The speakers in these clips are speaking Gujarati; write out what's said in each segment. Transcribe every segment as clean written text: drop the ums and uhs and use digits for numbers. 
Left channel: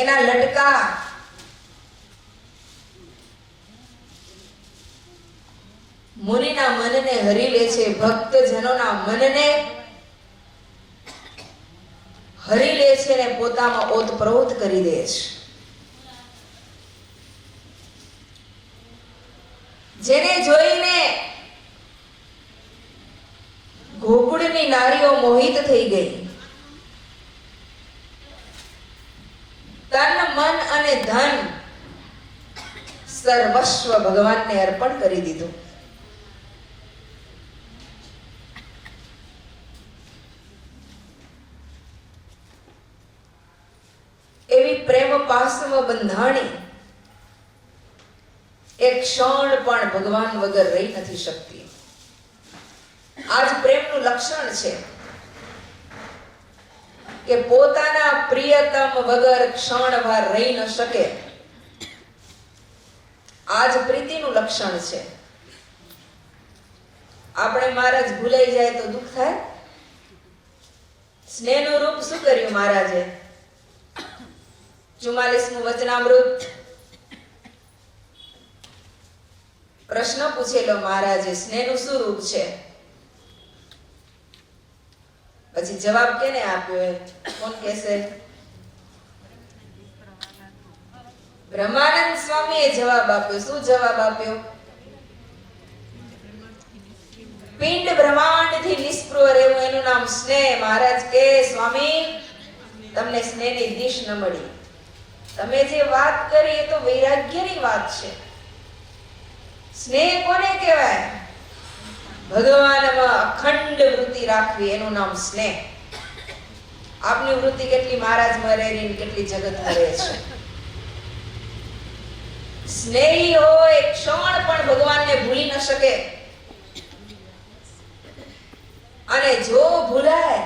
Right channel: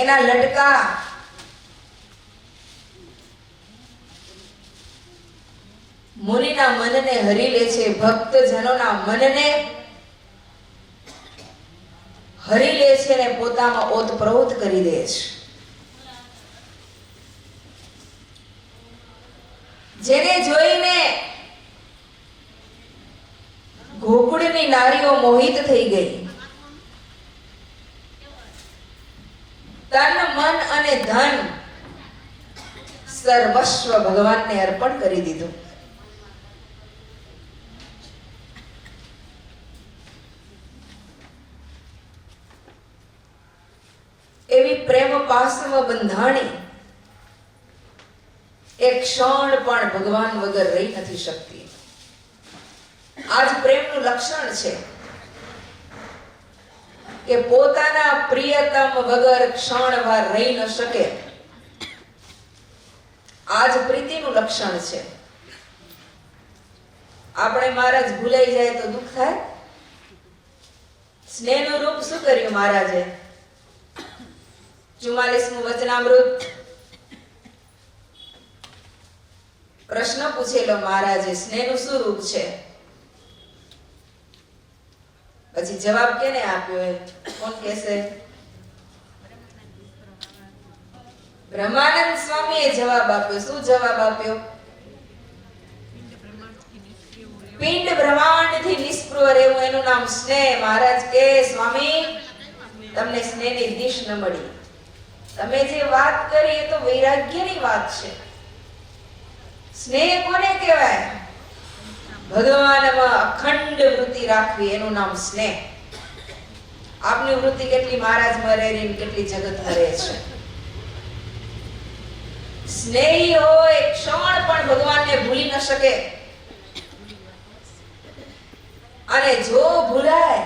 એના લટકા મુનિના મનને હરી લે છે, ભક્તજનોના મનને હરી લે છે અને પોતામાં ઓતપ્રોત કરી દે છે. જેને જોઈને ગોકુળની નારીઓ મોહિત થઈ ગઈ. તન મન અને ધન સર્વસ્વ ભગવાનને અર્પણ કરી દીધું. એવી પ્રેમ પાસવ બંધાણી એક ક્ષણ પણ ભગવાન વગર રહી નથી શકતી. આજ પ્રેમનું લક્ષણ છે કે પોતાના પ્રિયતમ વગર ક્ષણવાર રહી ન શકે. આજ પ્રીતિનું લક્ષણ છે. આપણે મહારાજ ભૂલાઈ જાય તો દુઃખ થાય. સ્નેહનું રૂપ શું કર્યું મહારાજે? 44મું વચનામૃત. પ્રશ્ન પૂછેલો મહારાજે, સ્નેહનું શું રૂપ છે? પછી જવાબ કેને આપ્યો? કોણ કહેશે? બ્રહ્માનંદ સ્વામીએ જવાબ આપ્યો. શું જવાબ આપ્યો? પિંડ બ્રહ્માંડથી નિષ્પૃહ રહેવું, એનું નામ સ્નેહ. મહારાજ કે સ્વામી તમને સ્નેહની દિશ ન મળી. તમે જે વાત કરી એ તો વૈરાગ્યની વાત છે. સ્નેહ કોને કહેવાય? ભગવાનમાં અખંડ વૃત્તિ રાખવી, એનું નામ સ્નેહ. આપની વૃત્તિ કેટલી મહારાજમાં રહી, કેટલી જગતમાં રહે છે. સ્નેહી હોય ક્ષણ પણ ભગવાનને ભૂલી ન શકે. અને જો ભૂલાય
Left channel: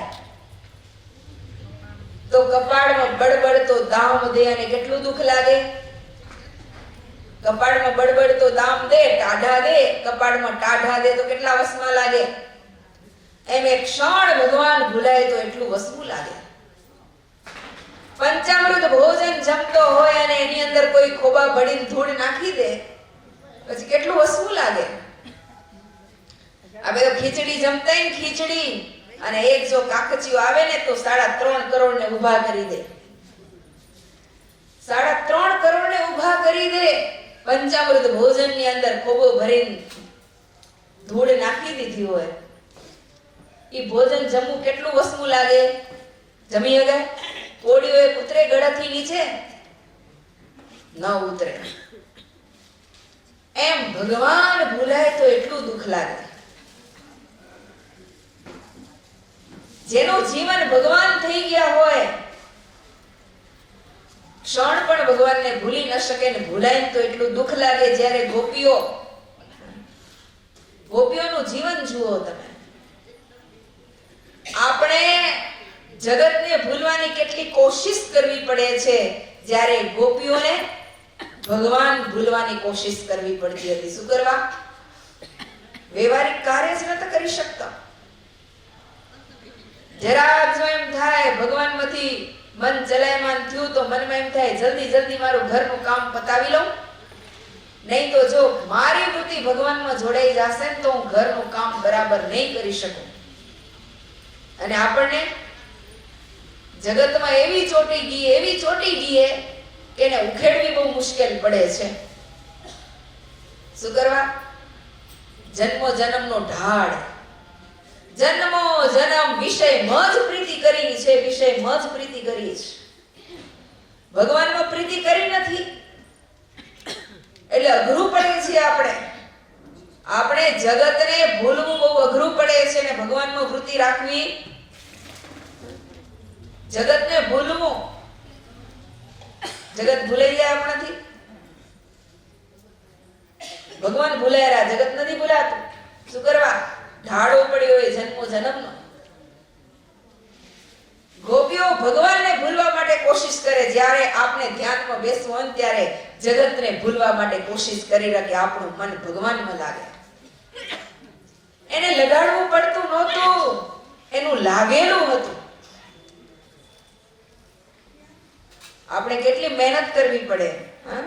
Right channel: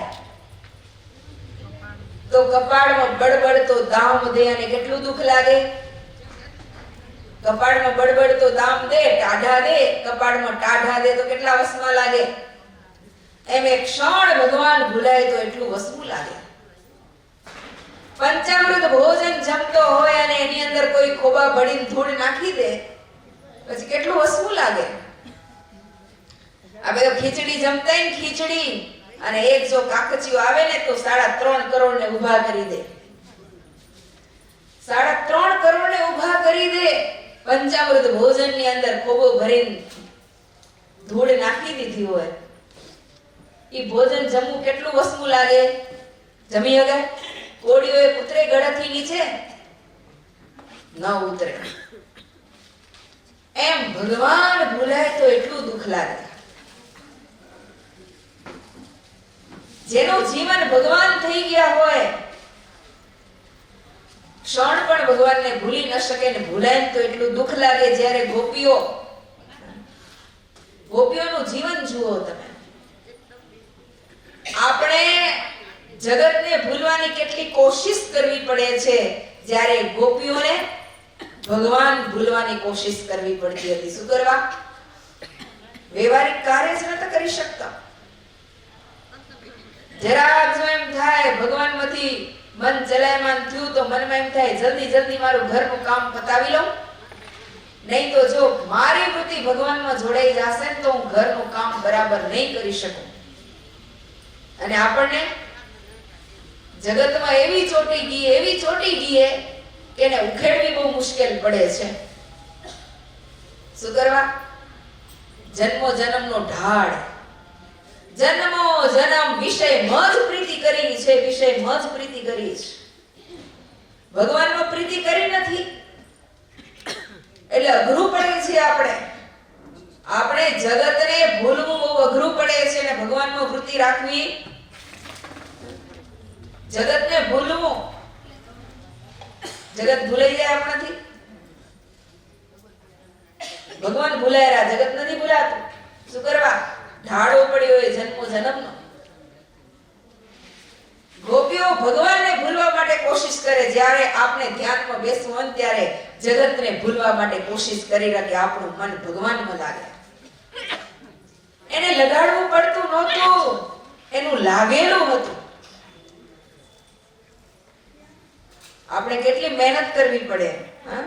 તો કપાળમાં બળબડતો દામ દે અને કેટલું દુઃખ લાગે. કપાળમાં બળબડતો દામ દે, ટાઢા દે, કપાળમાં ટાઢા દે તો કેટલા વસમાં લાગે. એમ એક ક્ષણ ભગવાન ભૂલાય તો એટલું વસવું લાગે. પંચામૃત ભોજન જમતો હોય અને એની અંદર કોઈ ખોબા ભળીને ધૂળ નાખી દે પછી કેટલું વસવું લાગે. આ બધો ખીચડી જમતા ને ખીચડી, અને એક જો કાકચિયો આવે ને તો 3.5 કરોડ ને ઊભા કરી દે. 3.5 કરોડ ને ઊભા કરી દે. પંચામૃત ભોજન ની અંદર ખોબો ભરીને ધૂળ નાખી દીધી હોય. ઈ ભોજન જમવું કેટલું વસવું લાગે. જમી હગે? કોળીઓ એક ઉતરે ગળાથી નીચે? ન ઉતરે. એમ ભગવાન ભૂલાય તો એટલું દુઃખ લાગે. જેનું જીવન ભગવાન થઈ ગયા હોય, ક્ષણ પણ ભગવાનને ભૂલી ન શકે ને ભૂલાય તો એટલું દુઃખ લાગે. જ્યારે ગોપીઓનું જીવન જુઓ તમે. આપણે જગતને ભૂલવાની કેટલી કોશિશ કરવી પડે છે, જ્યારે ગોપીઓને ભગવાન ભૂલવાની કોશિશ કરવી પડતી હતી. શું કરવા? વ્યવહારિક કાર્ય જ નતા કરી શકતા. જરાક જો એમ થાય ભગવાનમાંથી મન ચલાયમાન થયું તો મનમાં એમ થાય જલ્દી મારું ઘરનું કામ પતાવી લઉં, નહીં તો જો મારી વૃત્તિ ભગવાનમાં જોડાઈ જશે ને તો હું ઘરનું કામ બરાબર નહીં કરી શકું. અને આપણને જગતમાં એવી ચોટી ગઈ કે એને ઉખેડવી બહુ મુશ્કેલ પડે છે. શું કરવા? જન્મો જન્મનો ઢાળ, જન્મો જન્મ વિષયમાં જ પ્રીતિ કરી છે, વિષયમાં જ પ્રીતિ કરી છે. ભગવાનમાં પ્રીતિ કરી નથી એટલે અઘરું પડે છે. આપણે જગતને ભૂલવું બહુ અઘરું પડે છે ને ભગવાનમાં વૃત્તિ રાખવી. જગતને ભૂલવું, જગત ભૂલાઈ જાય આપણાથી. ભગવાન ભૂલાય, જગત નથી ભૂલાતું. શું કરવા? ઢાળો પડ્યો હોય જન્મો જન્મનો. ગોપીઓ ભગવાનને ભૂલવા માટે કોશિશ કરે. જ્યારે આપણે ધ્યાનમાં બેસવું હોય ત્યારે જગતને ભૂલવા માટે કોશિશ કરી રાખે. આપણું મન ભગવાનમાં લાગે. એને લગાડવું પડતું નહોતું, એનું લાગેલું હતું. આપણે કેટલી મહેનત કરવી પડે. હા,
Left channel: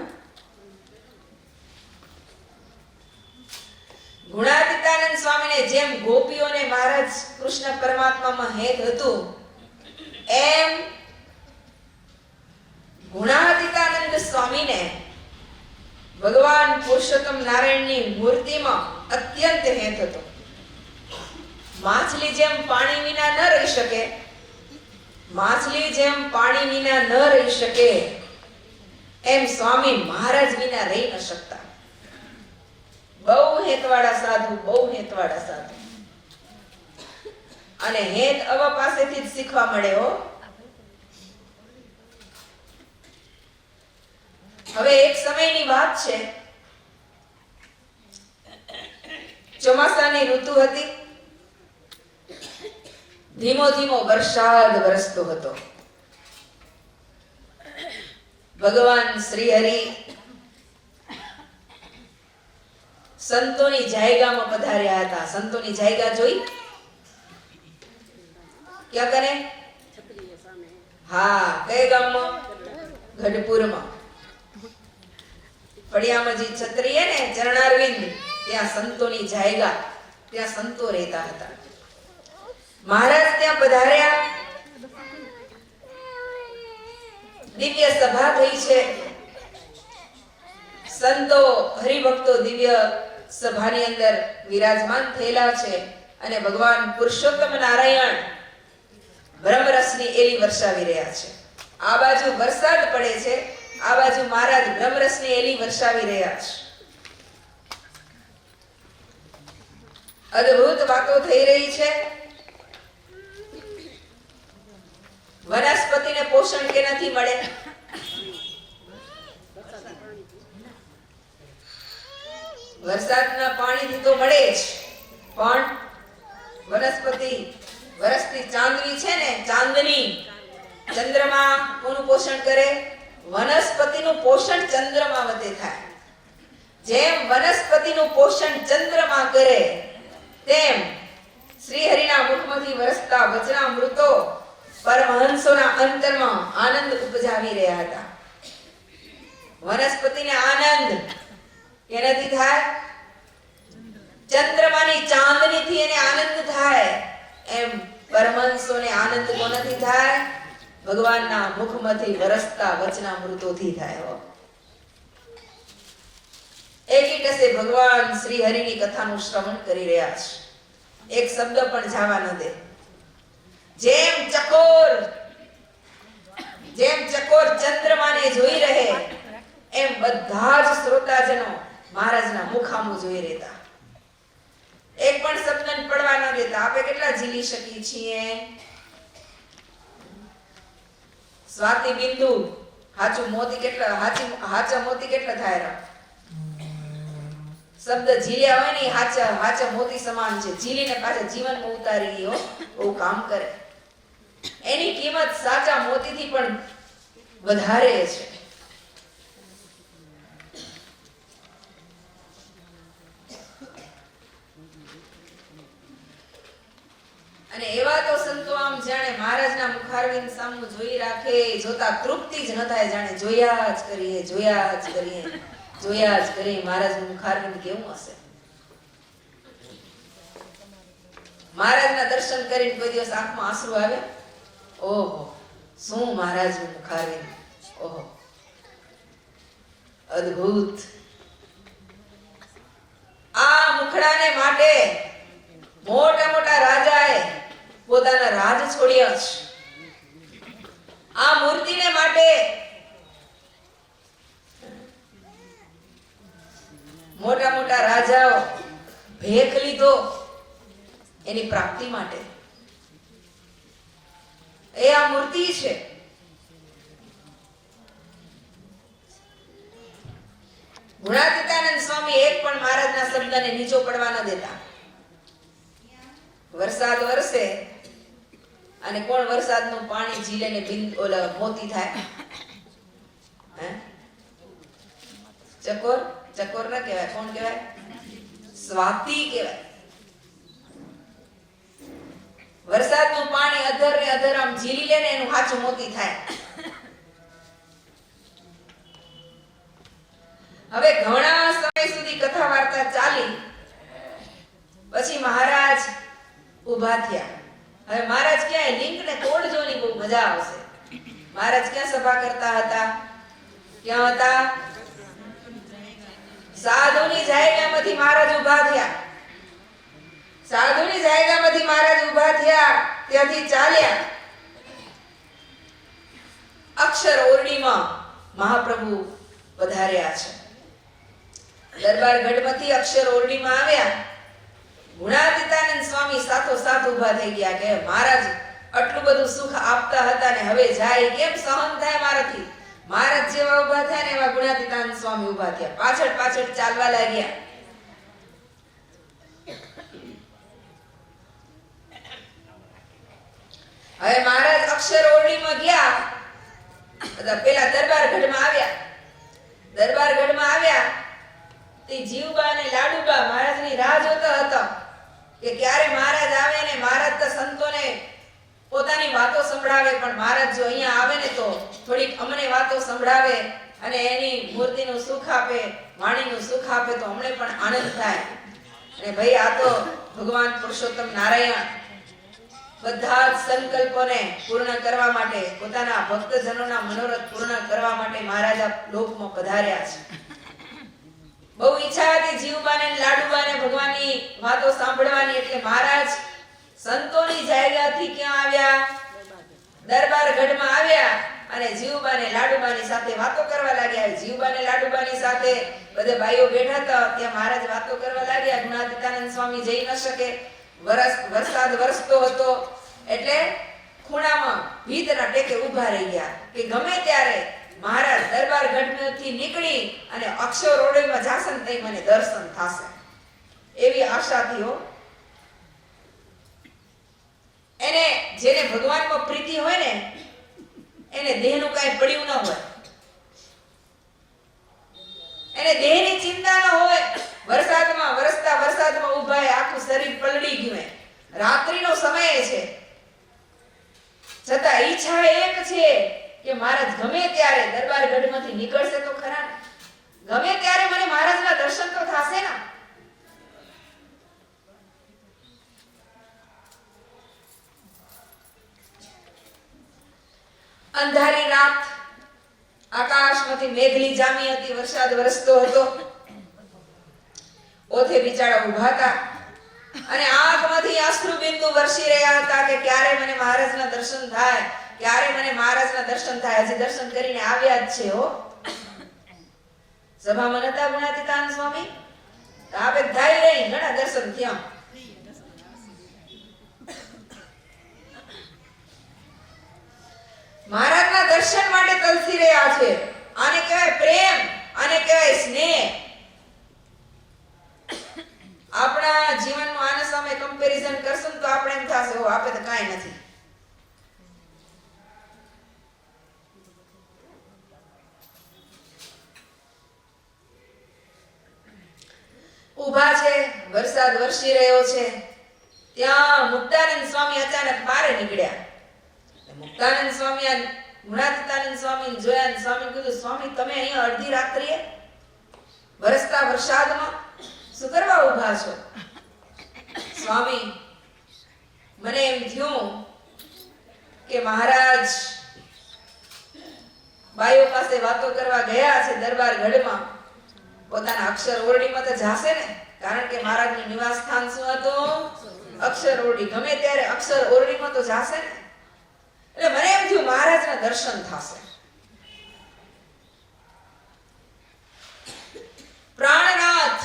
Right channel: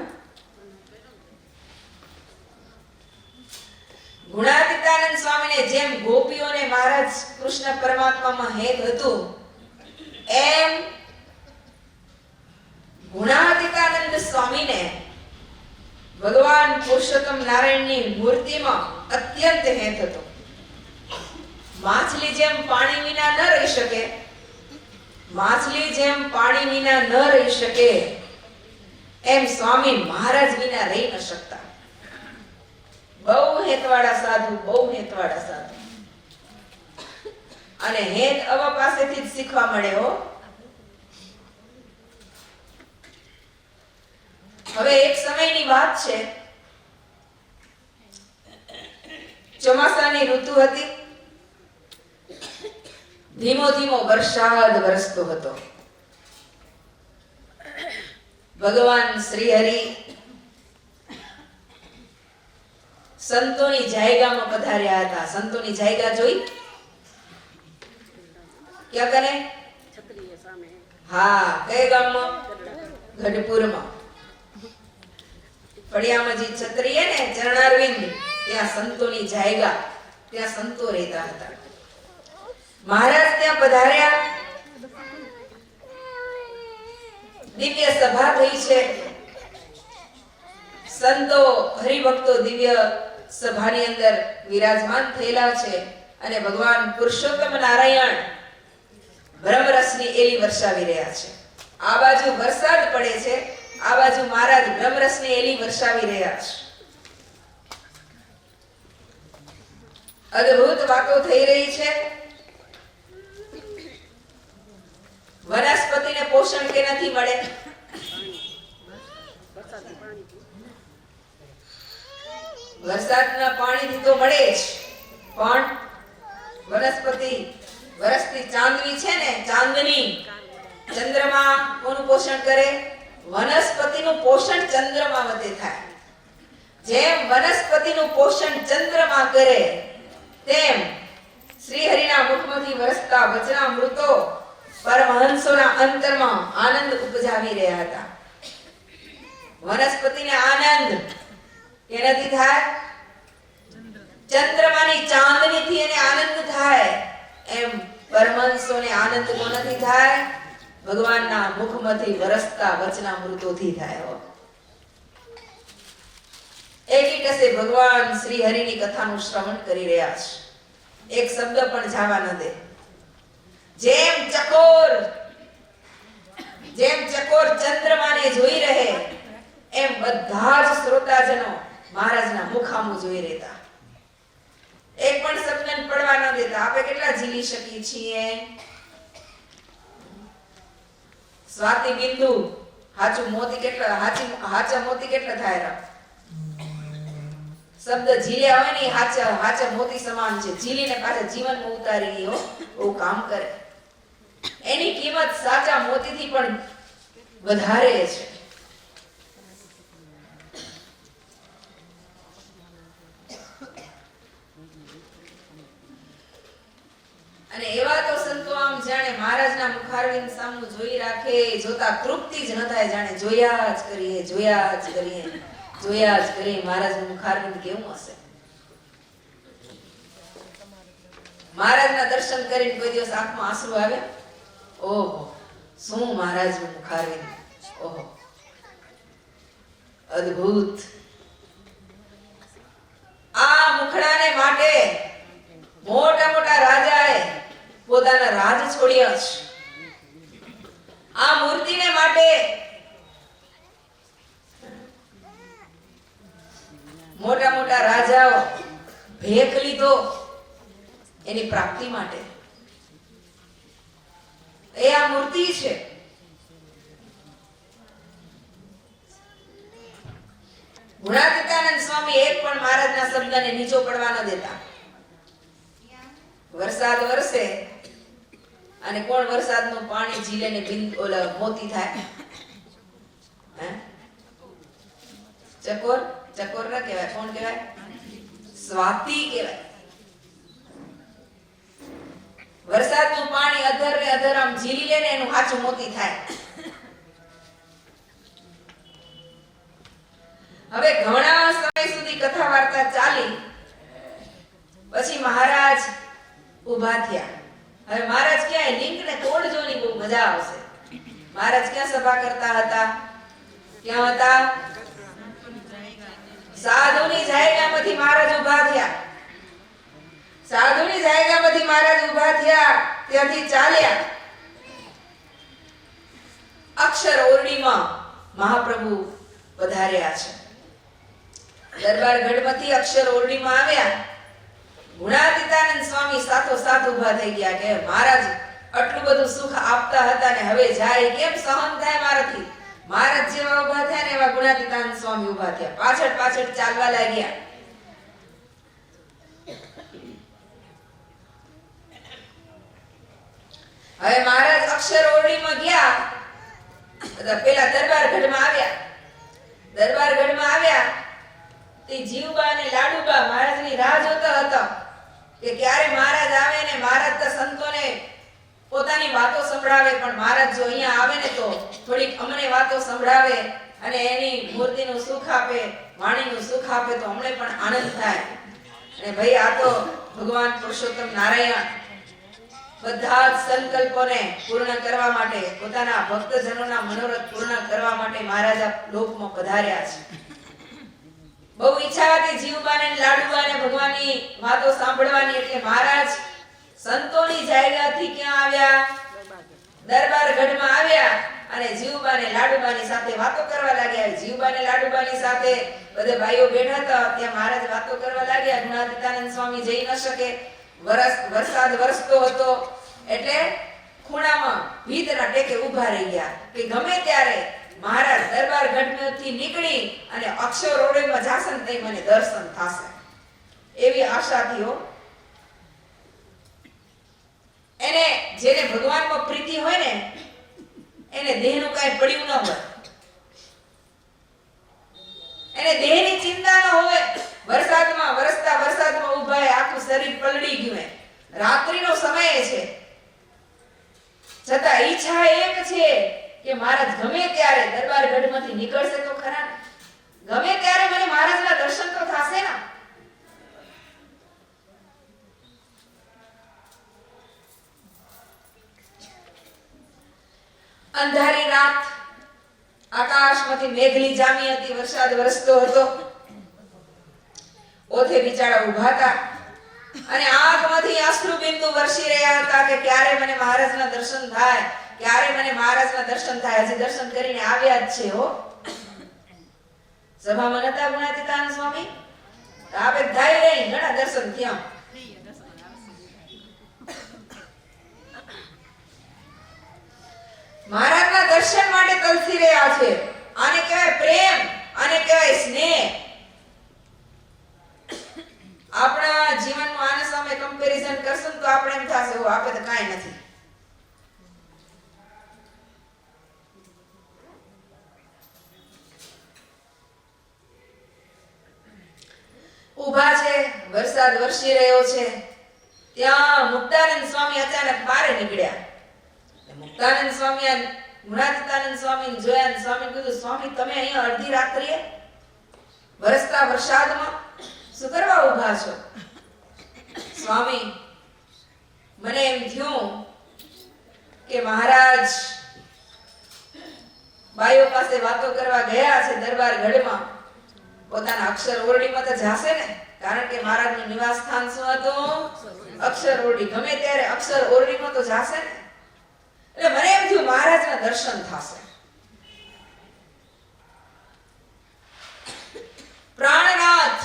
ગુણાતીતાનંદ સ્વામીને જેમ ગોપીઓને મહારાજ કૃષ્ણ પરમાત્મામાં હેત હતું, એમ ગુણાતીતાનંદ સ્વામીને ભગવાન પુરુષોત્તમ નારાયણની મૂર્તિમાં અત્યંત હેત હતો. માછલી જેમ પાણી વિના ન રહી શકે, માછલી જેમ પાણી વિના ન રહી શકે, એમ સ્વામી મહારાજ વિના રહી ન શકતા. બહુ હેતવાળા સાધુ, બહુ હેતવાળા સાધુ. અને હેત અવા પાસેથી જ શીખવા મળે હો. હવે એક સમયની વાત છે, ચોમાસાની ઋતુ હતી. ધીમો ધીમો વરસાદ વરસતો હતો. ભગવાન શ્રી હરિ સંતોની જાયગામાં પધાર્યા હતા. સંતોની જાયગા જોઈ? ક્યાં કરે? હા, કયા ગામમાં? ગઢપુરમાં. ફળિયામાં જે છત્રી હે ને, ચરણારવિંદ, ત્યાં સંતોની જાયગા, ત્યાં સંતો રહેતા હતા. મહારાજ ત્યાં પધાર્યા. દિવ્ય સભા થઈ છે. સંતો હરિભક્તો દિવ્ય સભાની અંદર વિરાજમાન થયેલા છે અને ભગવાન પુરુષોત્તમ નારાયણ બ્રહ્મરસની એલી વરસાવી રહ્યા છે. આ બાજુ વરસાદ પડે છે, આ બાજુ મહારાજ બ્રહ્મરસની એલી વરસાવી રહ્યા છે. અદ્ભુત વાતો થઈ રહી છે. વનસ્પતિને પોષણ કેનાથી મળે? વરસાદના પાણીથી તો મળે જ, પણ વનસ્પતિ વરસતી ચાંદની છે ને, ચાંદની, ચંદ્રમા કોનું પોષણ કરે? વનસ્પતિનું પોષણ ચંદ્રમા વડે થાય. જેમ વનસ્પતિનું પોષણ ચંદ્રમા કરે, તેમ શ્રી હરિના મુખમાંથી વરસતા વચનામૃતો પરમહંસોના અંતરમાં આનંદ ઉપજાવી રહ્યા હતા. વનસ્પતિને આનંદ કેનાથી થાય? ચંદ્રમાની ચાંદનીથી એને આનંદ થાય. એમ પરમહંસોને આનંદ કોનાથી થાય? ભગવાનના મુખમાંથી વરસતા વચનામૃતોથી થાય. એકીટસે ભગવાન શ્રી હરિની કથાનું શ્રવણ કરી રહ્યા છે. એક શબ્દ પણ જાવા ન દે. જેમ ચકોર ચંદ્રમાને જોઈ રહે, એમ બધા જ શ્રોતાજનો મહારાજના મુખામું જોઈ રહેતા. એક પણ શબ્દ પડવા ન દેતા. આપણે કેટલા ઝીલી શકીએ છીએ? સ્વાતિ બિંદુ હાચું મોતી કેટલા, હાચા મોતી કેટલા થાય? શબ્દ ઝીલ્યા હોય ને, હાચા મોતી સમાન છે. ઝીલીને પાછા જીવનમાં ઉતારી લ્યો, બહુ કામ કરે. એની કિંમત સાચા મોતીથી પણ વધારે છે. અને એવા તો સંતો આમ જાણે મહારાજના મુખારવિંદ સામું જોઈ રાખે, જોતા તૃપ્તિ જ ન થાય, જાણે જોયા જ કરીએ, જોયા જ કરીએ, જોયા જ કરીએ. મહારાજનું મુખારવિંદ કેવું હશે? મહારાજના દર્શન કરીને કોઈ દિવસ આંખમાં આંસુ આવે? ઓહો, શું મહારાજનું મુખારવિંદ! ઓહો, અદ્ભુત. આ મુખડાને માટે મોટા મોટા રાજાએ પોતાના રાજ છોડ્યા છે. આ મૂર્તિને માટે મોટા મોટા રાજાઓ ભેખ લીધો એની પ્રાપ્તિ માટે. એ આ મૂર્તિ છે. ગુણાતીતાનંદ સ્વામી એક પણ મહારાજના શબ્દને નીચો પડવા ન દેતા. વરસાદ વરસે અને કોણ વરસાદનું પાણી ઝીલે ને ઓલા મોતી થાય? ચકોર? ચકોર ના કહેવાય, કોણ કહેવાય? સ્વાતિ કહેવાય. વરસાદનું પાણી અધર ને અધર આમ ઝીલી લે ને, એનું હાચું મોતી થાય. હવે ઘણા સમય સુધી કથા વાર્તા ચાલી પછી મહારાજ ઊભા થયા. હવે મહારાજ ક્યાંય લિંક ને તોડજોની બહુ મજા આવશે. મહારાજ ક્યાં સભા કરતા હતા? ક્યાં હતા? સાધુની જાયગામાંથી મહારાજ ઊભા થયા. સાધુની જાયગામાંથી મહારાજ ઊભા થયા, ત્યાંથી ચાલ્યા અક્ષર ઓરડીમાં મહાપ્રભુ પધાર્યા છે. દરબાર ગઢમાંથી અક્ષર ઓરડીમાં આવ્યા. ગુણાતીતાનંદ સ્વામી સાથોસાથ ઊભા થઈ ગયા કે મહારાજ આટલું બધું સુખ આપતા હતા ને હવે જાય કેમ સહન થાય મારાથી? મહારાજ જેવા ઊભા થયા ને એવા ગુણાતીતાનંદ સ્વામી ઊભા થયા. પાછળ પાછળ ચાલવા લાગ્યા. હવે મહારાજ અક્ષર ઓરડીમાં ગયા. પેલા દરબાર ગઢમાં આવ્યા. દરબાર ગઢમાં આવ્યા તે જીવબા અને લાડુબા મહારાજની રાહ જોતા હતા કે ક્યારે મહારાજ આવે ને મહારાજ તો સંતોને પોતાની વાતો સંભળાવે, પણ મહારાજ જો અહીંયા આવે ને તો થોડીક અમને વાતો સંભળાવે અને એની મૂર્તિનું સુખ આપે, વાણીનું સુખ આપે તો અમને પણ આનંદ થાય. અને ભાઈ આ તો ભગવાન પુરુષોત્તમ નારાયણ બધા જ સંકલ્પોને પૂર્ણ કરવા માટે, પોતાના ભક્તજનોના મનોરથ પૂર્ણ કરવા માટે મહારાજ આ લોકમાં પધાર્યા છે. બહુ ઈચ્છા હતી જીવબાને લાડુબાને ભગવાનની વાતો સાંભળવાની, એટલે મહારાજ સંતોની જાયગાથી ક્યાં આવ્યા? દરબાર ગઢમાં આવ્યા અને જીવબાને લાડુબાની સાથે વાતો કરવા લાગ્યા. જીવબાને લાડુબાની સાથે બધે ભાઈઓ બેઠા હતા, ત્યાં મહારાજ વાતો કરવા લાગ્યા. ગુણાતીતાનંદ સ્વામી જઈ ન શકે, વરસાદ વરસતો હતો એટલે ખૂણામાં ભીતના ટેકે ઊભા રહી ગયા કે ગમે ત્યારે મહારાજ દરબાર ગઢમાંથી નીકળી અને અક્ષર ઓરડીમાં જાસન થઈ મને દર્શન થશે એવી આશાથી હો. એને જેને ભગવાનમાં પ્રીતિ હોય ને એને દેહનું કાંઈ પડ્યું ન હોય, એને દેહની ચિંતા ન હોય. વરસાદમાં વરસતા વરસાદમાં ઊભા આખું શરીર પલળી ગયું. રાત્રિનો સમય છે છતાં ઈચ્છા એક છે કે મહારાજ ગમે ત્યારે દરબાર ગઢમાંથી નીકળશે તો ખરા, ગમે ત્યારે મને મહારાજના દર્શન તો થશે ને. અંધારી રાત, આકાશમાંથી મેઘલી જામી હતી, વરસાદ વરસતો હતો. ઓથે બિચારા ઊભા હતા અને આંખમાંથી અશ્રુ બિંદુ વરસી રહ્યા હતા કે ક્યારે મને મહારાજના દર્શન થાય, ક્યારે મને મહારાજના દર્શન થાય. હજી દર્શન કરીને આવ્યા જ છે હો. સભામાં નતા ગુણાતીતાનંદ સ્વામી? આપે ધાઈ રહી ઘણા દર્શન થયા. મહારાજના દર્શન માટે તલસી રહ્યા છે. આને કહેવાય પ્રેમ, આને કહેવાય સ્નેહ. આપણા જીવનમાં આના સામે કમ્પેરિઝન કરશું તો આપણે એમ થશે હો આપે તો કાંઈ નથી. ઊભા છે, વરસાદ વરસી રહ્યો છે. ત્યાં મુક્તાનંદ સ્વામી અચાનક બહાર નીકળ્યા. મુક્તાનંદ સ્વામી ગુણાતીતાનંદ સ્વામી જોયા. સ્વામી કીધું, સ્વામી તમે અહીંયા અડધી રાત્રિએ વરસતા વરસાદમાં શું કરવા ઊભા છો? સ્વામી મને એમ થયું કે મહારાજ બાઈઓ પાસે વાતો કરવા ગયા છે દરબાર ગઢમાં, પોતાના અક્ષર ઓરડીમાં તો જાશે ને, કારણ કે મહારાજનું નિવાસ સ્થાન શું હતું? અક્ષર ઓરડી. ગમે ત્યારે અક્ષર ઓરડીમાં તો જાશે ને. એટલે મને એમ થયું મહારાજના દર્શન થશે. પ્રાણનાથ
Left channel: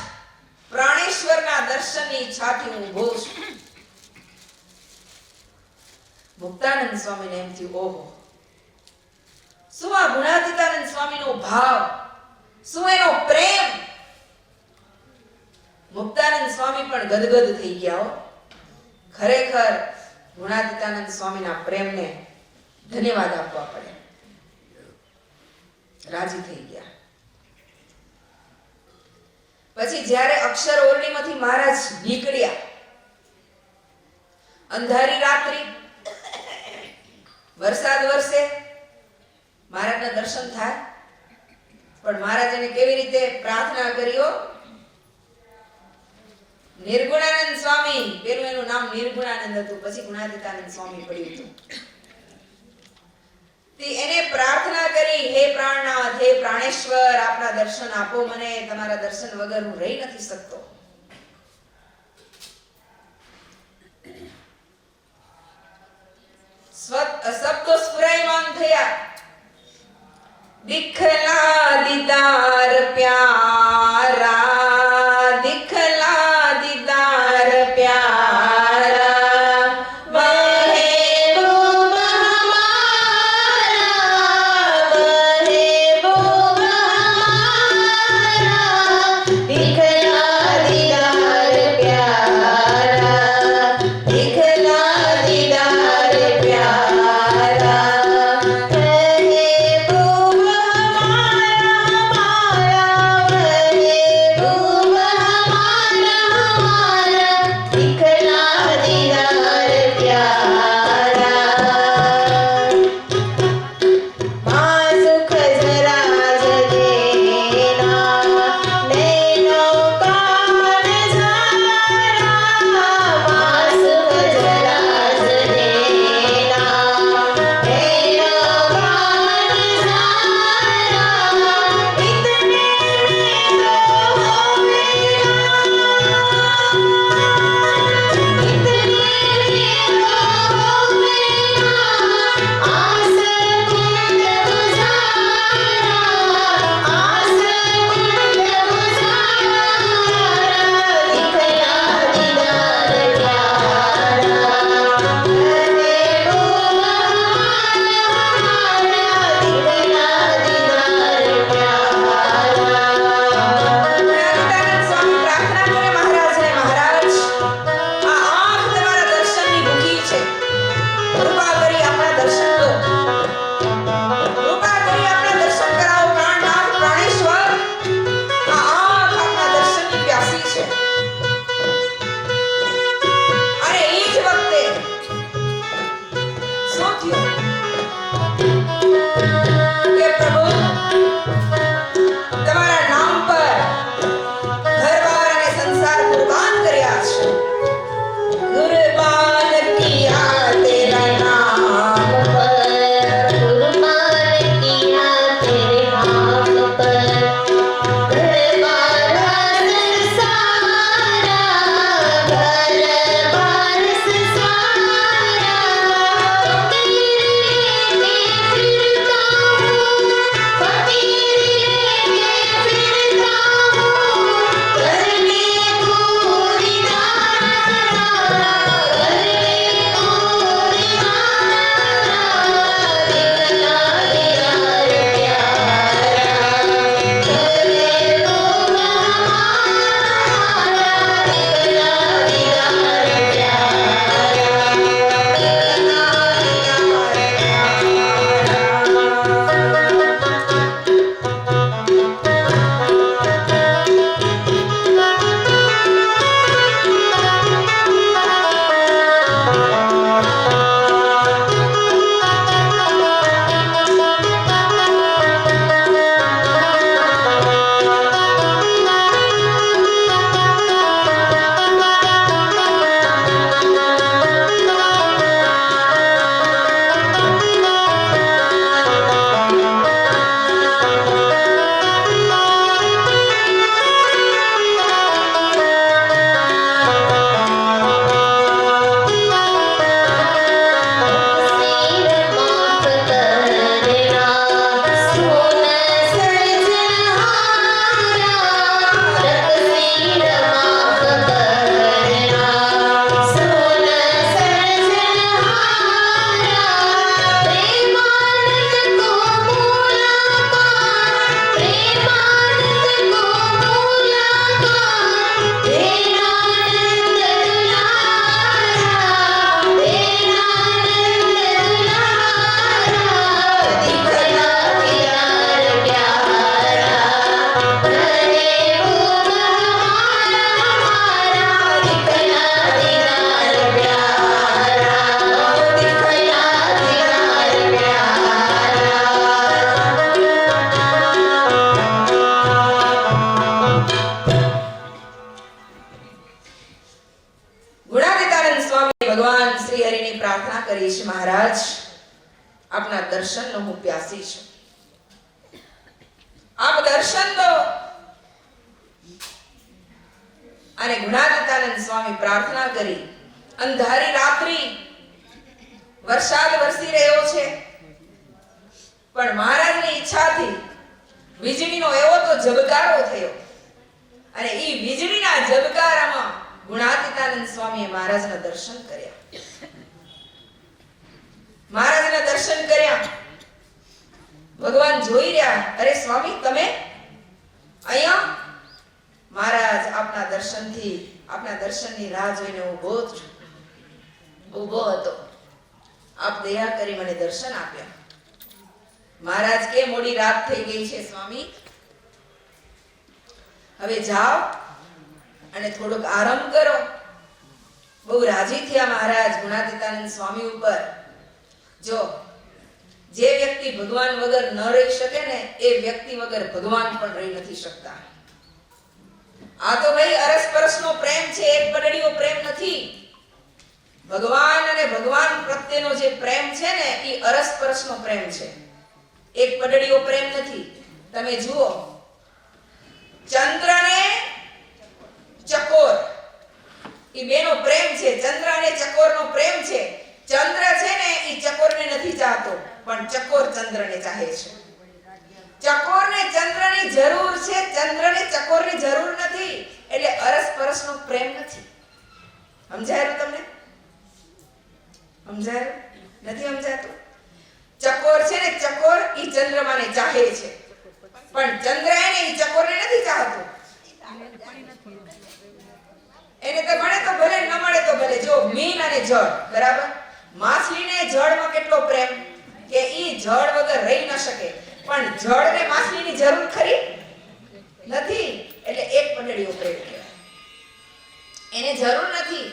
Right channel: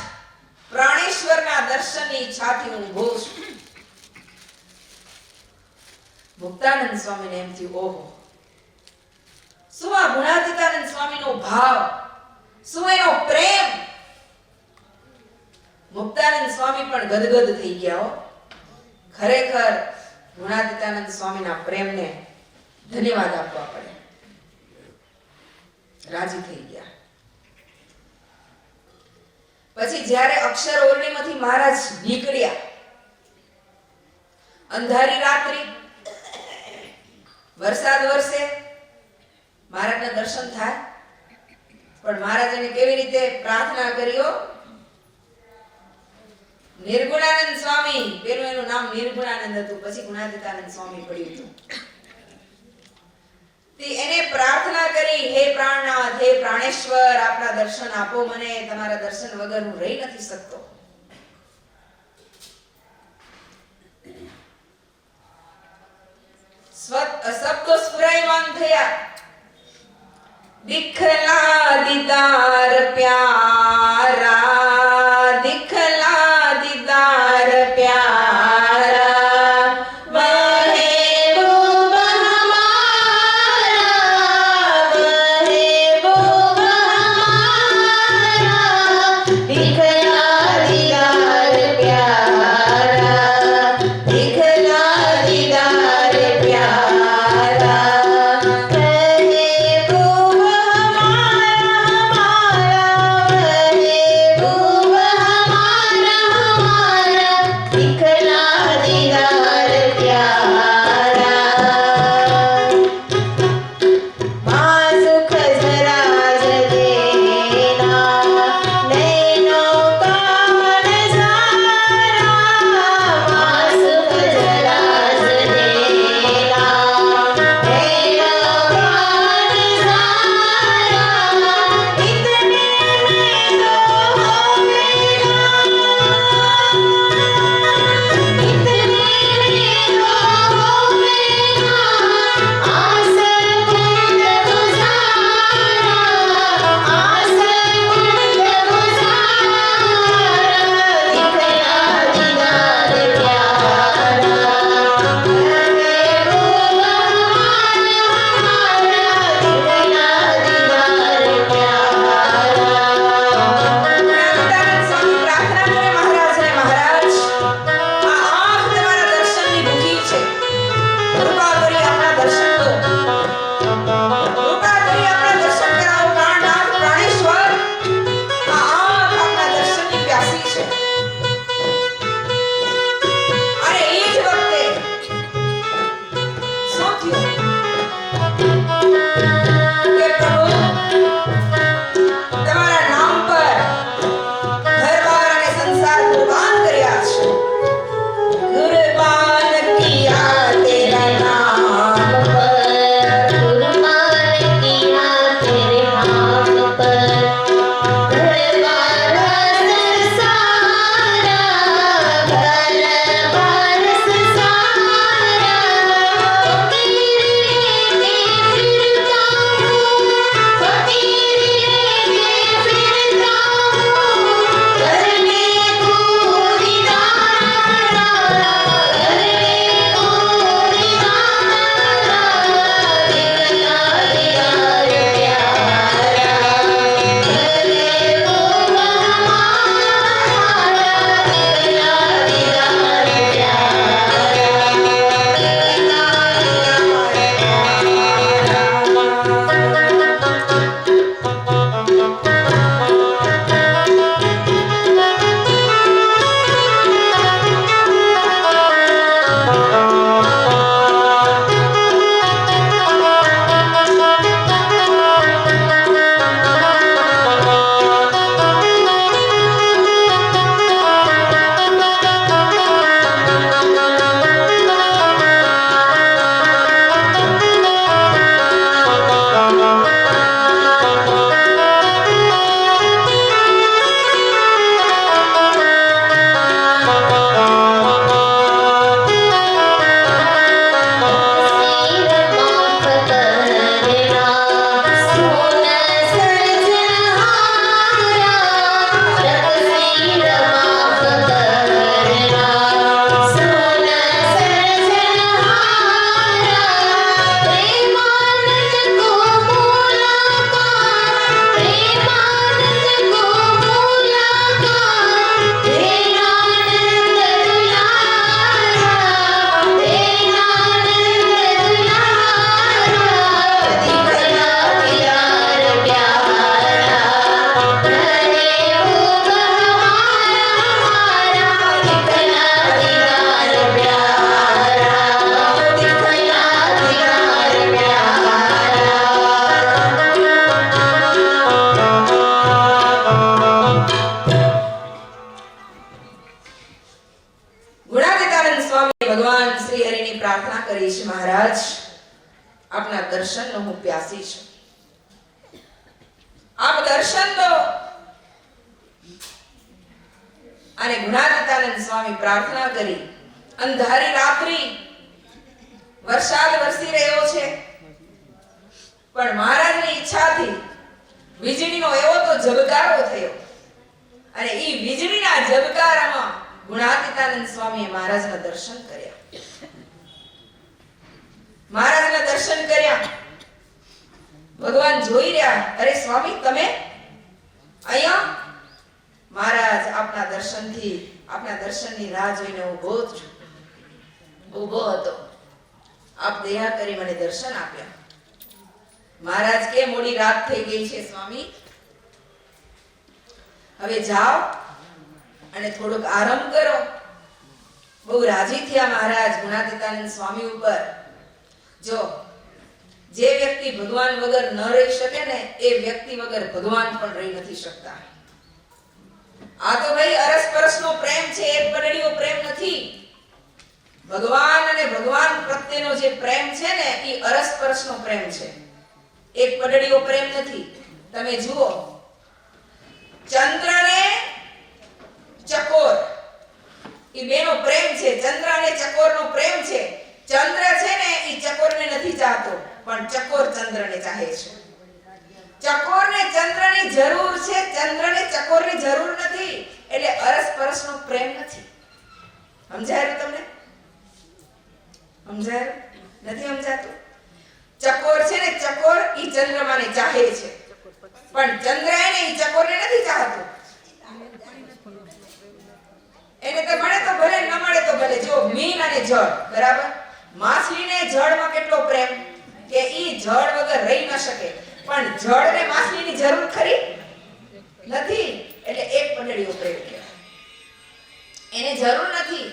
પ્રાણેશ્વરના દર્શનની ઈચ્છાથી હું ઊભો છું. મુક્તાનંદ સ્વામીને એમ થયું ઓહો, શું આ ગુણાતીતાનંદ સ્વામીનો ભાવ, શું એનો પ્રેમ. મુક્તાનંદ સ્વામી પણ ગદગદ થઈ ગયા હો. ખરેખર ગુણાતીતાનંદ સ્વામીના પ્રેમને ધન્યવાદ આપવા પડે. રાજી થઈ ગયા. પછી જ્યારે અક્ષર ઓરડીમાંથી મહારાજ નીકળ્યા, અંધારી રાત્રિ, વરસાદ વરસે, મહારાજના દર્શન થાય. પણ મહારાજને કેવી રીતે પ્રાર્થના કર્યો? નિર્ગુણાનંદ સ્વામી, પેલું એનું નામ નિર્ગુણાનંદ હતું, પછી ગુણાતીતાનંદ સ્વામી પડ્યું હતું. એને પ્રાર્થના કરી, હે પ્રાણનાથ, હે પ્રાણેશ્વર, આપના દર્શન આપો મને, તમારા દર્શન વગર હું રહી નથી શકતો. શબ્દો સ્ફુરાયમાન થયા. દિખલા દીદાર પ્યારા, દિખલા દીદાર પ્યારા, મહેબૂબ હમારા, મહેબૂબ હમારા, દિખલા દીદાર પ્યારા, દિખલા દીદાર પ્યારા, મહેબૂબ હમારા. દર્શનનો હું પ્યાસી છું. આપ દર્શન દો. અને ગુણાતીતાનંદ સ્વામી પ્રાર્થના કરી. અંધારી રાત્રિ, વરસાદ વરસી રહ્યો છે, પણ મહારાજની ઈચ્છાથી વીજળીનો એવો તો ઝબકારો થયો અને એ વીજળીના ઝબકારામાં ગુણાતીતાનંદ સ્વામીએ મહારાજના દર્શન કર્યા. મહારાજના દર્શન કર્યા. ભગવાન જોઈ રહ્યા. અરે સ્વામી, તમે અહીંયા? મહારાજ આપના દર્શનની રાહ જોઈને ઊભો હતો. આપ દયા કરી મને દર્શન આપ્યા. મહારાજ કે મોડી રાત થઈ ગઈ છે સ્વામી, હવે જાઓ અને થોડોક આરામ કરો. બહુ રાજી થયા મહારાજ ગુણાતીતાનંદ સ્વામી ઉપર. જો જે વ્યક્તિ ભગવાન વગર ન રહી શકે ને, એ વ્યક્તિ વગર ભગવાન પણ રહી નથી શકતા. આ તો ભાઈ અરસપરસનો પ્રેમ છે, એક પડડીયો પ્રેમ નથી. ભગવાન અને ભગવાન પ્રત્યેનો જે પ્રેમ છે ને, એ અરસપરસનો પ્રેમ છે, એક પડડીયો પ્રેમ નથી. તમે જુઓ, ચંદ્ર ને ચકોર, એ બેનો પ્રેમ છે. ચંદ્ર અને ચકોરનો પ્રેમ છે. ચંદ્ર છે ને, એ ચકોરને નથી ચાહતો, પણ ચકોર ચંદ્રને ચાહે છે. ચકોરને ચંદ્રની જરૂર છે, ચંદ્રને ચકોરની જરૂર નથી. એટલે અરસપરસનો પ્રેમ નથી. સમજાયું તમને? સમજાયું? નથી સમજાતું? ચકોર છે ને, ચકોર ઈ ચંદ્રમાને ચાહે છે, પણ ચંદ્ર એને ઈ ચકોરને નથી ચાહતો. એને તો મળે તો ભલે, ન મળે તો ભલે. જો મીન અને જળ, બરાબર? માછલીને જળમાં કેટલો પ્રેમ કે ઈ જળ વગર રહી ન શકે, પણ જળને માછલીની જરૂર ખરી નથી. એટલે એક પંડળીઓ પ્રેમ કહેવાય. એને જરૂર નથી.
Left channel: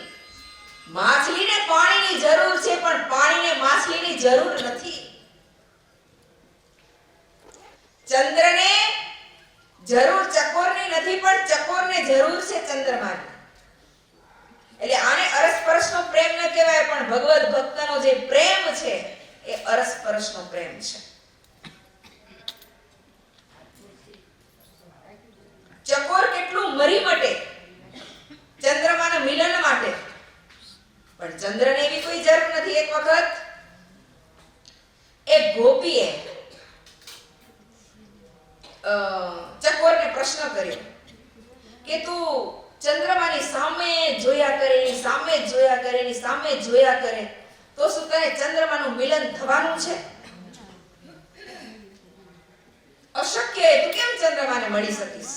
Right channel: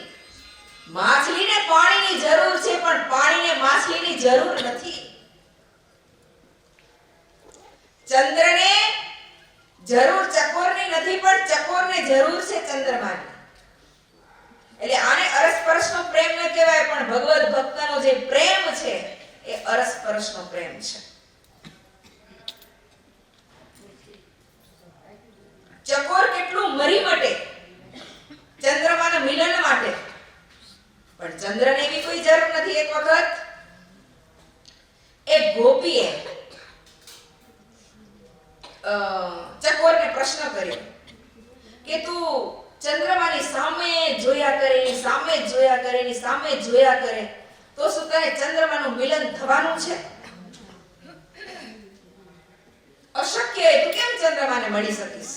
માછલીને પાણીની જરૂર છે, પણ પાણીને માછલીની જરૂર નથી. ચંદ્રને જરૂર ચકોરની નથી, પણ ચકોરને જરૂર છે ચંદ્રમાની. એટલે આને અરસપરસનો પ્રેમ ન કહેવાય, પણ ભગવદ ભક્તનો જે પ્રેમ છે એ અરસપરસનો પ્રેમ છે. ચકોર કેટલું મરી મટે ચંદ્રમાના મિલન માટે, પણ ચંદ્રને એવી કોઈ જરૂર નથી. એક વખત એક ગોપીએ ચકોરને પ્રશ્ન કર્યો કે તું ચંદ્રમાની સામે જોયા કરે, એની સામે જોયા કરે, એની સામે જોયા કરે, તો શું તને ચંદ્રમાનું મિલન થવાનું છે? અશક્ય. તું કેમ ચંદ્રમાને મળી શકીશ?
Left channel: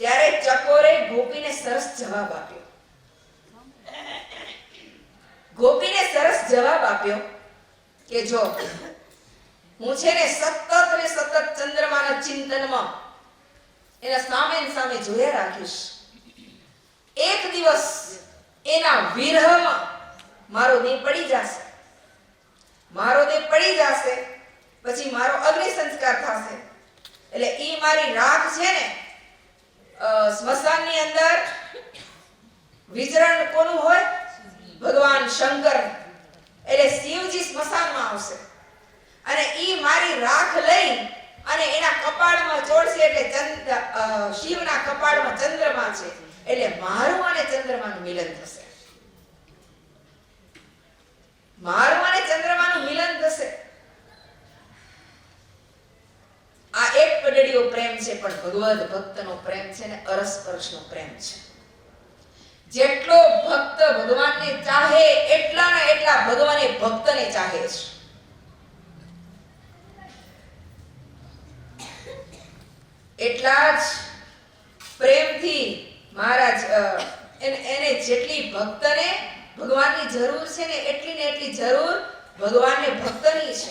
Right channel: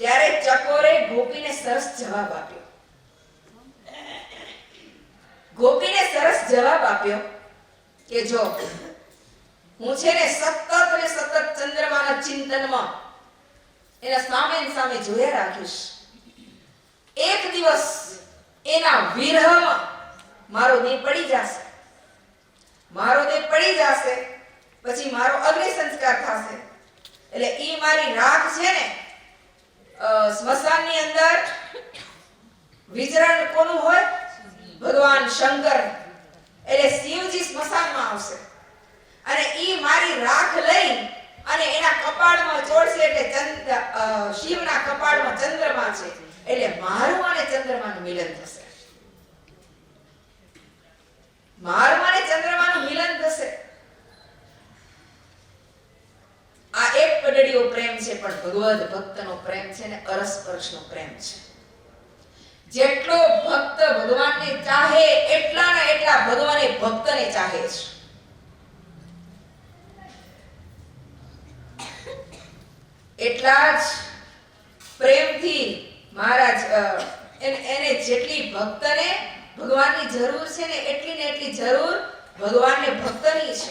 ત્યારે ચકોરે ગોપીને સરસ જવાબ આપ્યો. ગોપીને સરસ જવાબ આપ્યો કે જો હું છે ને સતત અને સતત ચંદ્રમાના ચિંતનમાં એના સામે જોયા રાખીશ. એક દિવસ એના વિરહમાં મારો દેહ પડી જશે. મારો દેહ પડી જશે પછી મારો અગ્નિ સંસ્કાર થશે. એટલે ઈ મારી રાખ છે ને, સ્મશાનની અંદર વિચરણ કોનું હોય? ભગવાન શંકર. એટલે શિવજી સ્મશાનમાં આવશે અને ઈ મારી રાખ લઈ અને એના કપાળમાં ચોડશે. એટલે શિવના કપાળમાં ચંદ્રમા છે, એટલે મારું અને ચંદ્રમાનું મિલન થશે. મારું અને ચંદ્રમાનું મિલન થશે. આ એક પડડીયો પ્રેમ છે, પણ ભગવદ ભક્તનો પ્રેમ છે ને અરસપરસનો પ્રેમ છે. જેટલો ભક્ત ભગવાનને ચાહે, એટલાના એટલા ભગવાન એ ભક્તને ચાહે છે. એટલા જ પ્રેમથી મહારાજ એને જેટલી ભક્તને ભગવાનની જરૂર છે ને, એટલી ને એટલી જરૂર ભગવાનને ભક્તની છે.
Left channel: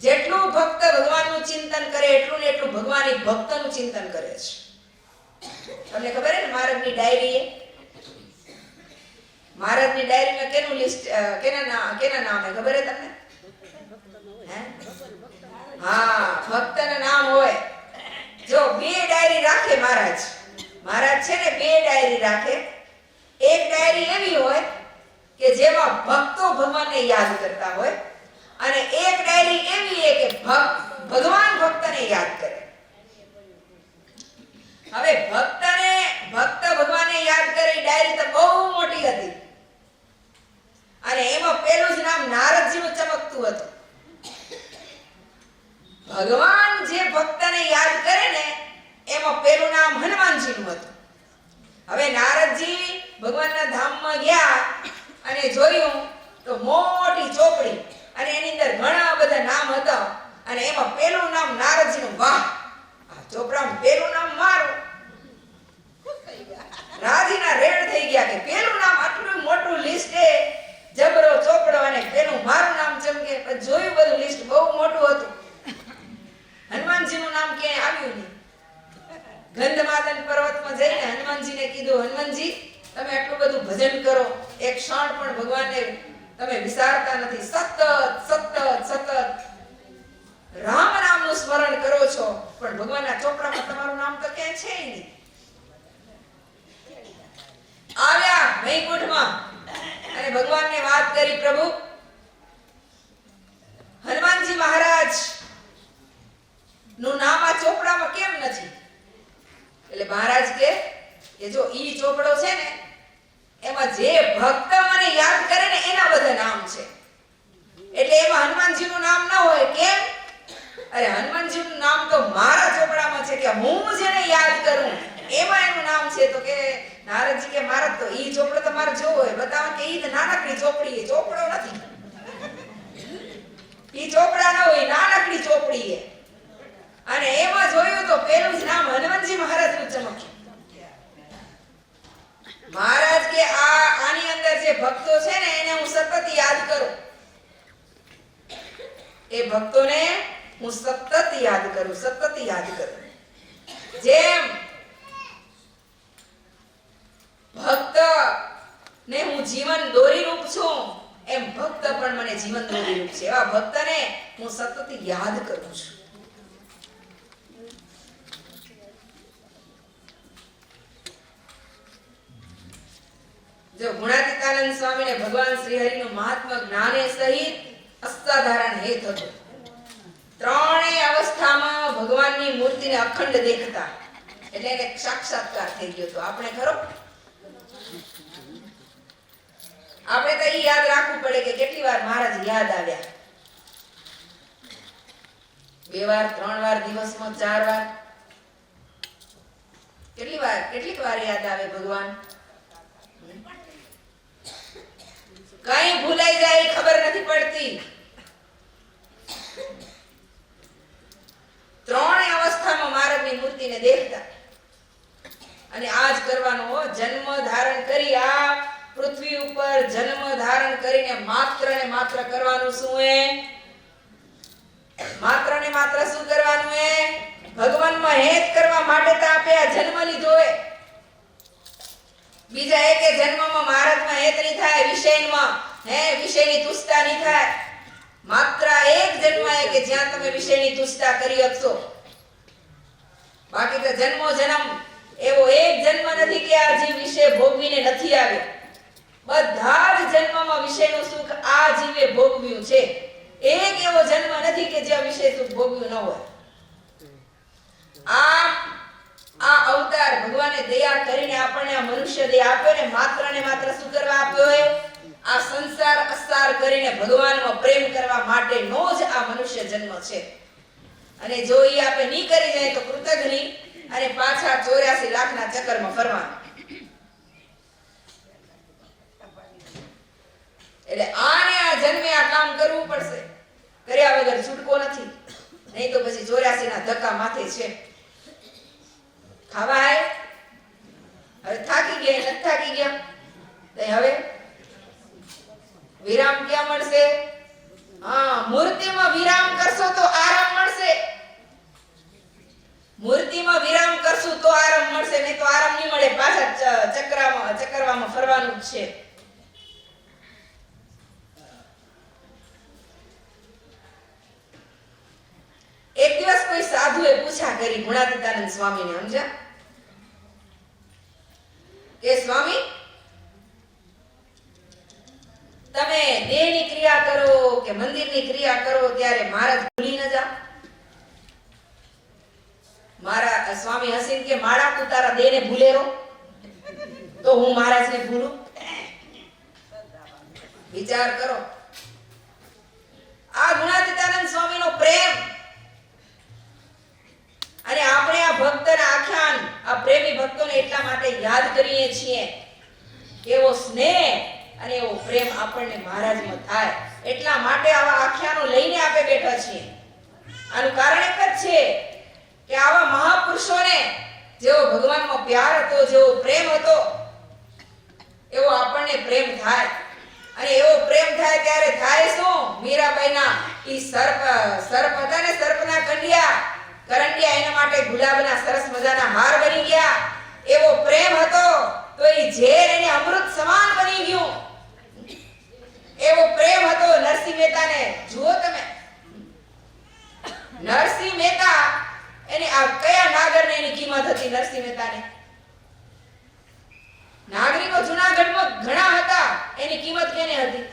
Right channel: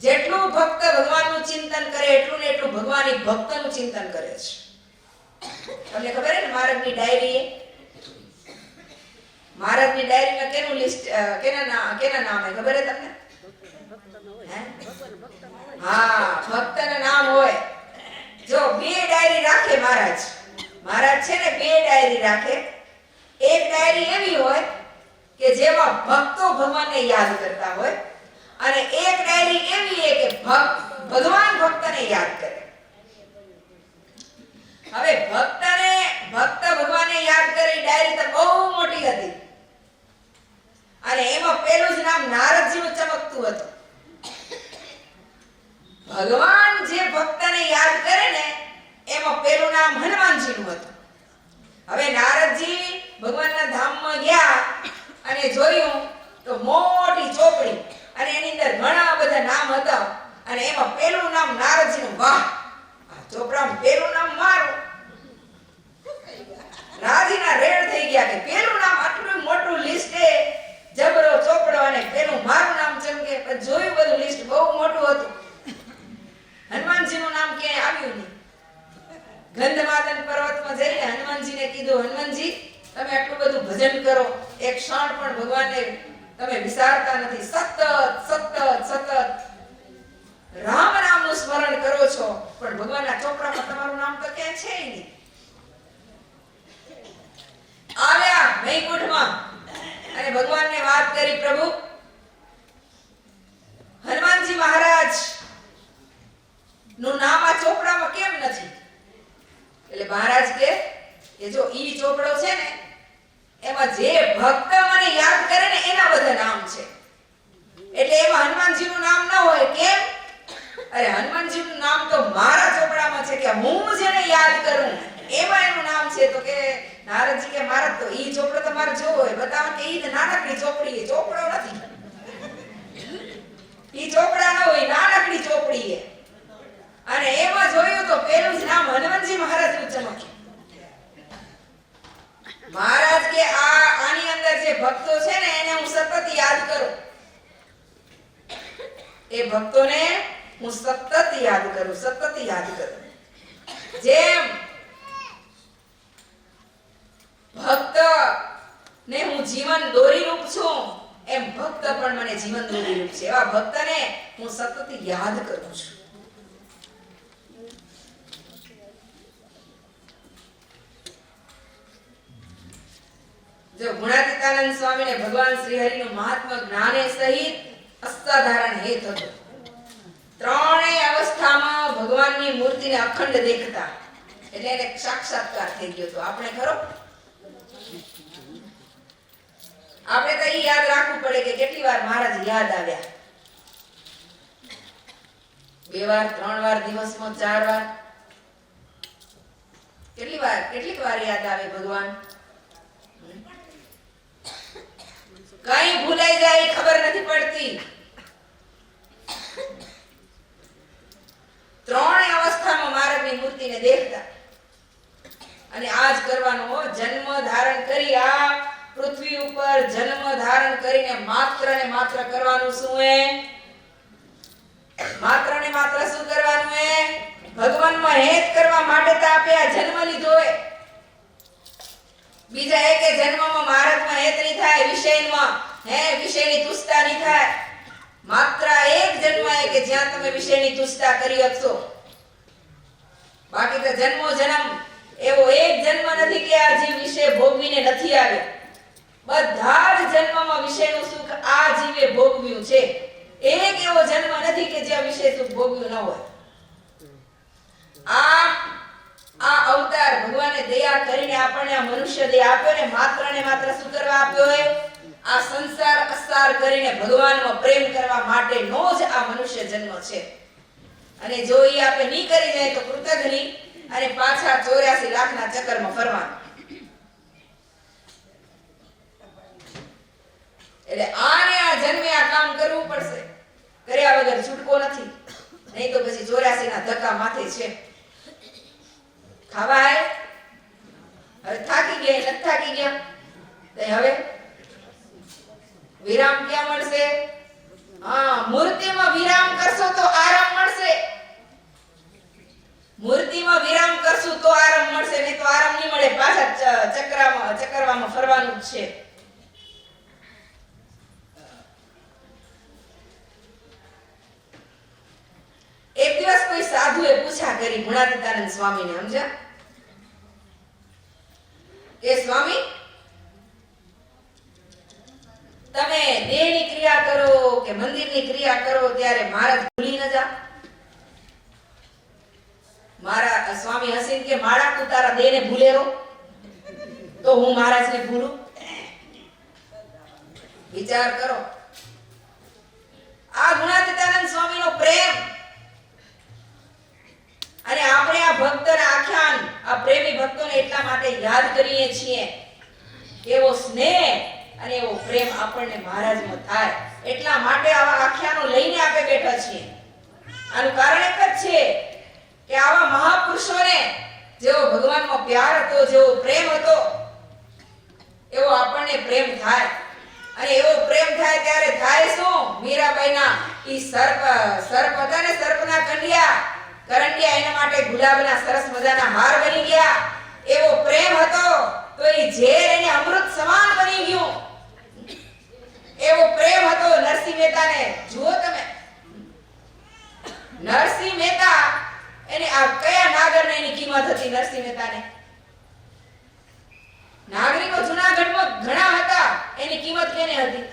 જેટલું ભક્ત ભગવાનનું ચિંતન કરે, એટલું ને એટલું ભગવાન એ ભક્તનું ચિંતન કરે છે. તમને ખબર છે ને, મહારાજની ડાયરીમાં કેનું લિસ્ટ, કેના નામ હે ખબર છે તમને? હા, ભક્તના નામ હોય. જો બે ડાયરી રાખે મહારાજ છે ને, બે ડાયરી રાખે. એક ડાયરી એવી હોય કે જેમાં ભક્તો ભગવાનને યાદ કરતા હોય, અને એક ડાયરી એવી કે ભગવાન ભક્તને યાદ કરે. હવે ભક્ત ભગવાનને યાદ કરે ડાયરી તો બહુ મોટી હતી અને એમાં પેલું જ નામ નારદજીનું ચમકતું હતું. ભગવાન જે ભક્તને યાદ કરે ને એમાં પેલું નામ હનુમાનજીનું હતું. હવે નારદજી ભગવાનના ધામમાં ગયા અને જોયું તો મોટી ચોપડી અને એની અંદર ઘણા બધા નામ હતા અને એમાં પેલું નામ નારદજીનું. વાહ, આ ચોપડામાં પેલું નામ મારું. રાજીના રેડ થઈ ગયા કે પેલું નામ આટલું મોટું લિસ્ટ છે, જબરો ચોપડો અને પેલું મારું નામ ચમકે. પણ જોયું બધું લિસ્ટ બહુ મોટું હતું. હનુમાનજીનું નામ ક્યાંય આવ્યું નહીં. ગંધમાદન પર્વતમાં જઈને હનુમાનજીને કીધું, હનુમાનજી તમે આટલું બધું ભજન કરો, એક ક્ષણ પણ ભગવાનને તમે વિસારતા નથી, સતત રામ નામનું સ્મરણ કરો છો, પણ ભગવાનના ચોપડામાં તમારું નામ તો ક્યાંય છે નહીં. આવ્યા વૈકુંઠમાં અને ભગવાનને વાત કરી, પ્રભુ હનુમાનજી મહારાજ નું નામ આ ચોપડામાં કેમ નથી? એટલે મહારાજ કે જો ઈ ચોપડો છે ને એમાં જે ભક્ત મને યાદ કરે ને એના બધા નામ છે, એટલે એમાં હનુમાનજીનું નામ ન હોય. કેમ? અરે હનુમાનજીનું નામ તો મારા ચોપડામાં છે કે હું જેને યાદ કરું એમાં એનું નામ છે. તો કે નારદજી કે મારા તો ઈ ચોપડો તમારે જોવો હોય, બતાવો કે ઈ તો નાનકડી ચોપડી છે, ચોપડો નથી. ઈ ચોપડા ન હોય, નાનકડી ચોપડી છે. અને એમાં જોયું તો પેલું જ નામ હનુમાનજી મહારાજનું ચમક્યું. મહારાજ કે આની અંદર જે ભક્તો છે ને એને હું સતત યાદ કરું, એ ભક્તોને હું સતત યાદ કરું. જેમ ભક્ત ને હું જીવન દોરી રૂપ છું એમ ભક્ત પણ મને જીવન દોરી રૂપ છે. એવા ભક્તને હું સતત યાદ કરું છું. જો ગુણાતીતાનંદ સ્વામીને ભગવાન શ્રી હરિનું મહાત્મા જ્ઞાને સહિત અસાધારણ હેત હતું. ત્રણેય અવસ્થામાં ભગવાનની મૂર્તિને અખંડ દેખતા, એટલે એને સાક્ષાત્કાર થઈ ગયો હતો. આપણે ખરો? આપણે તો ઈ યાદ રાખવું પડે કે કેટલી વાર મહારાજ યાદ આવ્યા. 2 વાર, 3 વાર, દિવસમાં 4 વાર, કેટલીક વાર યાદ આવે ભગવાન. કઈ ભૂલાઈ જાય ખબર નથી પડતી. ત્રણેય અવસ્થામાં મહારાજની મૂર્તિને દેખતા. અને આજ કરવાનો જન્મ ધારણ કરી આ પૃથ્વી ઉપર જન્મ ધારણ કરીને માત્ર ને માત્ર કરવાનું શું હે? માત્ર ને માત્ર શું કરવાનું હે? ભગવાનમાં હેત કરવા માટે તો આપે આ જન્મ લીધો હે. બીજા એકે જન્મમાં મહારાજમાં હેત નહીં થાય, વિષયમાં વિષયની તુષ્ટા નહીં થાય. માત્ર એક જન્મ હે કે જ્યાં તમે વિષયની તુષ્ટા કરી શકશો. બાકી તો જન્મો જન્મ એવો એક જન્મ નથી કે આ જીવ વિષય ભોગવીને નથી આવ્યો. બધા જ જન્મમાં વિષયનું સુખ આ જીવે ભોગવ્યું છે. એક એવો જન્મ નથી કે જ્યાં વિષય સુખ ભોગવ્યું ન હોય. આ અવતાર ભગવાને દયા કરીને આપણને આ મનુષ્ય દેહ આપ્યો ને માત્ર શું કરવા આપ્યો હે? આ સંસાર અસાર કરીને ભગવાનમાં પ્રેમ કરવા માટેનો જ આ મનુષ્ય જન્મ છે. અને જો ઈ આપણે નહીં કરી જાય તો કૃતજ્ઞ અને પાછા 84 લાખના ચક્કરમાં ફરવાનું. એટલે આને આ જન્મે આ કામ કરવું પડશે. કર્યા વગર છૂટકો નથી. નહીં તો પછી 84 ના ધક્કા માથે છે. ખાવા હે હવે થાકી ગયા, નથી થાકી ગયા તો હવે વિરામ ક્યાં મળશે? મૂર્તિમાં વિરામ કરશો તો આરામ મળશે. મૂર્તિમાં વિરામ કરશું તો આરામ મળશે, નહીં તો આરામ નહીં મળે. પાછા ચક્કરમાં ફરવાનું જ છે. એક દિવસ કોઈ સાધુએ પૂછા કરી ગુણાતીતાનંદ સ્વામીને, સમજ્યા કે સ્વામી તમે દેહની ક્રિયા કરો કે મંદિરની ક્રિયા કરો ત્યારે મહારાજ ભૂલી ન જાઓ. મારા સ્વામી હસીને કે માળા તું તારા દેહને ભૂલેરો તો હું મહારાજને ભૂલું? વિચાર કરો. આ ગુણાતીતાનંદ સ્વામીનો પ્રેમ અને આપણે આ ભક્તના આખ્યાન આ પ્રેમી ભક્તોને એટલા માટે યાદ કરીએ છીએ. એવો સ્નેહ અને એવો પ્રેમ આપણને મહારાજનો થાય એટલા માટે આવા આખ્યાનો લઈને આપણે બેઠા છીએ. આનું કારણ એક જ છે કે આવા મહાપુરુષોને જેવો ભગવાનનો પ્યાર હતો, જેવો પ્રેમ હતો, એવો આપણને પ્રેમ થાય. અને એવો પ્રેમ થાય ત્યારે થાય શું? મીરાબાઈના ઈ સર્પ હતા ને, સર્પના કરંડિયા એના માટે ગુલાબના સરસ મજાના હાર બની ગયા. એવો પ્રેમ હતો તો ઈ ઝેર એને અમૃત સમાન બની ગયું. એવો પ્રેમ હતો નરસિંહ મહેતાને. જુઓ તમે, નરસિંહ મહેતા એને આ કયા નાગરને એની કિંમત હતી? નરસિંહ મહેતાને નાગરિકો જૂનાગઢમાં ઘણા હતા, એની કિંમત કેને હતી?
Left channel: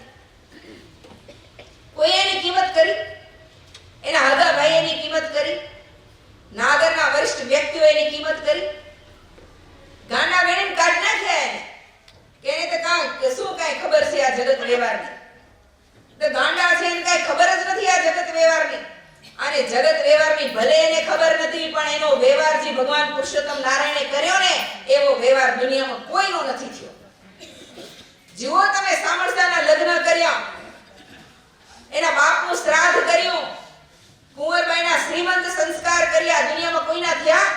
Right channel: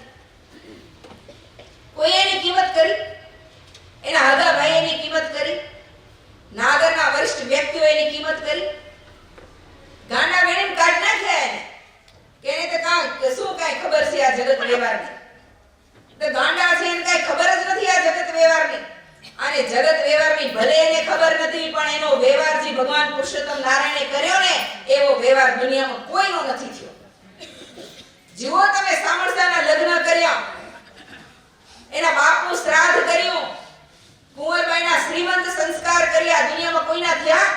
કોઈ એની કિંમત કરી? એના હગા ભાઈ એની કિંમત કરી? નાગરના વરિષ્ઠ વ્યક્તિઓ એની કિંમત કરી? ગાંડા બેને કાઢ નાખ્યા એને. કેને તો શું કાઈ ખબર છે આ જગત વ્યવહારની? તો ગાંડા છે એને કાઈ ખબર જ નથી આ જગત વ્યવહારની. અને જગત વ્યવહારની ભલે એને ખબર નથી, પણ એનો વ્યવહાર જે ભગવાન પુરુષોત્તમ નારાયણે કર્યો ને, એવો વ્યવહાર દુનિયામાં કોઈનો નથી થયો. જુઓ તમે, સામળસાના લગ્ન કર્યા, એના બાપનું શ્રાદ્ધ કર્યું, કુંવરબાઈના શ્રીમંત સંસ્કાર કર્યા, દુનિયામાં કોઈના થયા?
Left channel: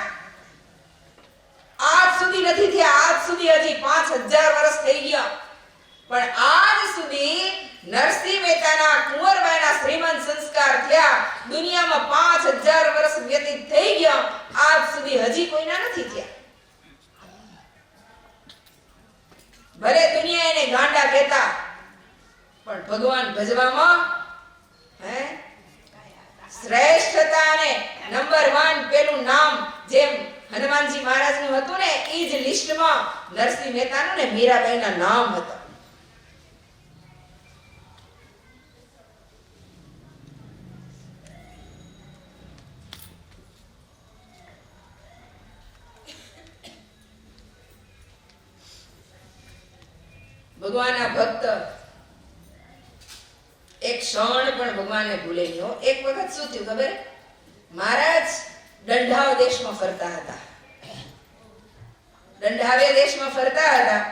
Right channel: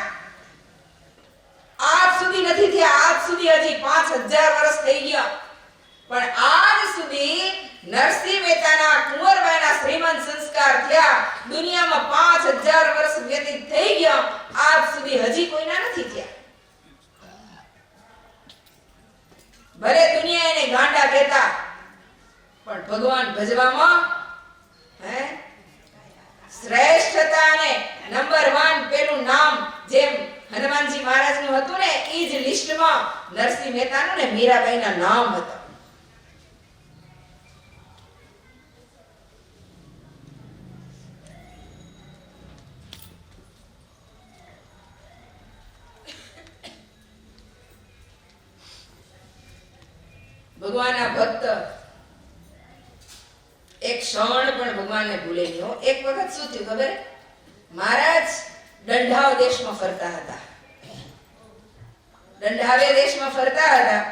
આજ સુધી નથી થયા. આજ સુધી હજી 5000 વર્ષ થઈ ગયા, પણ આજ સુધી નરસિંહ મહેતાના કુંવરબાઈના શ્રીમંત સંસ્કાર થયા. દુનિયામાં 5000 વર્ષ વ્યતીત થઈ ગયા, આજ સુધી હજી કોઈના નથી થયા. ભલે દુનિયા એને ગાંડા કહેતા, પણ ભગવાન ભજવામાં શ્રેષ્ઠતા અને નંબર 1 પેલું નામ જેમ હનુમાનજી મહારાજનું હતું ને, ઈ જ લિસ્ટમાં નરસિંહ મહેતાનું ને મીરાબાઈના નામ હતા. ભગવાનના ભક્ત એક ક્ષણ પણ ભગવાનને ભૂલે નહીં. એક વખત શું થયું ખબર? મહારાજ દંઢાવ દેશમાં ફરતા હતા. દંઢાવે દેશમાં ફરતા હતા.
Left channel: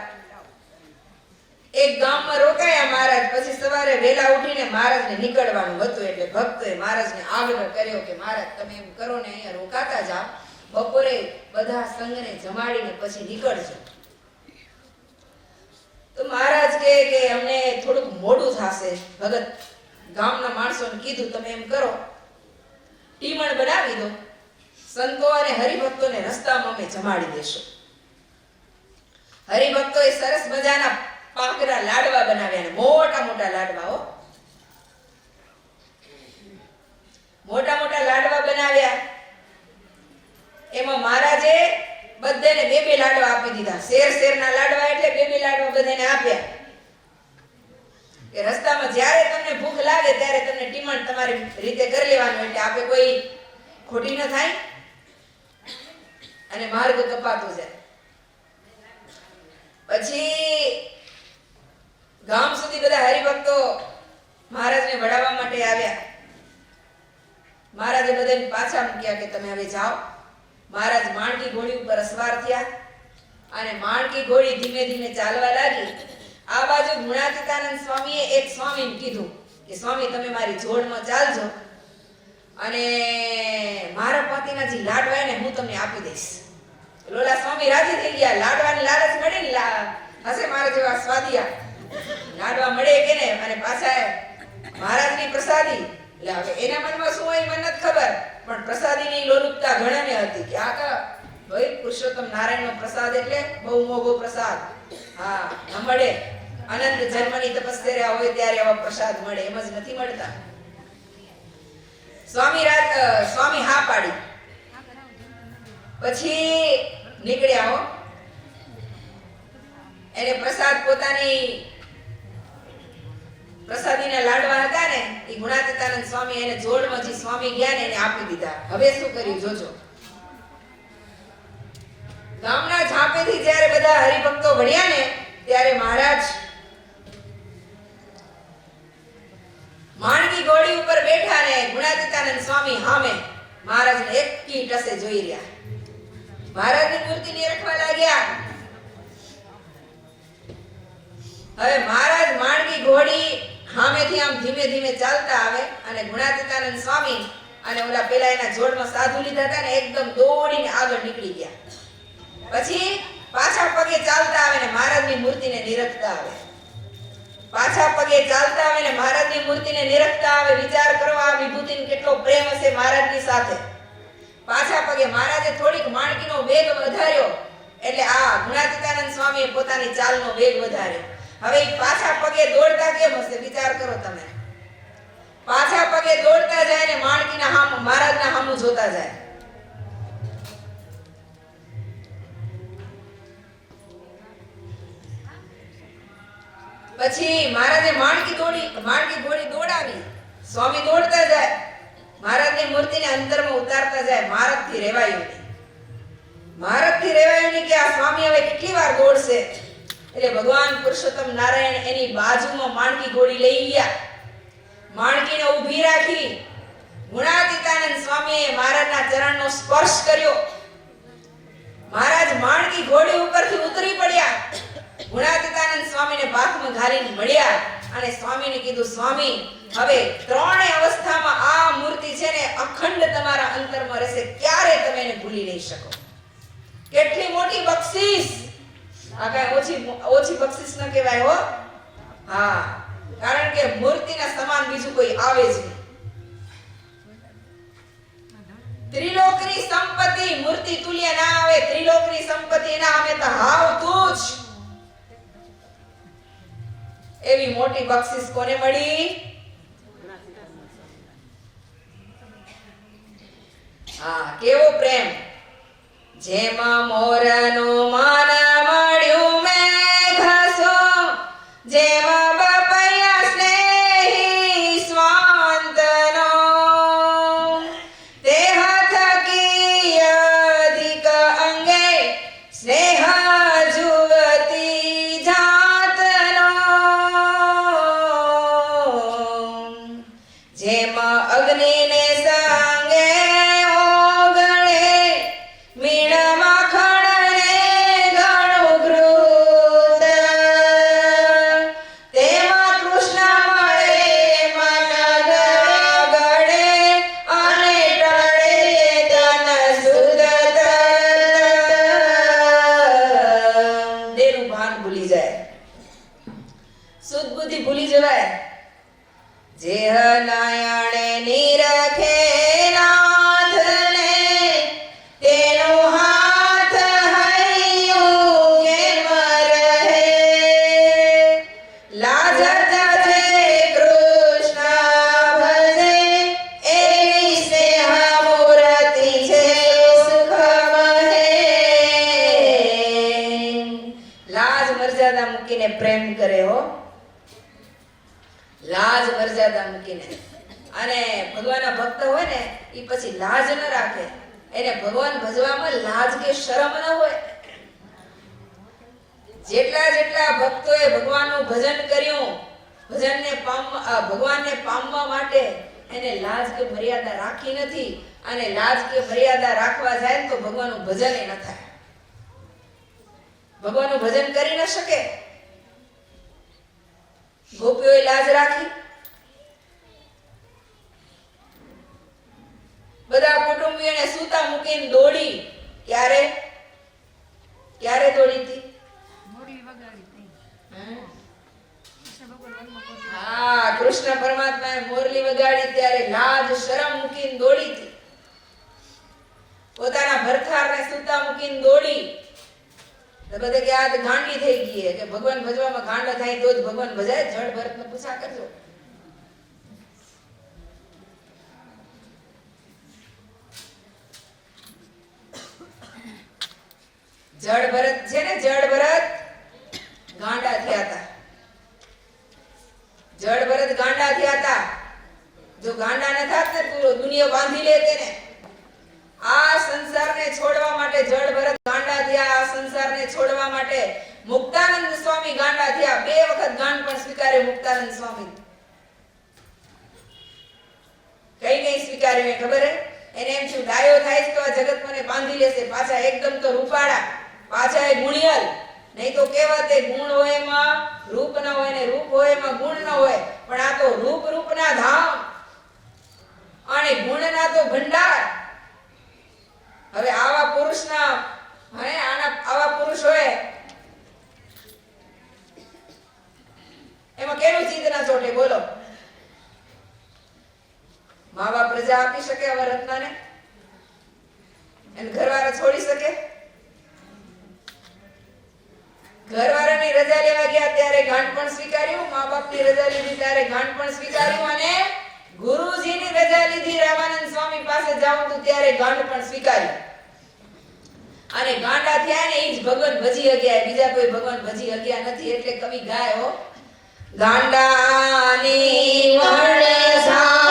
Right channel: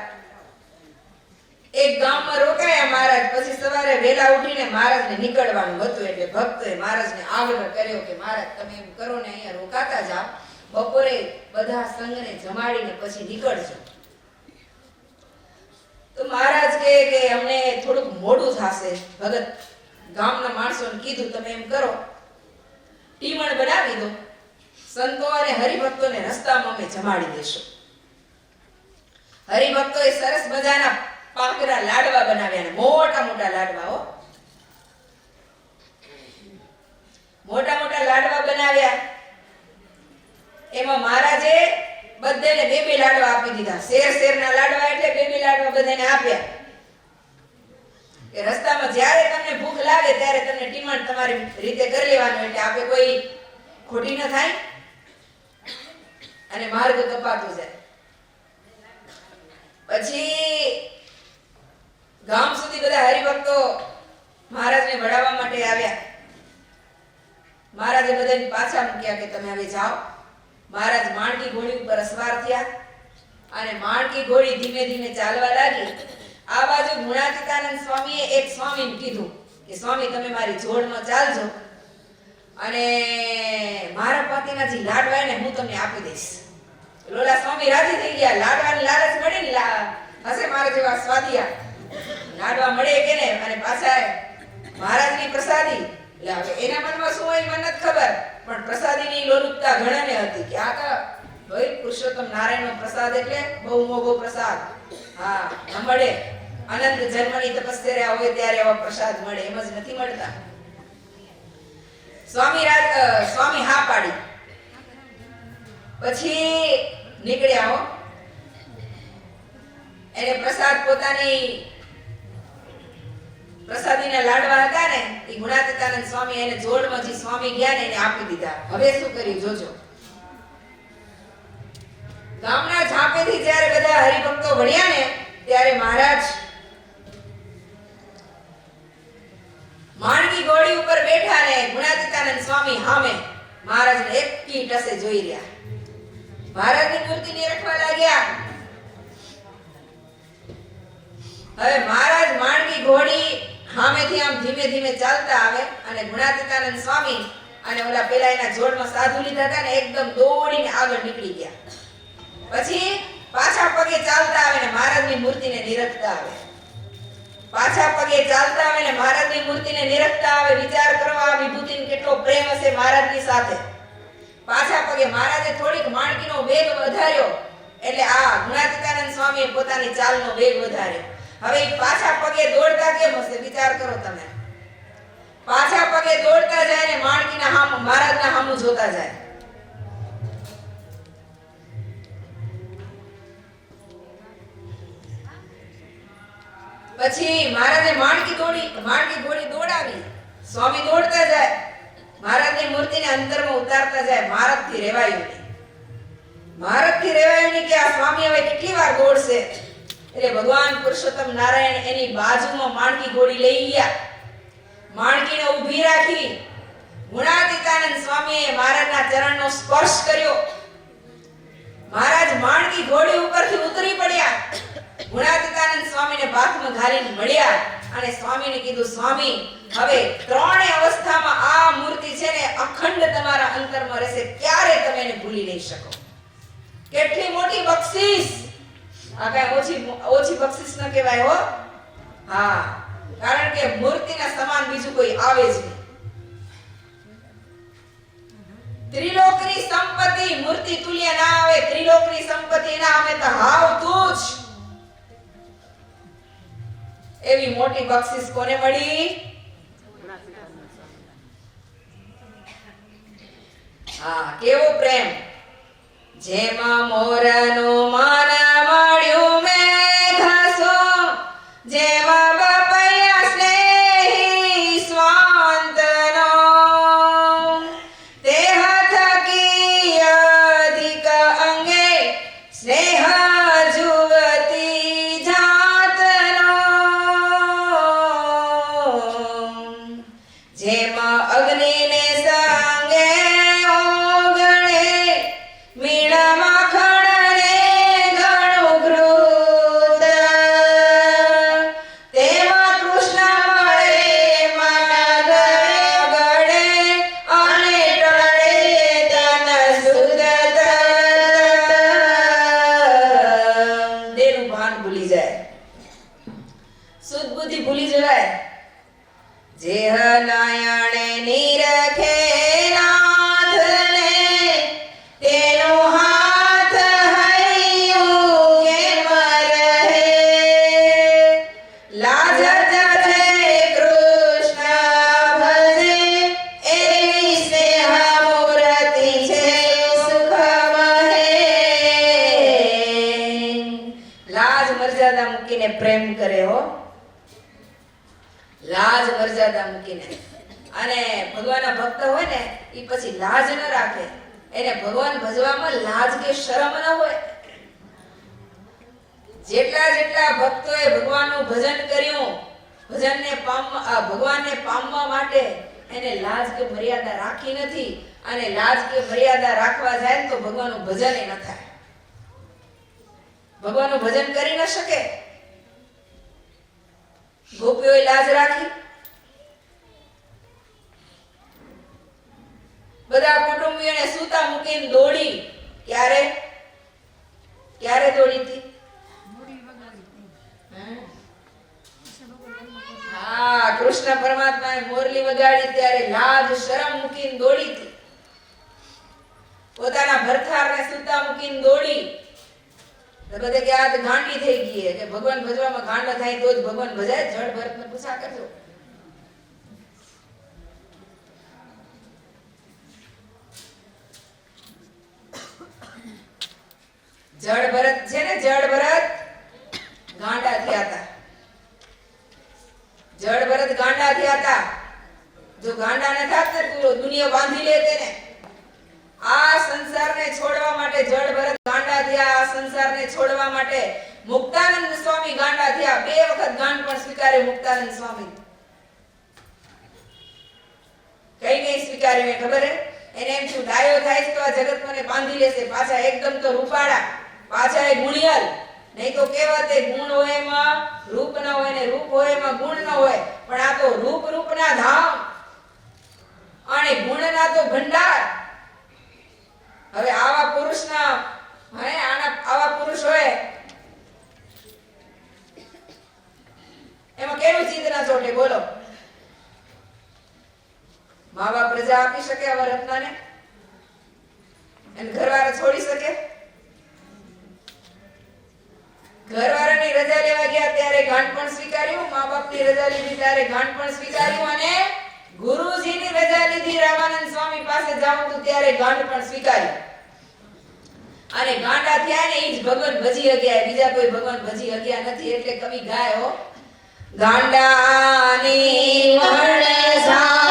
એક ગામમાં રોકાયા મહારાજ. પછી સવારે વહેલા ઉઠીને મહારાજને નીકળવાનું હતું, એટલે ભક્તોએ મહારાજને આગ્રહ કર્યો કે મહારાજ તમે એમ કરો ને, અહીંયા રોકાતા જાઓ, બપોરે બધા સંઘને જમાડીને પછી નીકળજો. તો મહારાજ કહે કે અમને થોડુંક મોડું થશે. ભગત ગામના માણસોને કીધું તમે એમ કરો, ટીમણ બનાવી દો, સંતો અને હરિભક્તોને રસ્તામાં અમે જમાડી દેશું. હરિભક્તોએ સરસ મજાના પાકરા લાડવા બનાવ્યા, મોટા મોટા લાડવા, મોટા મોટા લાડવા બનાવ્યા. એમાં મહારાજે બધાને બે લાડવા આપી દીધા. શેરના લાડવા એટલે બે લાડવા બધાને આપ્યા કે રસ્તામાં જ્યારે તમને ભૂખ લાગે ત્યારે તમને ટીમણ તમારી રીતે કરી લેવાનું, એટલે આપે કોઈ ખોટી ન થાય અને માર્ગ કપાતો જાય. પછી ગામ સુધી બધા હરિભક્તો મહારાજને વડાવવા માટે આવ્યા. મહારાજે બધાને પાછા મૂક્યા કે તમે હવે જાઓ. મહારાજ માણકી ઘોડી ઉપર અસવાર થયા અને માણકી ઘોડી ધીમે ધીમે ચાલવા લાગી. આ બાજુ ગુણાતીતાનંદ સ્વામીએ એક સ્વામીને કીધું કે સ્વામી તમે મારી જોડમાં ચાલજો અને મારા પતિના જે લાડવા ને હું તમને આપી દઈશ. લોલા સ્વામી રાજી થઈ ગયા. લાડવાની લાલચ મળે ને, હશે મારા જેવા સ્વાદિયા લાડવા મળે કે ને, અને પાછા મહારાજની પ્રસાદી. એટલે હવે એના મનમાં શું હોય મને નથી ખબર, પણ પ્રસાદીની લોલુપતા ઘણાને હતી કે આ તો ભાઈ પુરુષોત્તમ નારાયણનો પ્રસાદ એટલે બહુ મોંઘો પ્રસાદ. હા, ન મળે. અનંત જન્મની તપસ્યા હોય ત્યારે આવા પ્રસાદ મળે, એમ જ નથી મળતા. સ્વામી હા પાડી. પછી નીકળ્યા હો. એને પ્રસાદ પોતાની પ્રસાદીના લાડવા હતા ને એ ગુણાતીતાનંદ સ્વામી એને જોડમાંથી સ્વામી ગયા ને એને આપી દીધા. હવે શું કર્યું જોજો. ગામના ઝાંપેથી જ્યારે બધા હરિભક્તો વળ્યા ને ત્યારે મહારાજ માણકી ઘોડી ઉપર બેઠા ને ગુણાતીતાનંદ સ્વામી સામે મહારાજને એક કી ટસે જોઈ રહ્યા. મહારાજની મૂર્તિ નિરખવા લાગ્યા. હવે મહારાજ માણકી ઘોડી સામેથી આમ ધીમે ધીમે ચાલતા આવે અને ગુણાતીતાનંદ સ્વામી અને ઓલા પેલા એના જોડમાં સાધુ લીધા હતા ને એકદમ દોડીને આગળ નીકળી ગયા. પછી પાછા પગે ચાલતા આવે ને મહારાજની મૂર્તિને નિરખતા આવે. પાછા પગે ચાલતા આવે ને મહારાજની મૂર્તિને નિરખતા આવે. વિચાર કરો આ વિભૂતિનો કેટલો પ્રેમ હશે મહારાજની સાથે. પાછા પગે મહારાજે થોડીક માણકીનો વેગ વધાર્યો એટલે આ ગુણાતીતાનંદ સ્વામીએ પોતાની ચાલનો વેગ વધાર્યો. હવે પાછા પગે દોડતા કેમ હશે વિચાર કરો તમે. પાછા પગે દોડતા જાય ને માણકીના હામું મહારાજના હામું જોતા જાય. પછી મહારાજે માણકી ઘોડી દોડાવી. સ્વામી દોડતા જાય. મહારાજની મૂર્તિને અંતરમાં ઉતારતા જાય. મહારાજથી રેવાયું નહીં. મહારાજથી રેવાયું નહીં કે આ સ્વામી હવે કેટલી વાર દોડશે. એટલે ભગવાન પુરુષોત્તમ નારાયણ એની બાજુમાં માણકી ઘોડી લઈ ગયા. માણકીને ઊભી રાખી. ગુણાતીતાનંદ સ્વામીએ મહારાજના ચરણનો સ્પર્શ કર્યો. મહારાજ માણકી ઘોડી ઉપરથી ઉતરી પડ્યા. ગુણાતીતાનંદ સ્વામીને બાથમાં ઘાલીને મળ્યા અને સ્વામીને કીધું સ્વામી હવે ત્રણેય અવસ્થામાં આ મૂર્તિ છે ને અખંડ તમારા અંતરમાં રહેશે. ક્યારે તમે એને ભૂલી નહીં શકો. કેટલી મોટી બક્ષિસ. આ કઈ ઓછી બક્ષિસ ન કહેવાય હો. હા, કારણ કે મૂર્તિના સમાન બીજું કોઈ આવે જ નહીં. ત્રિલોકની સંપત્તિ મૂર્તિ તુલ્ય ના આવે. ત્રિલોકની સંપત્તિ ના આવે તો હાવ તુજ. એવી મોટી બક્ષિસ કોને મળી? હા, કેવો પ્રેમ. જેમાં મોરનું માન મળ્યું મેઘસો, જેમાં બપૈયા સ્નેહી સ્વાંતનો, તે થકી અધિક અંગે સ્નેહ જુવતી જાતનો, જેમાં અગ્નિને સંગે ભૂલી જવાય. જેહ નયણે નિરખે નાથને, તેનો હાથ હૈયું કેમ રહે. લાજ જજે કૃષ્ણ ભજે, એવી સ્નેહ મૂર્તિ છે સુખમહે. લાજ મર્યાદા મૂકીને પ્રેમ કરે હો. લાજ મર્યાદા મૂકીને. અને ભગવાનના ભક્ત હોય ને એ પછી લાજ ન રાખે. એને ભગવાન ભજવામાં લાજ કે શરમ ન હોય. જેટલા ભક્તોએ ભગવાનનું ભજન કર્યું, ભગવાનને પામવા માટે એને લાજ કે મર્યાદા રાખી નથી. અને લાજ કે મર્યાદા રાખવા જાય તો ભગવાનનું ભજન ન થાય. ભગવાનનું ભજન કરી ન શકે. ગોપીઓએ લાજ રાખી. બધા કુટુંબીઓને સૂતા મૂકીને દોડી. ક્યારે દોડી હતી? હા, કૃષ્ણ પરમાત્માએ મોરલી વગાડી ત્યારે લાજ શરમ મૂકીને દોડી હતી. પોતાના ભરથારને સૂતા મૂકીને દોડી. બધે કે આ ગાંડી થઈ ગઈ કે ભગવાન ભજવામાં ગાંડા થાય તો જ ભગવાન ભજાય. જળ ભરતને પૂછા કરજો. જળ ભરત છે ને, જળ ભરત ગાંડા થયા હતા. જળ ભરત ગાંડા થયા હતા. જો ગાંડા ન થાત ને તો દુનિયા બાંધી લે તેને. આ સંસારને છોડવા માટે જળ ભરત ગાંડા થયા. આ સંસારને છોડવા માટે મુક્તાનંદ સ્વામી ગાંડા થયા. 2 વખત ગાંડ પણ સ્વીકાર્યો મુક્તાનંદ સ્વામી. કઈ સ્વીકાર્યું ખબર હે? એને એમ થયું ડાયો થાય તો આ જગત મને બાંધી લેશે. પાછા એકદમ તો રૂપાળા, પાછા એ ગુણિયલ. નહીં તો કહેવત ગુણ હોય એમાં રૂપ ન હોય ને રૂપ હોય એમાં ગુણ ન હોય. પણ આ તો રૂપના ધામ અને ગુણના તો ભંડાર. હવે આવા પુરુષના આવા પુરુષ હોય એમાં કેવું ચિત્ત ના ચોટે બોલો? મા બાપ રજા આપી શકે આવા રત્નાને? અને ઘરવાળા છોડી શકે? ઘરવાળાની રજા લેવા ગયા ત્યારે ગાંઠ પણ સ્વીકાર્યું, મા બાપની રજા લીધી ત્યારે ગાંઠ પણ સ્વીકાર્યું, અને ગુરુજીની રજા લીધી રામાનંદ સ્વામી પાસે જાઉં તો ત્યારે ગાંઠ પણ સ્વીકાર્યું. અને ગાંડા થયા ને એ જ ભગવાન ભજી ગયા. બીજા કોઈ ભગવાન ભજી ગયા નથી. એટલે કવિ ગાય હો, ગાંડાની વણસાર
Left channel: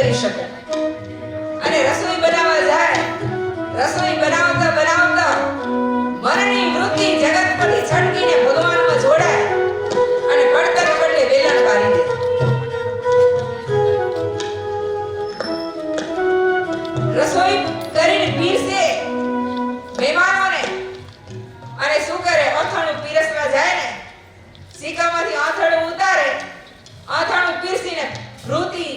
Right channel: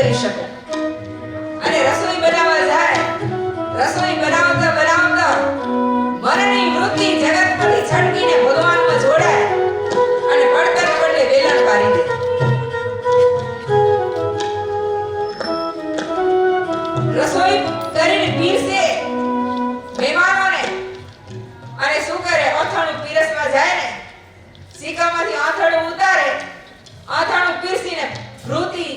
કરી શકે. અને રસોઈ બનાવવા જાય, રસોઈ બનાવતા બનાવતા મનની વૃત્તિ જગત પરથી છટકીને ભગવાનમાં જોડાય અને પડતર પડે વેલણ વારી દે. રસોઈ કરીને પીરસે મહેમાનોને અને શું કરે, અથાણું પીરસવા જાય ને સિક્કામાંથી આથાણું ઉતારે, આથાણું પીરસીને વૃત્તિ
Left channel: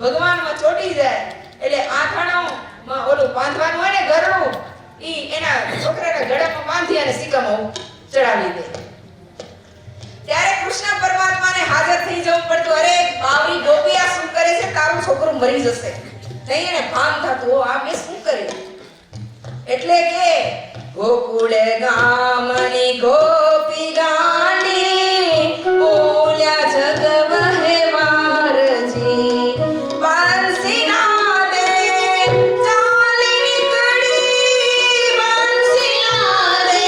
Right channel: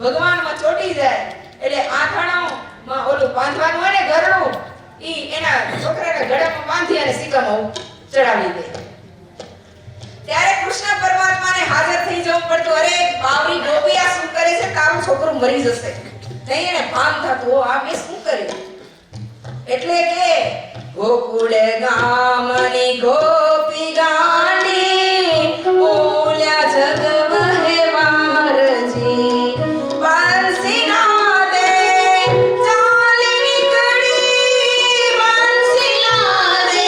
ભગવાનમાં ચોટી જાય એટલે આથાણામાં ઓલું બાંધવાનું હોય ને ગરણું, ઈ એના છોકરાના ગળામાં બાંધી અને સિક્કામાં ચડાવી દે. ત્યારે કૃષ્ણ પરમાત્માને હાજર થઈ જવું પડતું. અરે બાવરી ગોપી આ શું કરે છે, તારું છોકરું મરી જશે. નહીં એને ભાન થતું, આ મેં શું કર્યું. એટલે કે ગોકુળ ગામની ગોપી ગાંડી ઓલ્યા જગ વહેવારજી બંસીના દે ચાલી નીકળી, બંસીના દે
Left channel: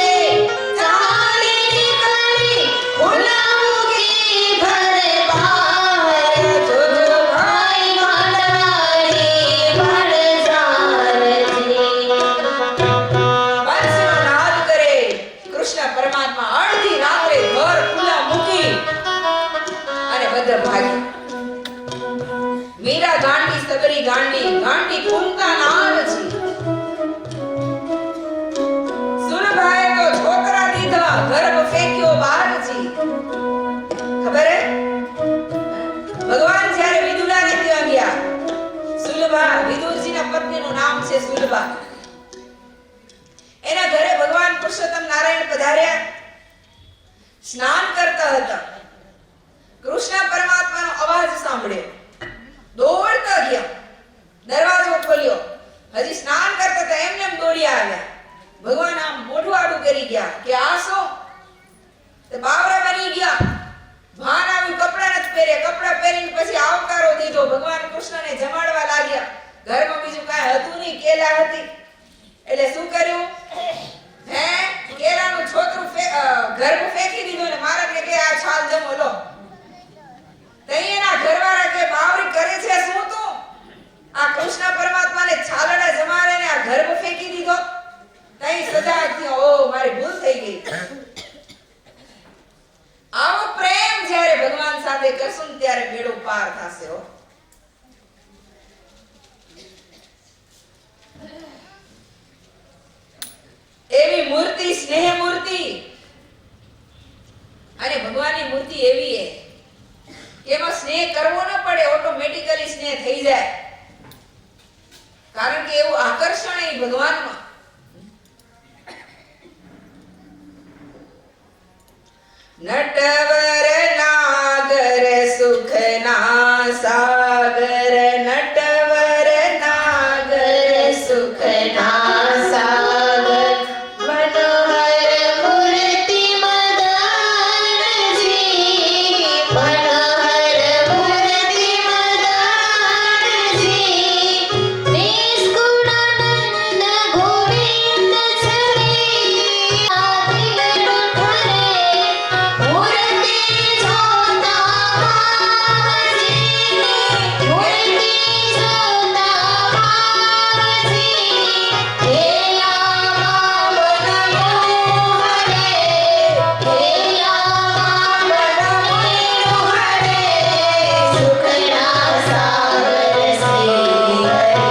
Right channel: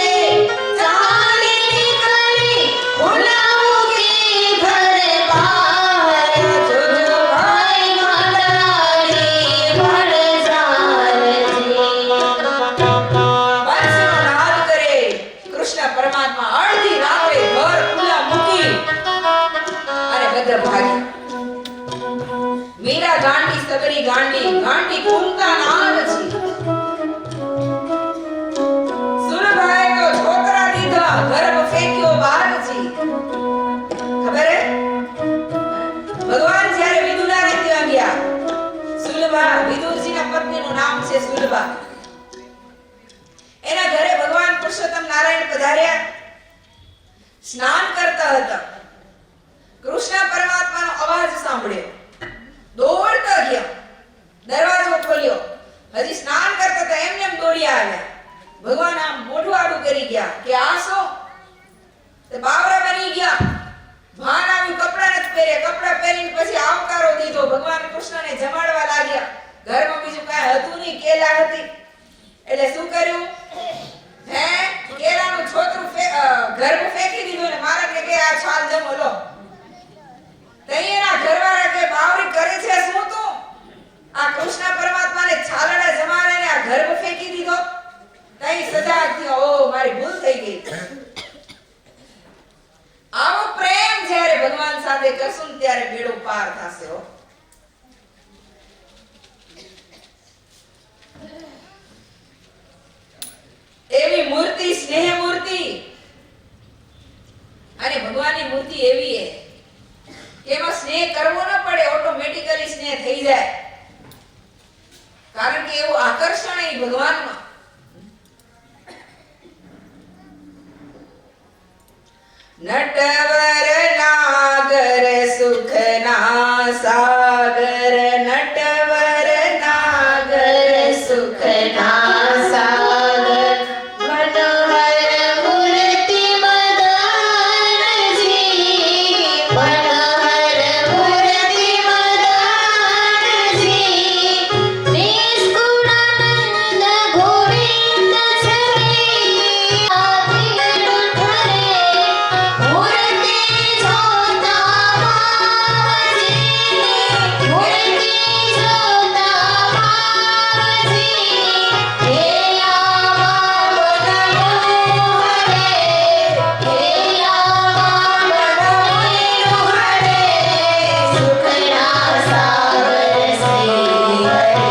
ચાલી નીકળી, ઉલાઉગી ભરે બાર જોજો ભાઈ માડાની ભર જારજી. પરમાત્મા અડધી રાત્રે ઘર ખુલ્લા મૂકી અને બધા ભાગી. મીરા ગાંડી સગડી ગાંડી, ગાંડી કુંતા નારજી. સુરભાઈ તો છોકરા દીધા, ગર્ભ ફેંક્યો બહારજી. ખબર હે ભગવાન જ્યારે વિદુલાને ત્યાં ગયા, સુલભા વિદુરજીના પત્નીનું નામ છે સુલભા. એના ઘરે ભગવાન પુરુષોત્તમ નારાયણ પધાર્યા, સ્નાન કરતા હતા. કૃષ્ણ પરમાત્માનો અવાજ સાંભળ્યો, દોડતા ગયા, દરવાજો ખોલ્યો. હજી સ્નાન કરતા હતા એમને એમ દોડી આવ્યા. ભગવાન આમ મોઢું આડું કરી ગયા કે આ શું? તે બાવરા બની ગયા. ભાન આવ્યું, કપડા નથી પહેર્યા. કપડા પહેરીને પછી આવકારો દીધો. ભગવાન કૃષ્ણને જમાડવા લાગ્યા. ઘરમાં બીજું કાંઈ હતું નહીં, કેલા હતી. એટલે શું કર્યું? હે કેળાનું છોતરું ગર્ભ ફેંકી દીધું ને મહારાજને કે આ છાલ જમો લો. તૈયાના ઘરવાળા કે બાવરી કરે છે શું તું? આ કૃષ્ણ પરમાત્માને છાલડા જમાડે ને આ ગર્ભ ફેંકી દીધો. તઈ સજા થયો, ઓ મારી ભૂલ થઈ ગઈ. આવો પ્રેમ જ્યારે ભગવાન સાથે કરશું ને ત્યારે બેડો પાર થશે હો. એવી મૂર્તિ, સ્નેહ મૂર્તિ. અને ભગવાનની મૂર્તિ એવી છે કે એમાં સ્નેહ કરવો ન પડે, ઓટોમેટિકલી સ્નેહ થઈ જાય. કારણ કે એવું આકર્ષણ એ ભગવાનમાં. નટવર નાગર સુખના સાગર, નટવર નાગર સુખના સાગર, મનોહર મૂર્તિ મદાનજી, મનોહર મૂર્તિ મદાનજી, નિષ્કુળાનંદ ગોવિંદ છરી આદિનું ધરે, મૂર્તિ જોતા બાવાજી, મૂર્તિ જોતા બાવાજી, હેલા મનમોહરે, હેલા મનમોહરે, સુખના સાગર શ્રી હરિ,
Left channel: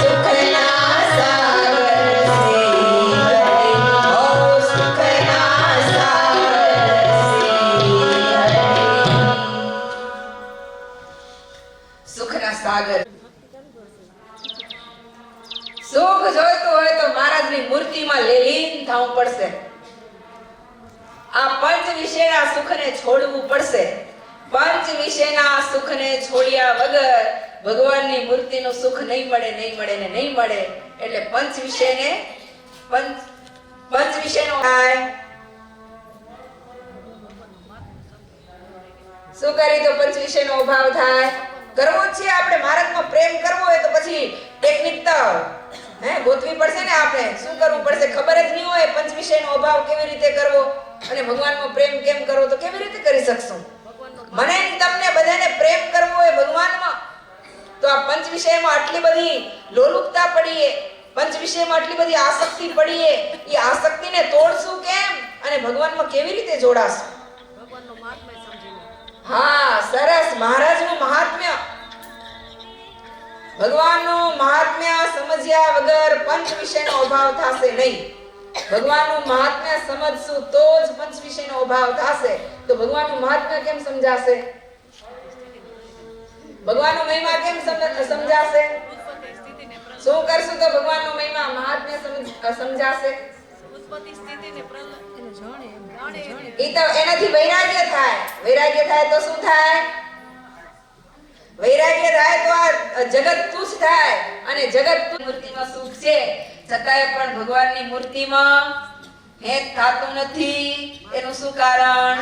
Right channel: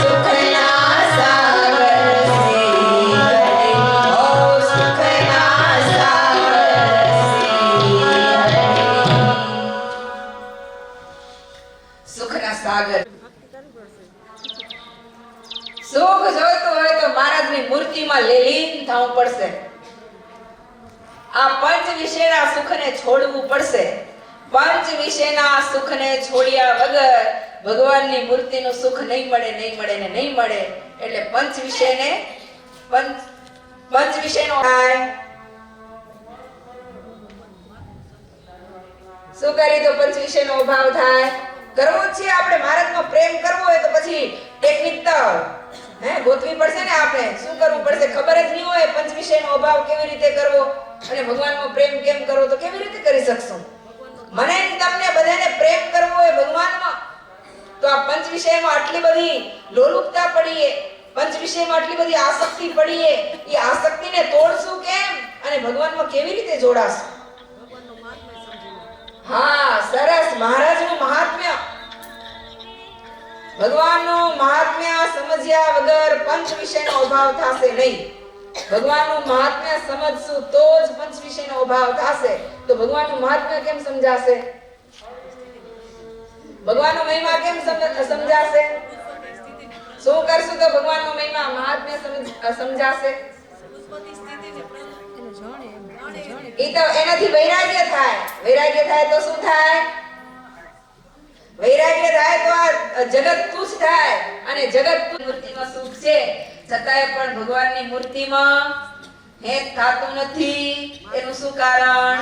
સુખના સાગર શ્રી હરિ, ઓ સુખના સાગર શ્રી હરિ. સુખના સાગર. સુખ જોઈતું હોય તો મહારાજની મૂર્તિમાં લીન થવું પડશે. આ પંચ વિષયના સુખને છોડવું પડશે. પંચ વિષયના સુખને છોડ્યા વગર ભગવાનની મૂર્તિનું સુખ નહીં મળે, નહીં મળે ને નહીં મળે. એટલે પંચ વિષયનો શું કરી તો પંચ વિષયનો અભાવ થાય. કરવો જ છે આપણે. મહારાજમાં પ્રેમ કરવો હોય તો પછી ટેકનિક તો ગોતવી પડશે ને. આપણે શું કરવું પડશે ખબર જ નહીં હોય. પંચ વિષયનો અભાવ કેવી રીતે કરવો અને ભગવાનમાં પ્રેમ કેમ કરવો તો કેવી રીતે કરી શકશું? મને તમને બધાને પ્રેમ કરવો હોય ભગવાનમાં તો આ પંચ વિષયમાં આટલી બધી લોલુપતા પડીએ, પંચ વિષયમાં આટલી બધી આસક્તિ પડીએ, એ આસક્તિને તોડશું કેમ અને ભગવાનમાં કેવી રીતે જોડાશું? હા, સરસ. મહારાજનું મહાત્મ્ય, ભગવાનનું મહાત્મ્ય સમજ્યા વગર પંચ વિષયનો અભાવ થશે નહીં. ભગવાનનું મહાત્મ્ય સમજશું તો જ પંચ વિષયનો અભાવ થશે. તો ભગવાનનું મહાત્મ્ય કેમ સમજાશે? ભગવાનનો મહિમા કેમ સમજાશે? શું કરશું તો ભગવાનનો મહિમા મહાત્મ્ય સમજાશે? એ તો એનાથી વૈરાગ્ય થાય. વૈરાગ્ય થાય તો શું થાય? વૈરાગ્ય થાય તો આ જગત તુચ્છ થાય અને જગત મૂર્તિમાં સુખ છે છતાંય પણ ભગવાનની મૂર્તિમાં હેત થાતું નથી. એનું શું કારણ?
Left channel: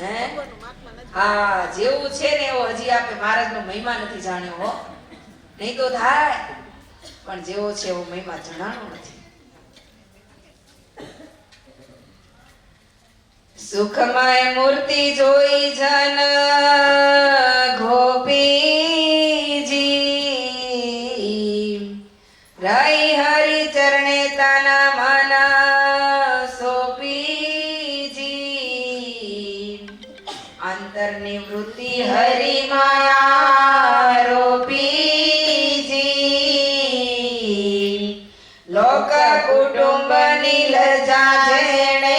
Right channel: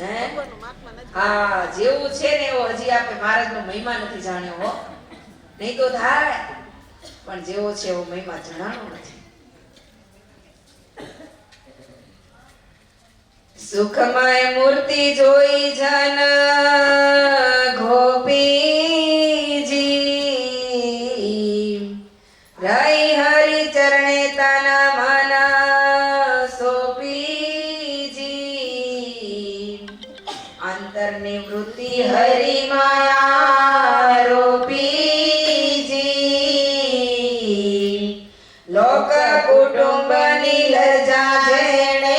હે? હા, જેવું છે ને એવો હજી આપણે મહારાજનો મહિમા નથી જાણ્યો હો. નહીં તો થાય, પણ જેવો છે એવો મહિમા જણાનો નથી. સુખમય મૂર્તિ જોઈ જન ગોપીજી, રહી હરિ ચરણે તન મન સોપીજી, અંતરની વૃત્તિ હરિ માયા રોપીજી, લોક કુટુંબ નીલજા જેણે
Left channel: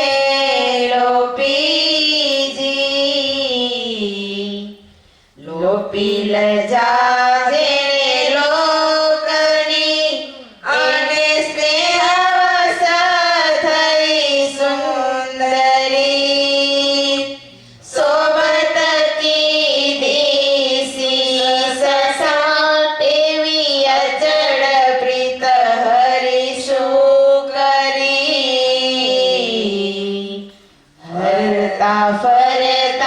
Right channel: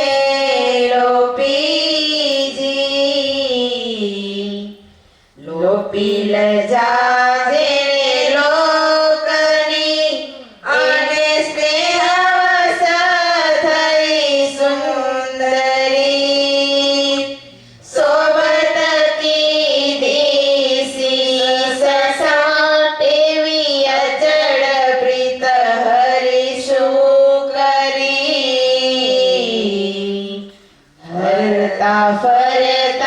લોપી લજા જેણે લોકની અને સ્નેહવશ થઈ સુંદરી, સોબત કીધી શીશ સાટેવી અચળ પ્રીત હરિ શું કરી, હરતા ફરતા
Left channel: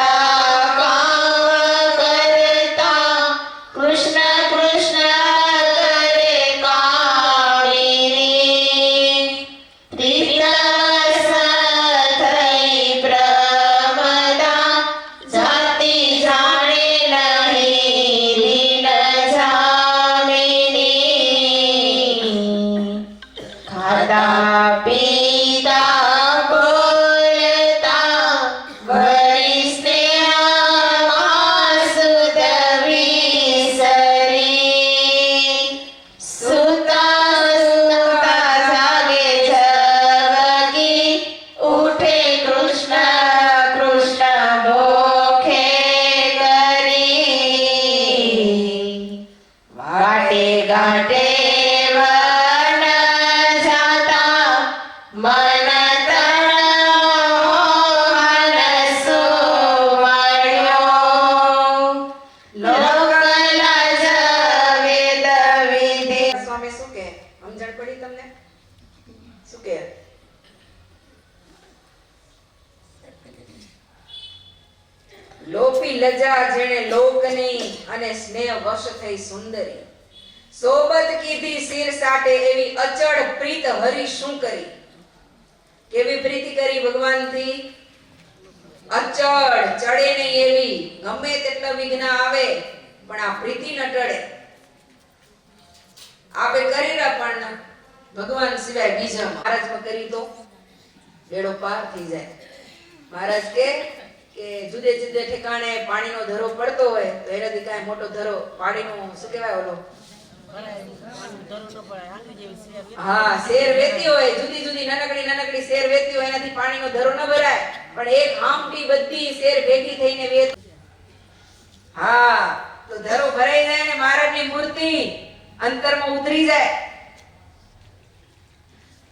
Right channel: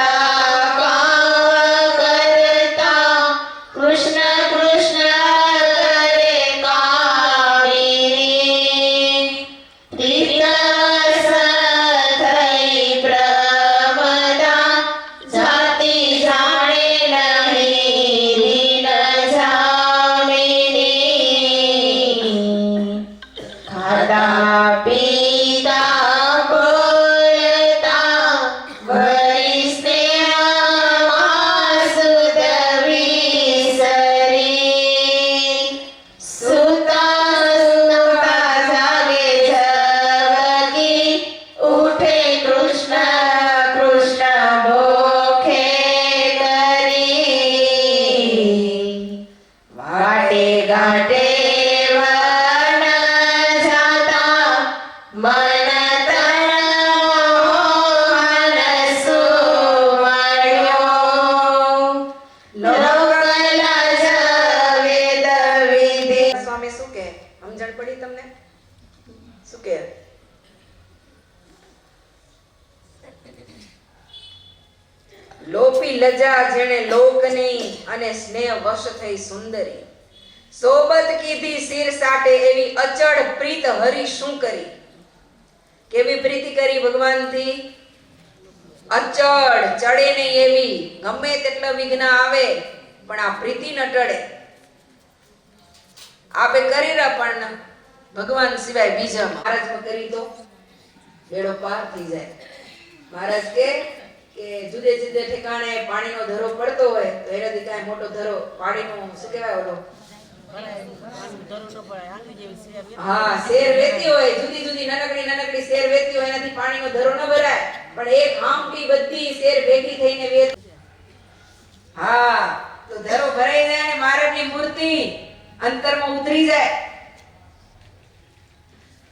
લોપી લજા જેણે લોકની અને સ્નેહ વશ થઈ સુંદરી, સોબત કીધી શિર સાટે એવી અચળ પ્રીત હરિ શું કરી. કેવી પ્રીતિ કરી ભગવાનથી? અચળ, ચડે નહીં એવી. ગમે તેટલા વિઘ્ન આવે પણ આ પ્રીતિ ન ટળે. આપે કરી રહ્યા પણ ભગવાન સિવાય બીજા મહારાજમાં કરી તો બેડો પાર થઈ જાય. મહારાજ કે જુદે જુદે ઠેકાણે પાણીનો ધરો પડતો હોય તો એનાથી કાંઈ મોટો ધરો પાણીનો શું કહેવાય ઓલો હા શેર વેતી હોય, જુદી જુદી નાનકડી શેર વેતી હોય, એનાથી પાણીનો ધરો ન ભરાય, પણ એક આમટી બધી શેર ભેગી થઈને વેત. હા, તો ધરો ભરાઈ જાય અને મહારાજની મૂર્તિ અંતરમાં ઉતરી જાય.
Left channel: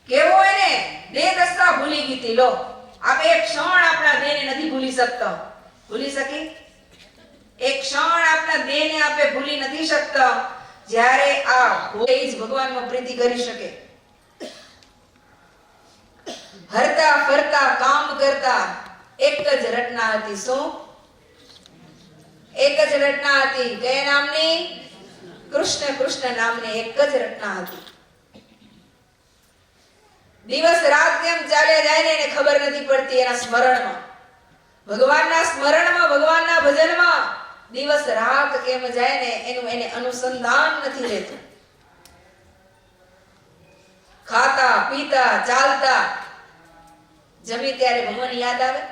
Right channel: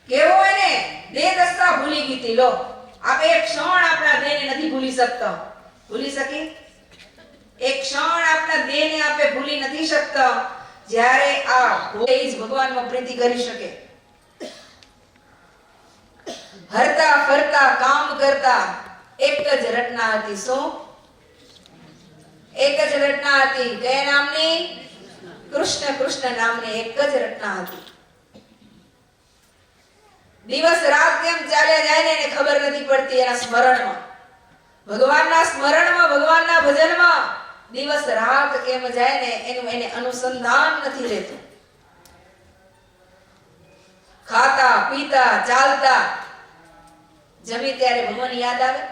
કેવો હોય ને, દેહ દશા ભૂલી ગઈ. લો આપણે એક ક્ષણ આપણા દેહને નથી ભૂલી શકતા. ભૂલી શકી? એક ક્ષણ આપણા દેહને આપણે ભૂલી નથી શકતા. જ્યારે આ જ ભગવાનમાં પ્રીતિ કરી શકે. હરતા ફરતા કામ કરતા એક જ રચના હતી. શું? એક જ રચના હતી. કયા નામની? કૃષ્ણ. કૃષ્ણ નામની એક જ રચના હતી. દિવસ રાત કેમ ચાલ્યા જાય ને એને ખબર નથી પડતી. એના સ્મરણમાં, ભગવાનના સ્મરણમાં, ભગવાનના ભજનમાં દિવસ રાત કેમ જાય ને એનું એને અનુસંધાન નથી રહેતું. ખાતા પીતા ચાલતા જમી ત્યારે ભગવાન યાદ આવે.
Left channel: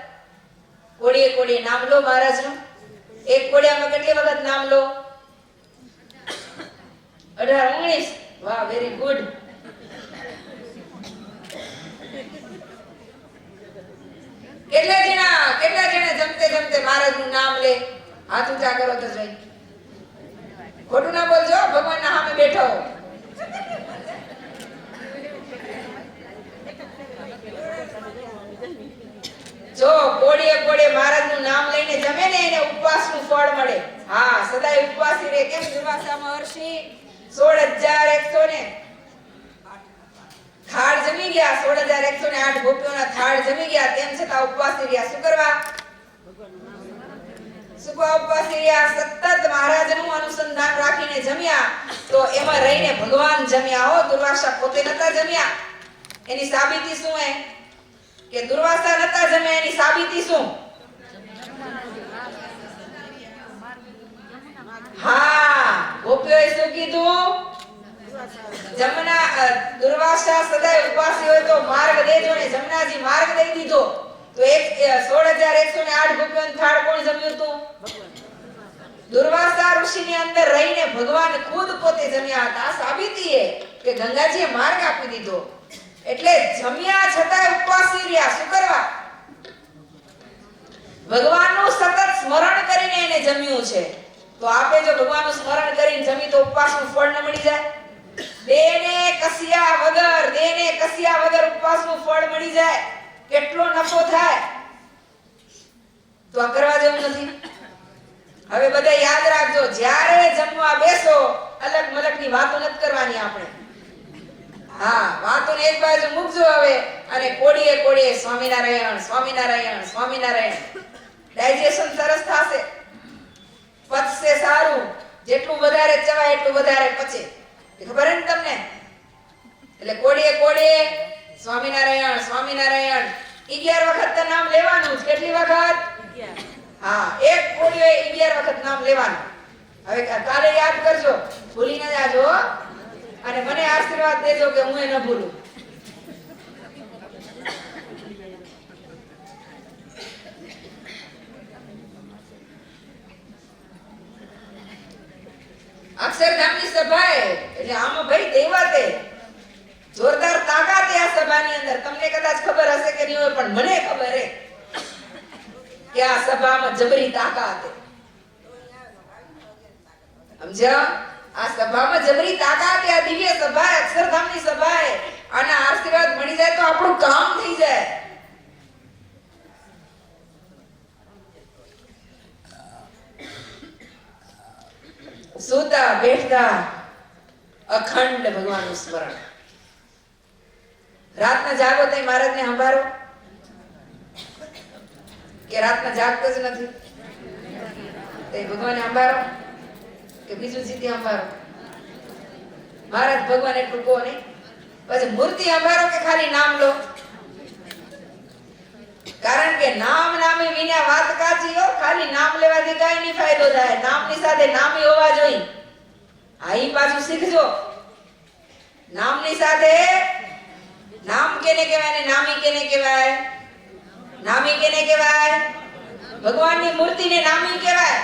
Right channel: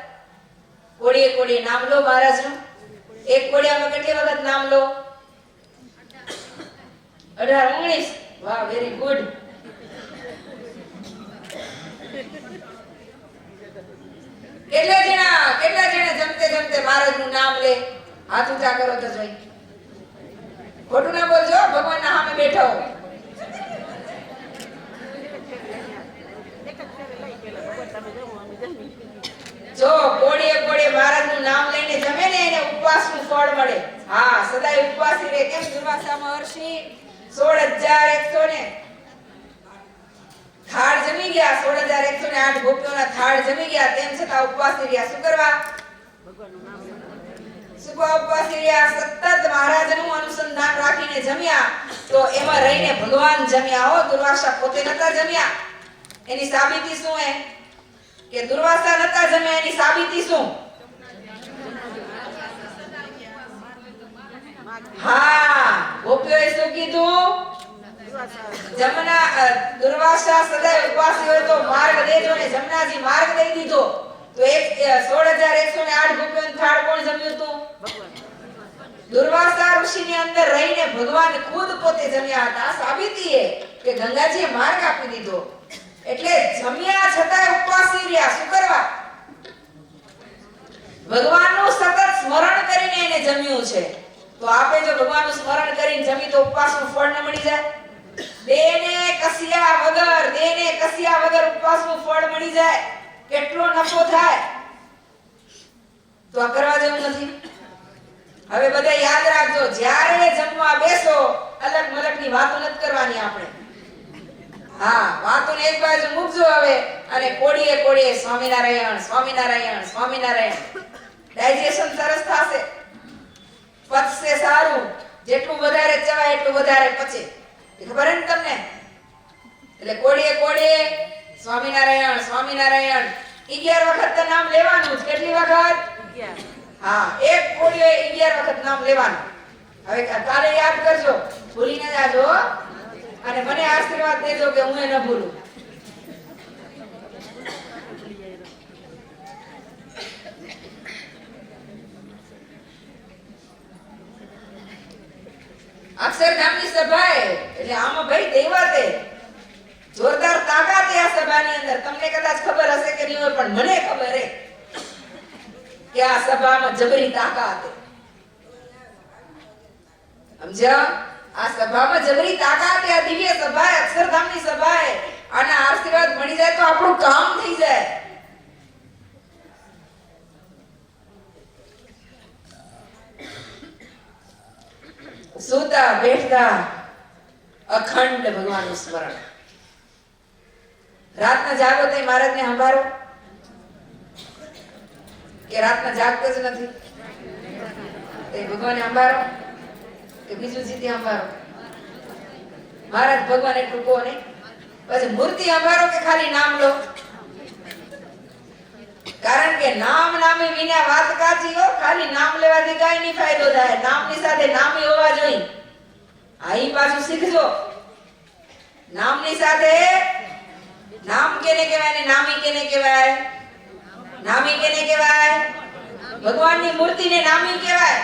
કોડીએ કોડીએ નામ લો મહારાજનું. એક કોડિયામાં કેટલી વખત નામ લો? 18 19. વાહ, વેરી ગુડ. કેટલા જણા જમતે જમતે મહારાજનું નામ લે? હાથ ઊંચા કરો તો જોઈ. ખોટું ના બોલજો, ભગવાનના સામે બેઠો હો. જો કોડીએ કોડીએ મહારાજનું નામ લઈને જમે ને એને ઉપવાસનું ફળ મળે. હા, સદાય ઉપવાસી રહે. કેમ દુર્વાસા મહર્ષિ 16100 ને થાળ જમી ગયા, 16108 ગોપીઓના થાળ જમી ગયા, તેમ છતાં ઉપવાસી રહ્યા. શું કરવા? ઉપવાસી રહ્યા. સતત મહારાજનું અનુસંધાન રાખીને જમ્યા તો એમાં રહીને ભગવાન જમ્યા હો. દુર્વાસા પોતે નતા જમ્યા. એની સાબિતી શું હે? કે દુર્વાસા નતા જમ્યા એની સાબિતી શું? હા, ગોપીઓએ શું કીધું? દુર્વાસા સદાય ઉપવાસી હોય તો માર્ગ દેજો ને. જમનાજી માર્ગ દઈ દીધો તો 16108 ગોપીઓનો થાળ કોણ જમ્યું હતું? દુર્વાસા ઋષિની અંદર રહીને ભગવાન ખુદ પોતે જમ્યા હતા. સાબિતી એ કે ગંગાજીએ માર્ગ આપી દીધો. એટલે જમ્યા છતાં ઉપવાસી રહ્યા. શું કરવા? ભગવાનનું સતત સ્મરણ કરીને એને જમ્યું છે. તો આપણે જો ભગવાનનું સ્મરણ કરીને જમી તો ઉપવાસનું ફળ ન મળી જાય? દેને કસ્યા વગર ઉપવાસનું ફળ મળી જાય. કેટલો નફો થાય. તો આ કરવા જેવું નથી. હવે બધા યાદ રાખજો, જ્યારે જમવા બેસો અલગ મલકની વાતો નથી કરવાની આપણે. હા, વાતોને એક બાજુ મૂકજો હવે અને કોડીએ કોડીએ સ્વામિનારાયણ સ્વામિનારાયણ સ્વામિનારાયણ. ડાયજેશન સરસ થશે, પચશે સારું. જેટલું વધારે ચવાય એટલું વધારે પચે. ખબર હે ને તમને? એટલે કોડીએ કોડીએ સ્વામિનારાયણ સ્વામિનારાયણ 11 વખત તો નામ લેવાનું જ. કેટલી વખત? 11. હા, એક કોડીએ 11 વખત નામ લેવાનું. હવે કાલે યાદ કરજો, ભૂલી ન જાજો અને મને આશીર્વાદ દેજો કે હું એ ન ભૂલું. અક્ષરધામની સભા એટલે આમાં ભાઈ દૈવાતે જોરદાર તાકાત આ સભાની અંદર. તમને કદાચ ખબર હશે કે નહીં હોય, પણ મને ખબર હે કે આ સભામાં જબરી તાકાત છે. સમજ્યા? આ સભામાં જબરી તાકાત છે. આ દિવ્ય સભા, અક્ષરધામની સભા છે. આના આશીર્વાદ મળી જાય તો આપણું કામ થઈ જાય. સૂતા બેઠતા અખંડ ભગવાનનું સ્મરણ. રાતના જાગો તો મહારાજને સંભાળો કે રાતના જાગતો જ નથી? તે ભગવાનને સંભાળો કે બીજું જીતે સંભાળો? મહારાજ ભગવાન એટલું કહો નહીં. પછી મૂર્તિ સંભાળો કે ખાલી નામ લો? કારણ કે નામ નામી વિના વાત કાચી હો. ખાલી નામ લેવાથી કાઈ નહીં ફાયદો થાય. નામની સાથે નામી હોવા જોઈએ. આઈ પાછું શીખજો. નામની સાથે નામ કેને કહેવાય ને નામી કેને કહેવાય? નામી કેને કહેવાય? ભગવાનની મૂર્તિને નામી કહેવાય.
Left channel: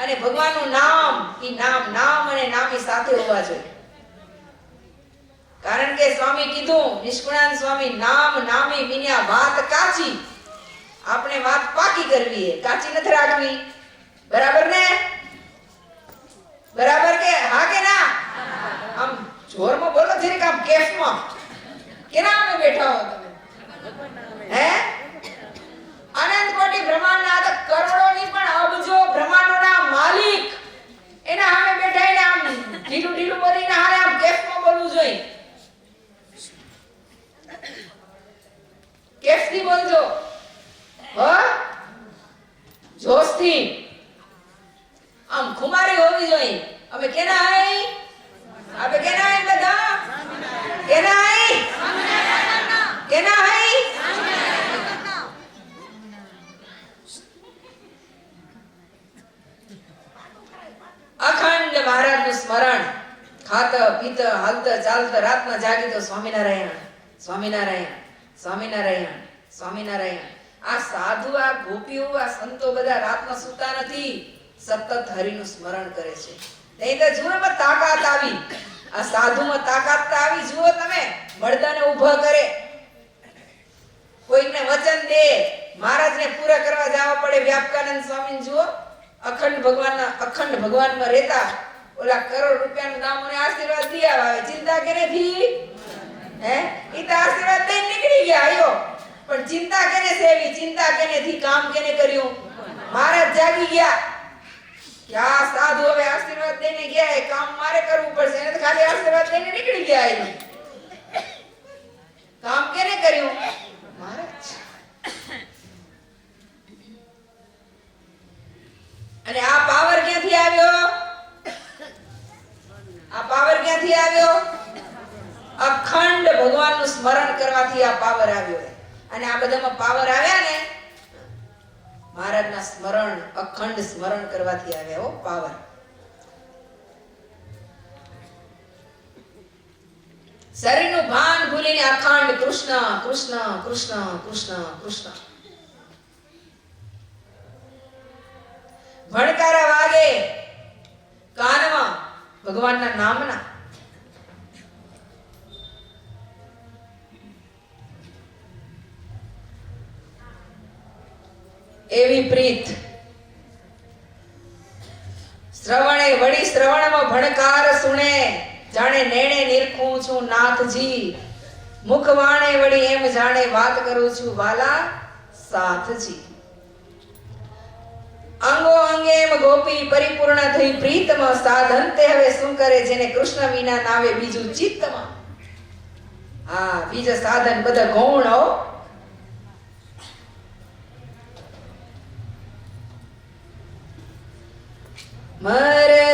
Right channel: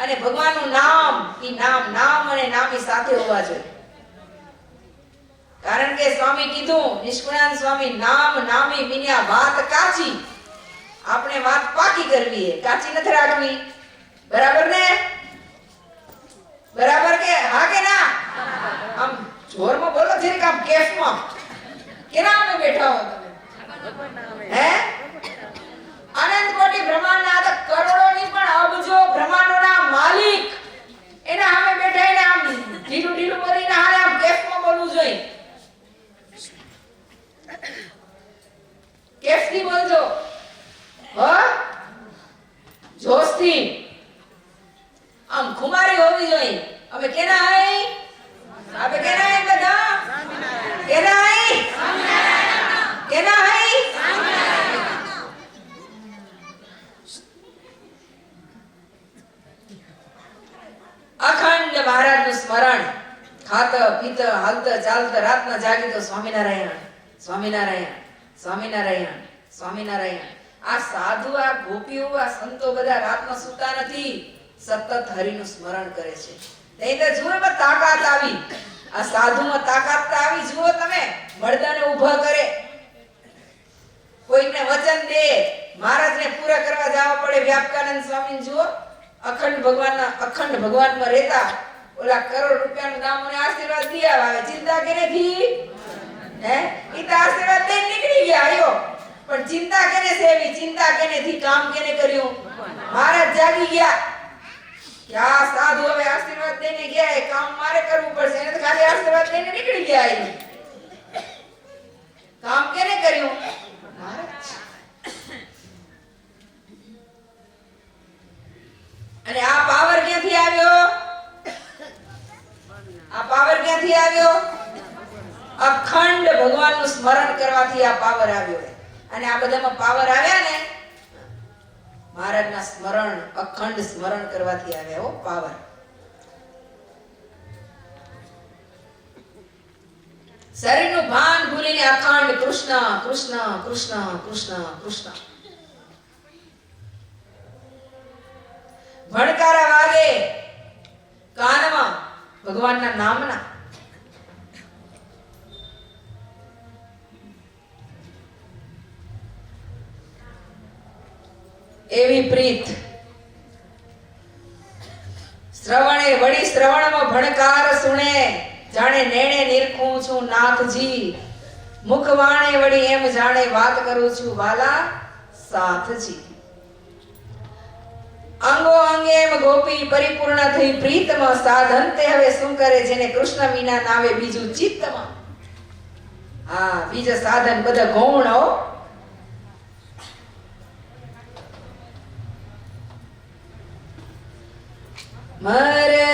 અને ભગવાનનું નામ, ઈ નામ અને નામી સાથે હોવા જોઈએ. કારણ કે સ્વામી કીધું, નિષ્કુળાનંદ સ્વામી, નામ નામી વિના વાત કાચી. આપણે વાત પાકી કરવી છે, કાચી નથી રાખવી. બરાબર ને? બરાબર કે હા કે ના? આમ જોરમાં બોલો, જરીક આમ કેફમાં. કેના અમે બેઠા હો તમે? હે? અનંત કોટી બ્રહ્માંડના આ કરોડોની પણ અબજો બ્રહ્માંડોના માલિક એના સામે બેઠા એને આમ ઢીલું બોલીને હારે આમ કેફમાં બોલવું જોઈએ. કેફથી બોલજો. જોશથી આમ ખુમારી હોવી જોઈએ. અમે કેના આઈ? આપણે કેના આઈ બધા? કેના આઈ? કેના આઈ? ચાલતા રાતમાં જાગી તો સ્વામિનારાયણ સ્વામિનારાયણ સ્વામિનારાયણ સ્વામિનારાયણ. આ સાધુ, આ ગોપીઓ, આ સંતો બધા રાતમાં સૂતા નથી, સતત હરિનું સ્મરણ કરે છે. નહીં તો જુઓ એમાં તાકાત આવી, આ સાધુમાં તાકાત તો આવી. જુઓ તમે, મળદાને ઊભા કરે, કોઈને વચન દે, મહારાજને પૂરા કરવા જવા પડે. વ્યાપકાનંદ સ્વામી જુઓ, અખંડ ભગવાનમાં રહેતા, ઓલા કરોડ રૂપિયાનું દામ અને આશીર્વાદ દિયા આવે, ચિંતા કેનેથી? હે, ઈ તો આશીર્વાદ દઈને નીકળી ગયા. આયો પણ ચિંતા કેને સેવી? ચિંતા કેનેથી? કામ કેને કર્યું? મહારાજ જાગી ગયા કે આ સાધુ હવે આશીર્વાદ દઈને ગયા, એ કામ મારે કરવું પડશે. એને તો ખાલી આશીર્વાદ દઈને નીકળી ગયા. એ કામ કેને કર્યું? મહારાજ. અને આ પાવર ક્યાંથી આવ્યો? આ પાવર ક્યાંથી આવ્યો? અખંડ ભગવાનનું સ્મરણ કરવાથી આ પાવર આવ્યો. અને આ બધામાં પાવર આવ્યા ને મહારાજના સ્મરણ, અખંડ સ્મરણ કરવાથી આવ્યા. હો પાવર. શરીરનું ભાન ભૂલીને અખંડ કૃષ્ણ કૃષ્ણ કૃષ્ણ કૃષ્ણ કૃષ્ણ. ભણકારા વાગે કાનમાં ભગવાનના નામના. એવી પ્રીત શ્રવણે વળી શ્રવણમાં ભણકાર સુણે, જાણે નેણે નિરખું છું નાથજી. મુખ વાણે વળી એમ જાણે વાત કરું છું વાલા સાથજી. અંગો અંગે એમ ગોપી પરિપૂર્ણ થઈ પ્રીતમાં. સાધન તે હવે શું કરે જેને કૃષ્ણ વિના નાવે બીજું ચિત્તમાં. હા, બીજા સાધન બધા ગૌણ. હો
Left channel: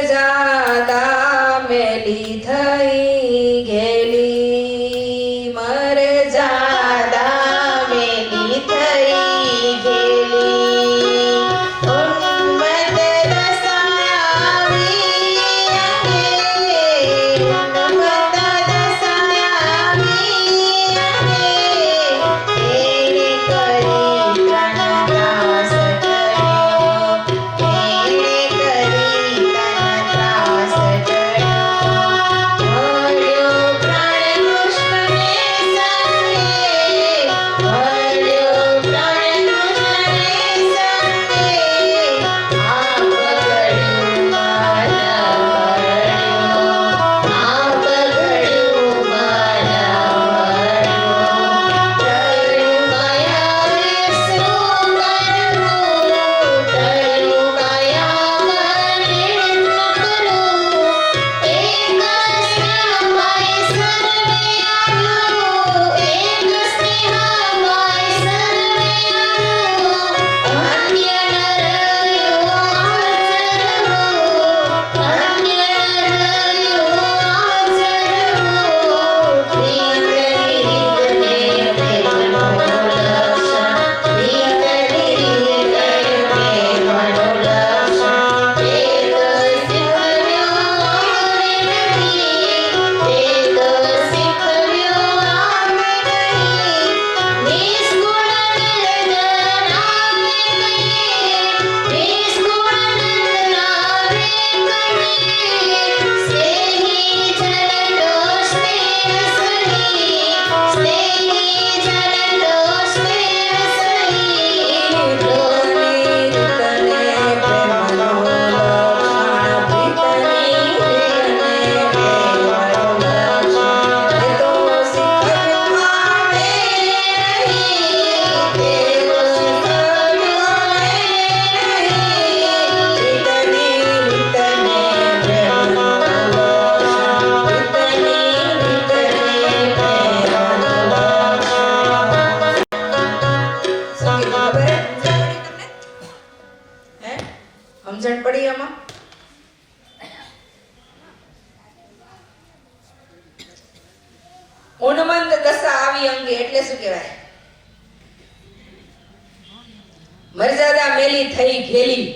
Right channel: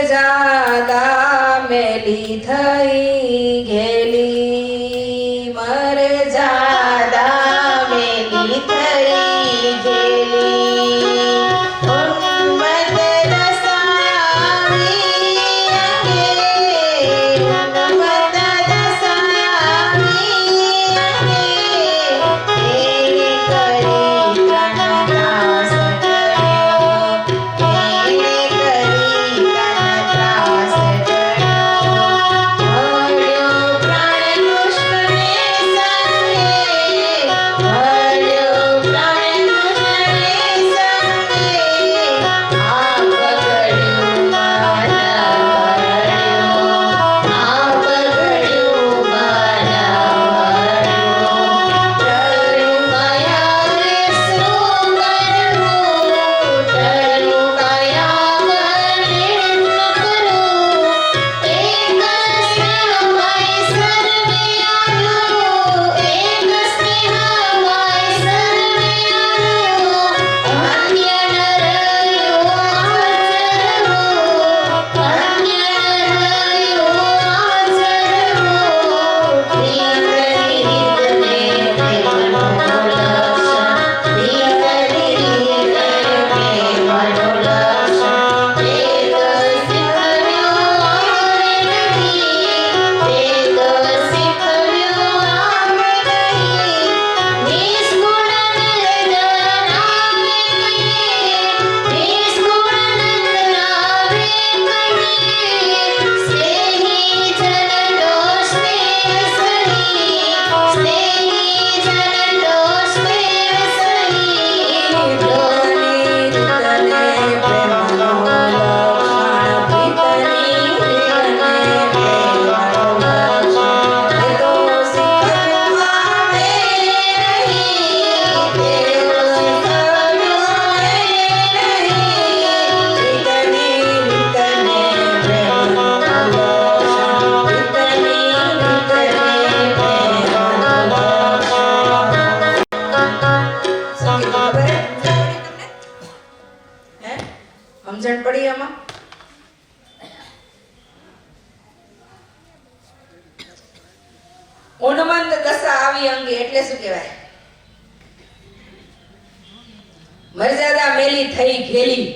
મરજાદા મેલી થઈ ગેલી, મરજાદા મેલી થઈ ગેલી, ઉન્મત્ત રસાવી અંગે, ઉન્મત્ત રસાવી અંગે, એને કરી ત્રાસ કર્યો, એને કરી ત્રાસ કર્યો. મળ્યો પ્રાણ કૃષ્ણને સંગે, મળ્યો પ્રાણ કૃષ્ણને સંગે, આ પગડ્યું મન ભર્યું, આ પગડ્યું મન ભર્યું. ડરું કયા રે શું કરવું, ડરું કયા વડે ન કરું. એક સ્નેહમય સર્વે આલું, એક સ્નેહમય સર્વે આલું. અન્ય ન રહ્યું આચરવું, અન્ય ન રહ્યું આચરવું. પ્રીતની રીતને પ્રેમનું લક્ષણ, પ્રીતની રીતને પ્રેમનું લક્ષણ. એક શીખવ્યું આવડે નહીં, એક શીખવ્યું આવડે નહીં. નિષ્કુળ નિર્જન આવે કહીએ, નિષ્કુળ નિર્જન આવે કહીએ. સ્નેહી જન તો સ્નેહ સહી, સ્નેહી જન તો સ્નેહ સહી. પ્રીતની તને પ્રેમનો લક્ષણ, પ્રીતની તને પ્રેમનો લક્ષણ. એ તો શીખવ્યું આવે નહીં, તેઓ શીખવ્યું આવે નહીં. પ્રીતની તને પ્રેમનો લક્ષણ, પ્રીતની તને પ્રેમનો લક્ષણ. શું કીધું ખબર હે? હે? સમજણ પડી આમાં? ઉન્મત્ત દશા આવી અંગે એટલે શું કહેવાય? મર્યાદા મેલી થઈ ઘેલી.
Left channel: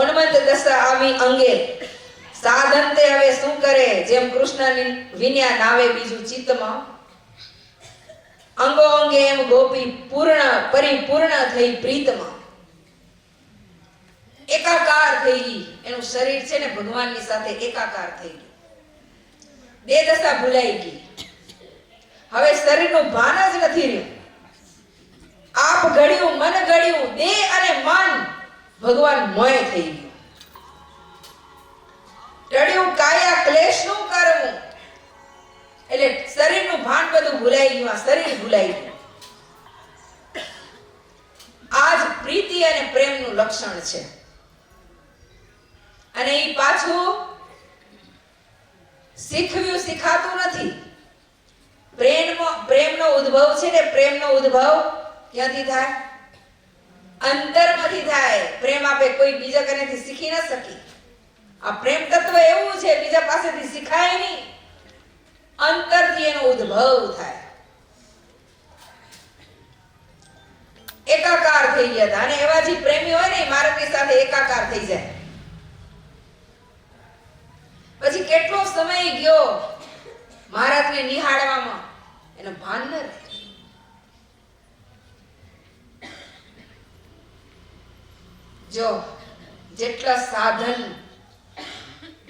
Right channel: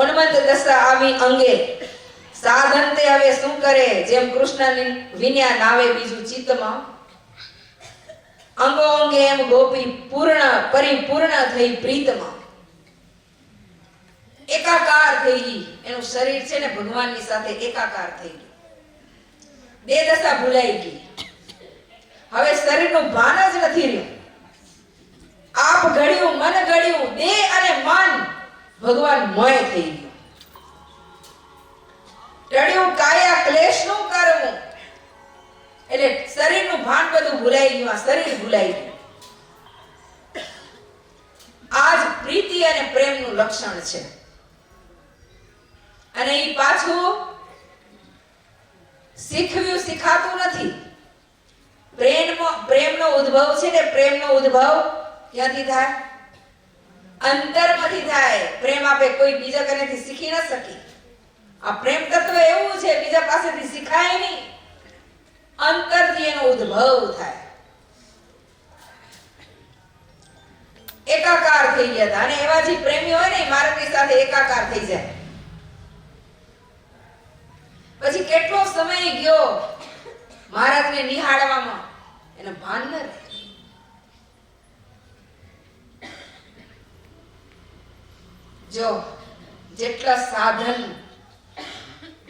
ઉન્મત્ત દશા આવી અંગે સાધન તે હવે શું કરે? જેમ કૃષ્ણ વિન્યા નાવે બીજું ચિત્તમાં, અંગો અંગે એમ ગોપી પૂર્ણ પરિપૂર્ણ થઈ પ્રીતમાં. એકાકાર થઈ ગઈ, એનું શરીર છે ને ભગવાનની સાથે એકાકાર થઈ ગયું. બે દશા ભૂલાઈ ગઈ. હવે શરીરનું ભાન જ નથી રહ્યું. આપ ઘડ્યું મન ઘડ્યું, દેહ અને મન ભગવાન મોય થઈ ગયું. ટળ્યું કાયા ક્લેશનું કરવું, એટલે શરીરનું ભાન બધું ભૂલાઈ ગયું, આ શરીર ભૂલાઈ ગયું. આજ પ્રીતિ અને પ્રેમનું લક્ષણ છે. અને એ પાછું શીખવ્યું શીખાતું નથી. પ્રેમનો ઉદ્ભવ છે ને, પ્રેમનો ઉદ્ભવ ક્યાંથી થાય? અંતરમાંથી થાય. પ્રેમ આપે કોઈ બીજા કનેથી શીખી ન શકી. આ પ્રેમ તત્વ એવું છે, બીજા પાસેથી શીખાય નહીં, અંતરથી એનો ઉદ્ભવ થાય. એકાકાર થઈ ગયા હતા. અને એવા જે પ્રેમી હોય ને, મારાની સાથે એકાકાર થઈ જાય. પછી કેટલો સમય ગયો મહારાજને નિહાળવામાં, એનો ભાન ન રહે. જો જેટલા સાધન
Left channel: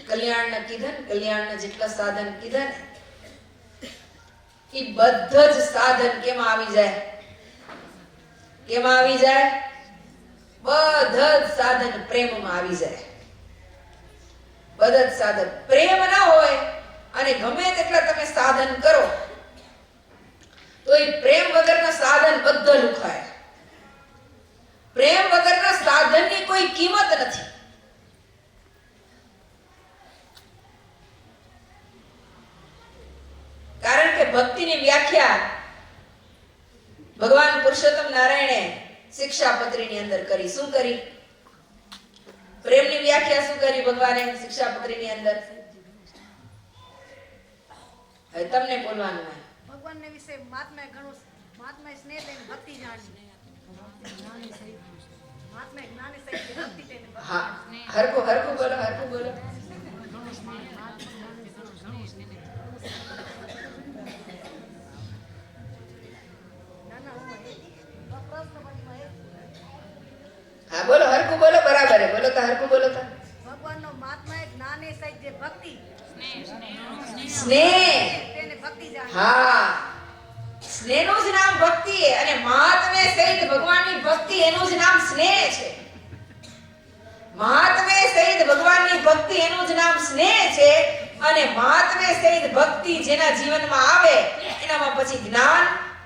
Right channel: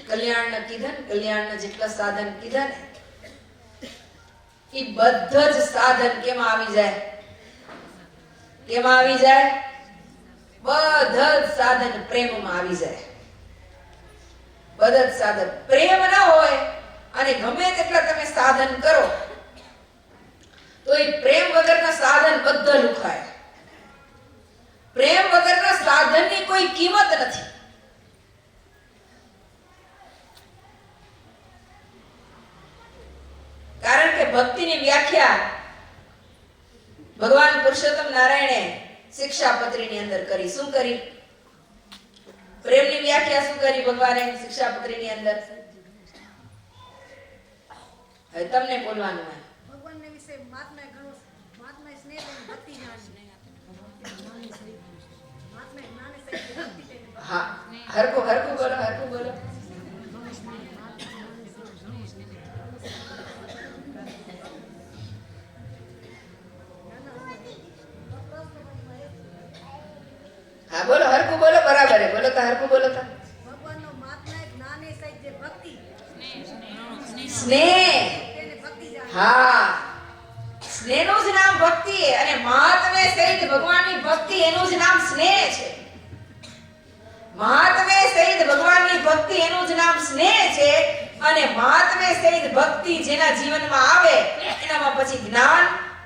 કલ્યાણના કીધા ને, કલ્યાણના જેટલા સાધન કીધા ને, એ બધા જ સાધન કેમાં આવી જાય? કેમાં આવી જાય? બધા જ સાધન પ્રેમમાં આવી જાય. બધા જ સાધન પ્રેમ ના હોય અને ગમે તેટલા તમે સાધન કરો તો એ પ્રેમ વગરના સાધન બધા લુખાય. પ્રેમ વગરના સાધનની કોઈ કિંમત નથી. કારણ કે ભક્તિની વ્યાખ્યા ભગવાન પુરુષોત્તમ નારાયણે શિક્ષાપત્રીની અંદર કરી. શું કરી? પ્રેમની વ્યાખ્યા શું કરી ભગવાને શિક્ષાપત્રીની અંદર? હવે તમને બોલવાનું હોય. ભગવાનને વિશે મહાત્માએ ઘણું, મહાત્માએ સ્નેહ લઈને ભક્તિ જાણી, મહાત્માએ જ્ઞાને સહિત ભક્તિ લઈને. હા, હરખું હરખું બોલો, હરખું બોલો. હા બોલો, હરખું બોલો, બરાબર હે. બોલો તો હરખું બોલો તો. ભગવાનનો મહાત્માએ જ્ઞાને સહિત જે ભક્તિ, સ્નેહ. તેને ભક્તિ જાણી. હા, સ્નેહનું જ નામ ભક્તિ છે. અને મહાત્મે સહિત ભગવાનની ભક્તિ, એનું જ નામ સ્નેહ છે. મહાત્મે સહિત ભગવાનની ભક્તિ, એનું જ નામ સ્નેહ છે. અને મહાત્મે સહિત ભક્તિ જેના જીવનમાં આવે એનામાં પછી જ્ઞાન,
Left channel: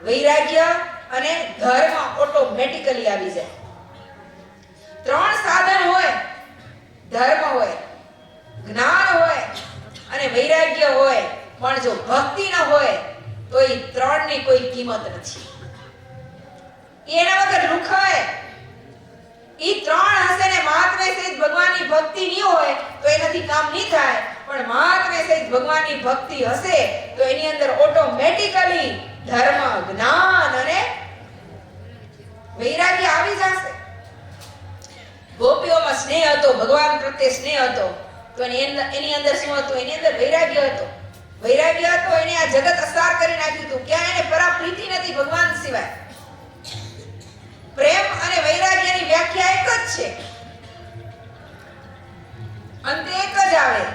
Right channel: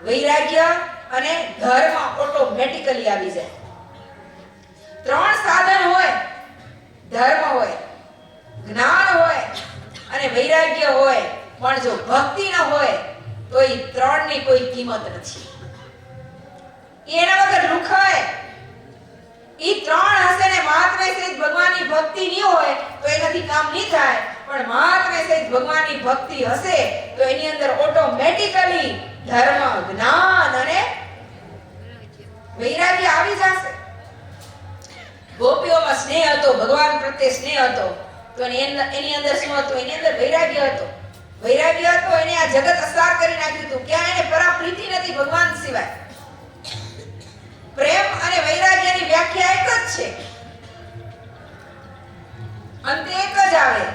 વૈરાગ્ય અને ધર્મ ઓટોમેટિકલી આવી જાય. ત્રણ સાધન હોય, ધર્મ હોય, જ્ઞાન હોય અને વૈરાગ્ય હોય, પણ જો ભક્તિ ન હોય તો એ ત્રણની કોઈ કિંમત નથી. એના વગર લુખાય. ઈ ત્રણ હશે ને મહાત્મે સહિત ભગવાનની ભક્તિ નહીં હોય તો એનાથી કામ નહીં થાય. પણ મહાત્મે સહિત ભગવાનની ભક્તિ હશે તો એની અંદર ઓટોમેટિકલી ધર્મ, જ્ઞાન અને વૈરાગ્ય આવી જશે. ગોપીઓમાં સ્નેહ હતો, ભગવાન પ્રત્યે સ્નેહ હતો, તો એની અંદર શું હતું? એની અંદર વૈરાગ્ય હતો. વૈરાગ્ય હતો, એને આ જગત અસાર કરી નાખ્યું હતું. ક્યાં એને પરાપ્રીતિ નથી ભગવાન સિવાય. પ્રેમ અને વૈરાગ્યની વ્યાખ્યા એક જ છે, અંતે એક જ આવે.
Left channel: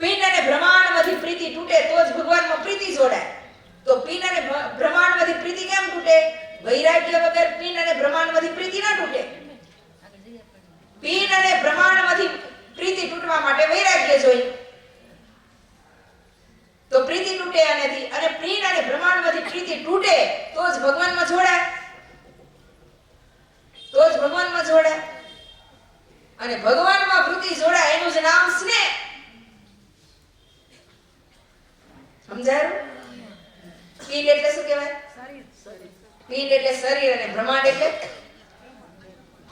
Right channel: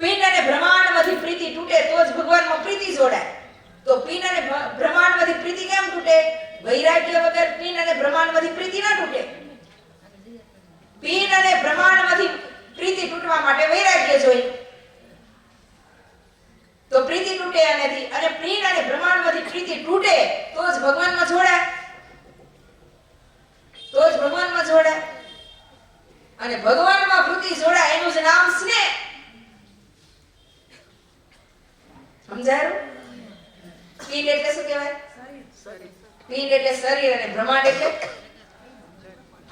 પિંડ અને બ્રહ્માંડમાંથી પ્રીતિ તૂટે તો જ ભગવાનમાં પ્રીતિ જોડાય. તો પિંડ અને બ્રહ્માંડમાંથી પ્રીતિ કેમ તૂટે? વૈરાગ્ય વગર પિંડ અને બ્રહ્માંડમાંથી પ્રીતિ ના તૂટે. પિંડ અને બ્રહ્માંડમાંથી પ્રીતિ તૂટવા માટે વૈરાગ્ય જોઈએ. તો પ્રીતિ તૂટે એનાથી, અને પિંડ અને બ્રહ્માંડમાંથી પ્રીતિ તૂટે તો જ ભગવાનમાં જોડાય. તો જ ભગવાનમાં જોડાય. અને ભગવાનમાં પ્રીતિ જોડાય એનું જ નામ સ્નેહ. સમજાયું? પિંડ એટલે શું કહેવાય? પિંડ એટલે શરીર અને બ્રહ્માંડ એટલે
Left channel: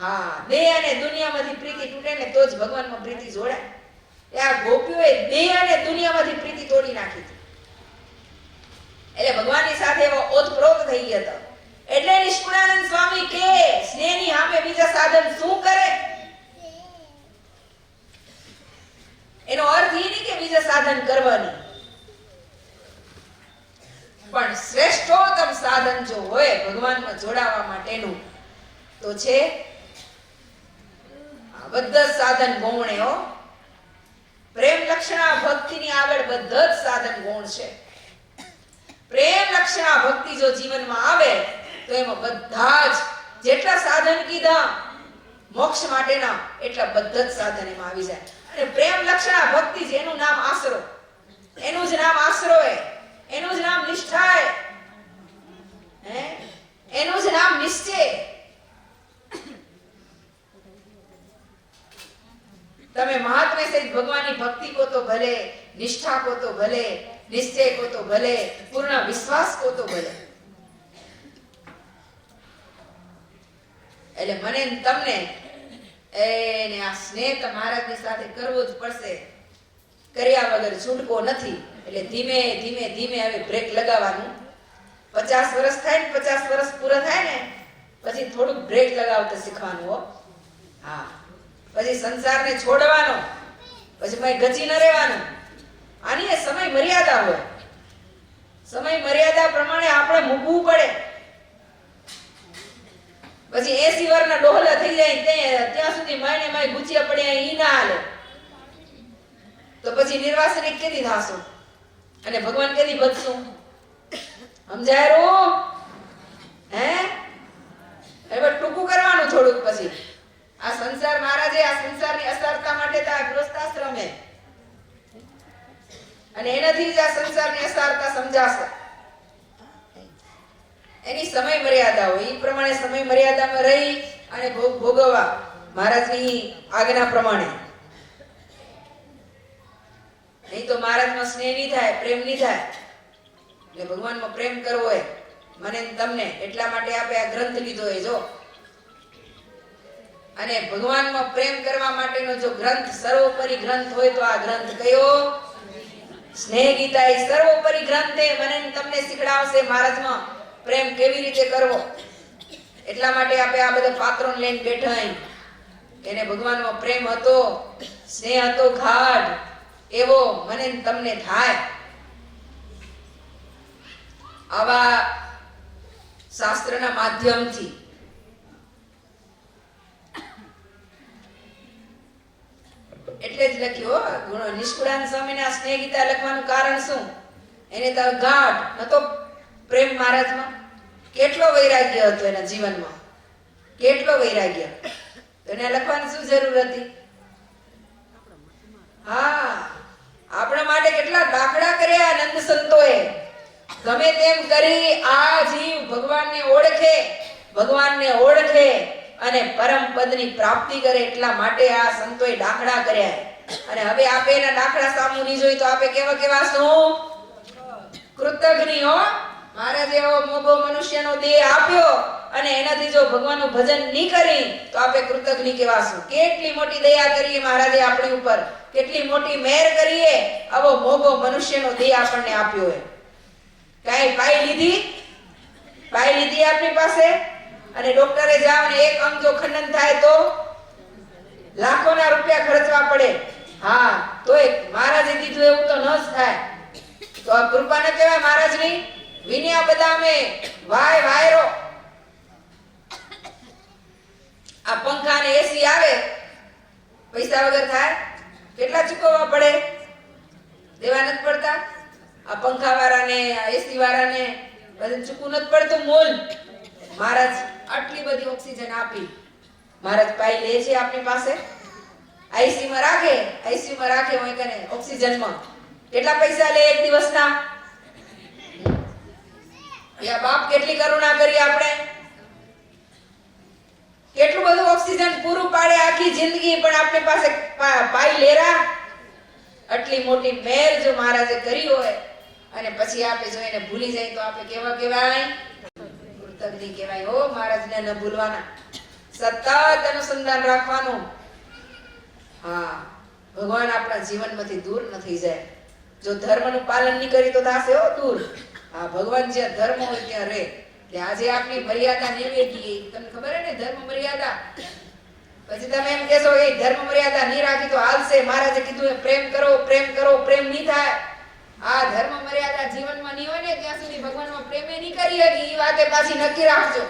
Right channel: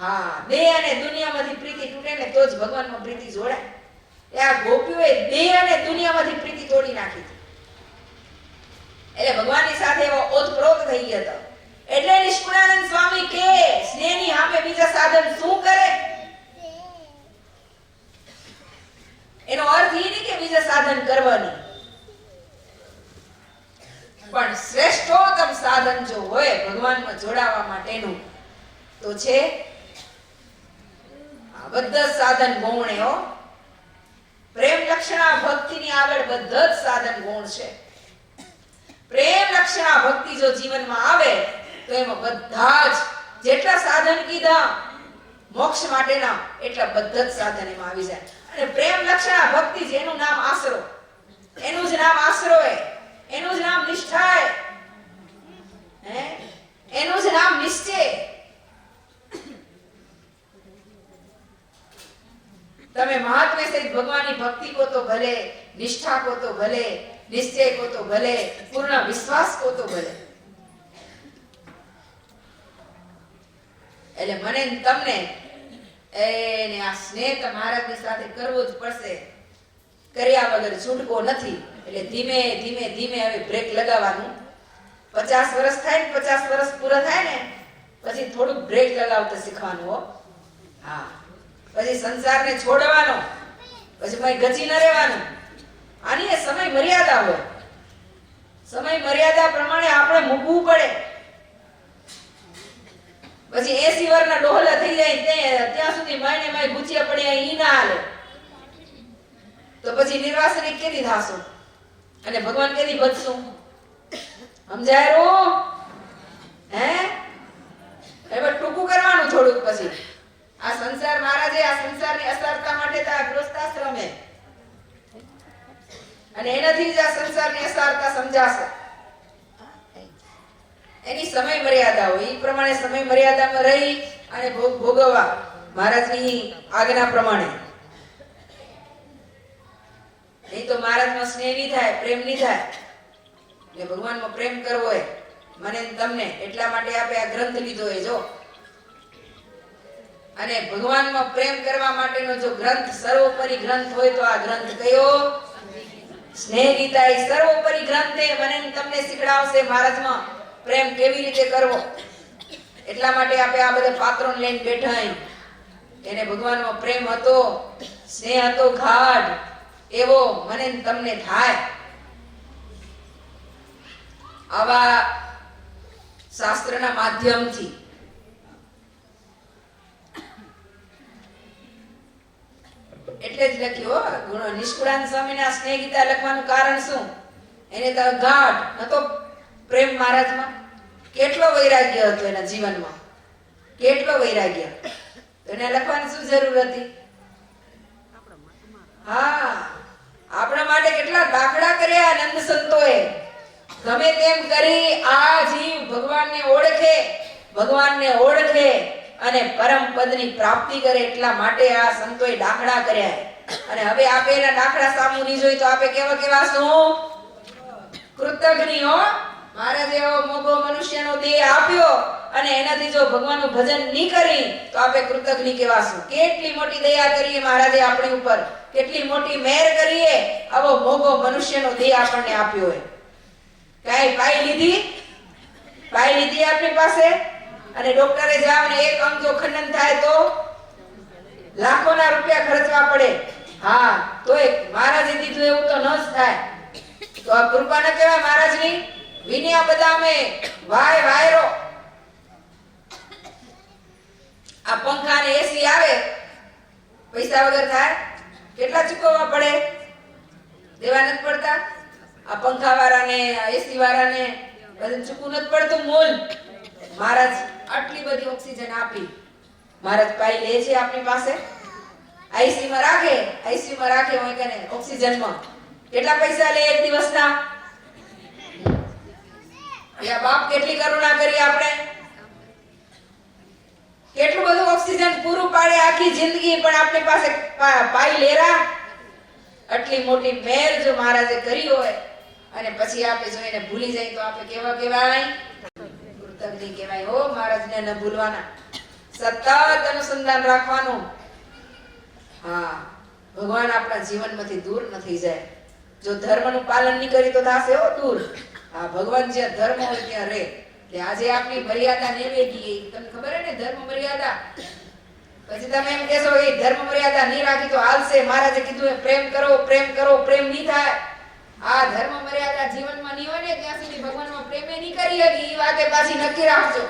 હા, દેહ અને દુનિયામાંથી પ્રીતિ તૂટે ને તો જ ભગવાનમાં પ્રીતિ જોડાય. આ ગોપીઓએ દેહ અને દુનિયામાંથી પ્રીતિ તોડી નાખી હતી. એટલે ભગવાનની સાથે એવો ઓતપ્રોત થઈ ગયા હતા. એટલે નિષ્કુળાનંદ સ્વામી કે સ્નેહની સામે બીજા સાધન શું કરે? એનો અર્થ એ નહીં કે બીજા સાધન કરવાની, પણ શ્રેષ્ઠોત્તમ સાધન જો હોય ભગવાનમાં જોડાવા માટેનું તો છે આ બધા જ સાધન ગૌણ હો. પ્રેમ લક્ષણા ભક્તિની આગળ બધા જ સાધન ગૌણ છે. પ્રેમ લક્ષણા ભક્તિ જો જીવનમાં આવે તો એમાં બધા જ જેટલા સાધન કીધા મોક્ષ માટેના એટલા બધા જ સાધન એમાં આવી જાય. અને પ્રેમ લક્ષણા ભક્તિ જેનું નામ આશરો, એનું જ નામ આશરો હે, એનું જ નામ નિષ્ઠા હે, એનું જ નામ નિશ્ચય. તમે મહાત્મ્ય સહિત ભગવાનની ભક્તિ કો તો ભલે, નિષ્ઠા કો તો ભલે, નિશ્ચય કો તો ભલે, પૂર્ણ વિશ્વાસ કો તો ભલે. એટલે મને ને તમને એને આ સ્નેહ તો મહારાજની સાથે કરવો જ પડશે. કર્યા વગર છૂટકો નથી. એટલે ધીમે ધીમે ધીમે હવે બ્રેક લગાવવાનું. 50 વર્ષ થાય ને 50 વર્ષ પૂરા થાય ને પછી થોડુંક બ્રેક લગાવતા શીખવાનું હો. હા, પછી સંસારને છોડવાનો, પછી મય ગચી ન રહેવાનું. આની એ સમય મર્યાદા હોય. સમય મર્યાદા પ્રમાણે આપણે મૂકવું પડે. પછી 80 વર્ષના ડોહલા થઈ જાય ત્યાં સુધી માયને માય ગુચિયા પડ્યા ઈ ના હાલે. તો પછી નિર્વાસનિક કેદી થાશું અને ભગવાન કેદી બચશું? સમજાય રો? હવે ટૂંકું કરવાનું થોડુંક. પછી આ સંસાર મહારાજે આ સંસારની અસારતા માટે તો આ ગૃહસ્થાશ્રમ હે, અને એનાથી જ આ સંસારની અસારતા સમજાશે. એની સમય મર્યાદા હોય, એ પ્રમાણે સમય મર્યાદામાં રહી અને ભોગ ભોગવવા મહારાજની આજ્ઞા પ્રમાણે. નહીં તો મહારાજમાં સ્નેહ નહીં થાય, પ્રેમ નહીં થાય. એટલે ભગવાનમાં પ્રેમ કરવો હોય મને ને તમને, એટલા માટે આપણે આ ગ્રંથ લીધો હોય. જો અને ભગવાનમાં પ્રેમ કરવા માટેનો જો ગ્રંથ સર્વોપરી ગ્રંથ હોય તો આ ગ્રંથ કયો? સ્નેહ ગીતા. એ સર્વોપરી ગ્રંથ છે. મને ને તમને શીખડાવશે મહારાજમાં પ્રેમ કેવી રીતે કરવો. એટલા માટે આપણે આ બધા પાત્રો લઈને બેઠા. એને ભગવાનમાં પ્રેમ હતો, સ્નેહ હતો ગાઢ, એવો મને ને તમને થાય. આવા શાસ્ત્રના માધ્યમથી એટલે જ લખ્યું નિષ્કુળાનંદ સ્વામીના સ્નેહ ગીતા લખવાનું કારણ શું? એને તો ગાઢ નતો પ્રેમ મહારાજમાં. કેટલો વૈરાગ્ય હતો એના જીવનમાં, કેટલો વૈરાગ્ય. તો એને લખવાની શું જરૂર હતી? હા, આપણા માટે કેટલા દાખલા કર્યા નંદ સંતોએ. ગમે તેમ કરી આ જીવ ભગવાનને ઓળખે અને પરમ પદની પ્રાપ્તિ કરે એટલા માટે આ સંતોએ દાખલા કર્યા. અને હવે આપે એના દાખલા સામુ નહીં જોઈ તો આપે કેવા શું? કૃતજ્ઞ હો. મહારાજ એવો મોભો મનુષ્યનો દેહ આપ્યો અને એનાથી જો ભગવાનનું ભજન નહીં કરી તો આપે કૃતજ્ઞ કેવાશું. કેટલી મોટી દયા કરીએ મહારાજે આપણી ઉપર, કેટલી મોટી મહેર કરીએ. આવો મોભો મનુષ્યનો દેહ આપણને આપ્યો હોય. કાઈ પાઈ લીધી આપણી પાસે? અને ડોક્ટરે જાવ ને એક અંગ જો ખંડન થાય તો લાખોના રૂપિયા ખર્ચવા પડે. હા, તોય મહારાજે દીધું એવું તો ન જ થાય. તો આ કૃપા ન કહેવાય મહારાજની? વિનયા બદામે વાયરો. આ પંખા ને એસી આવે પૈસા વગર થાય? કેટલા ચૂકવવા પડે? દેવા નથી પડતા? આ પંખા વાળાને, એસી વાળાને બધું ચૂકવું નથી પડતું મોલ. મહારાજ આટલી બધી ઓક્સિજન આપી, મહારાજ પાઈ લે છે આપણી પાસે. આઈસી માં રાખે હોય કે ઓક્સિજનમાં કેટલા પૈસા લે એક દિવસના? યા બાપ કેટલી કરુણા કરી આપણે. કેટલું બધું ઓક્સિજન પૂરું પાડે આખી જિંદગી, પણ આપણી પાસે પાઈ લેરા. આટલી મોટી મહેર જો મહારાજે કરી હોય અને પછી આપણે જો એને ભૂલી જાય તો આપણે કેવા કહેવાય? કૃતજ્ઞ કહેવાય હો. મહારાજને ન ભૂલવાના, સતત અનુસંધાન રાખવાનું. હા, ભગવાન આપણા જીવનમાંથી દૂર ન થઈ જાય. જો ધર્મનું પાલન નહીં કરી તો થાશે હો દૂર. હા, ભગવાન જ્યાં ધર્મ હોય ત્યાં રહે. એટલે આજે આપની મર્યાદા નેવે ગઈ. તમને ખબર હે ને ધર્મ મર્યાદા. પછી તમે એમ કહેશો એ ધર્મ મર્યાદા નહીં રાખી તો હાલશે. મહારાજે કીધું એ પ્રેમ કરો, પ્રેમ કરો, પ્રેમ નહીં થાય. આ ધર્મ મર્યાદા જીવનમાં નહીં હોય ને ત્યાં સુધી ભગવાનમાં પ્રેમે નહીં કરી હકી. એ વાતે પાછી નક્કી રાખજો.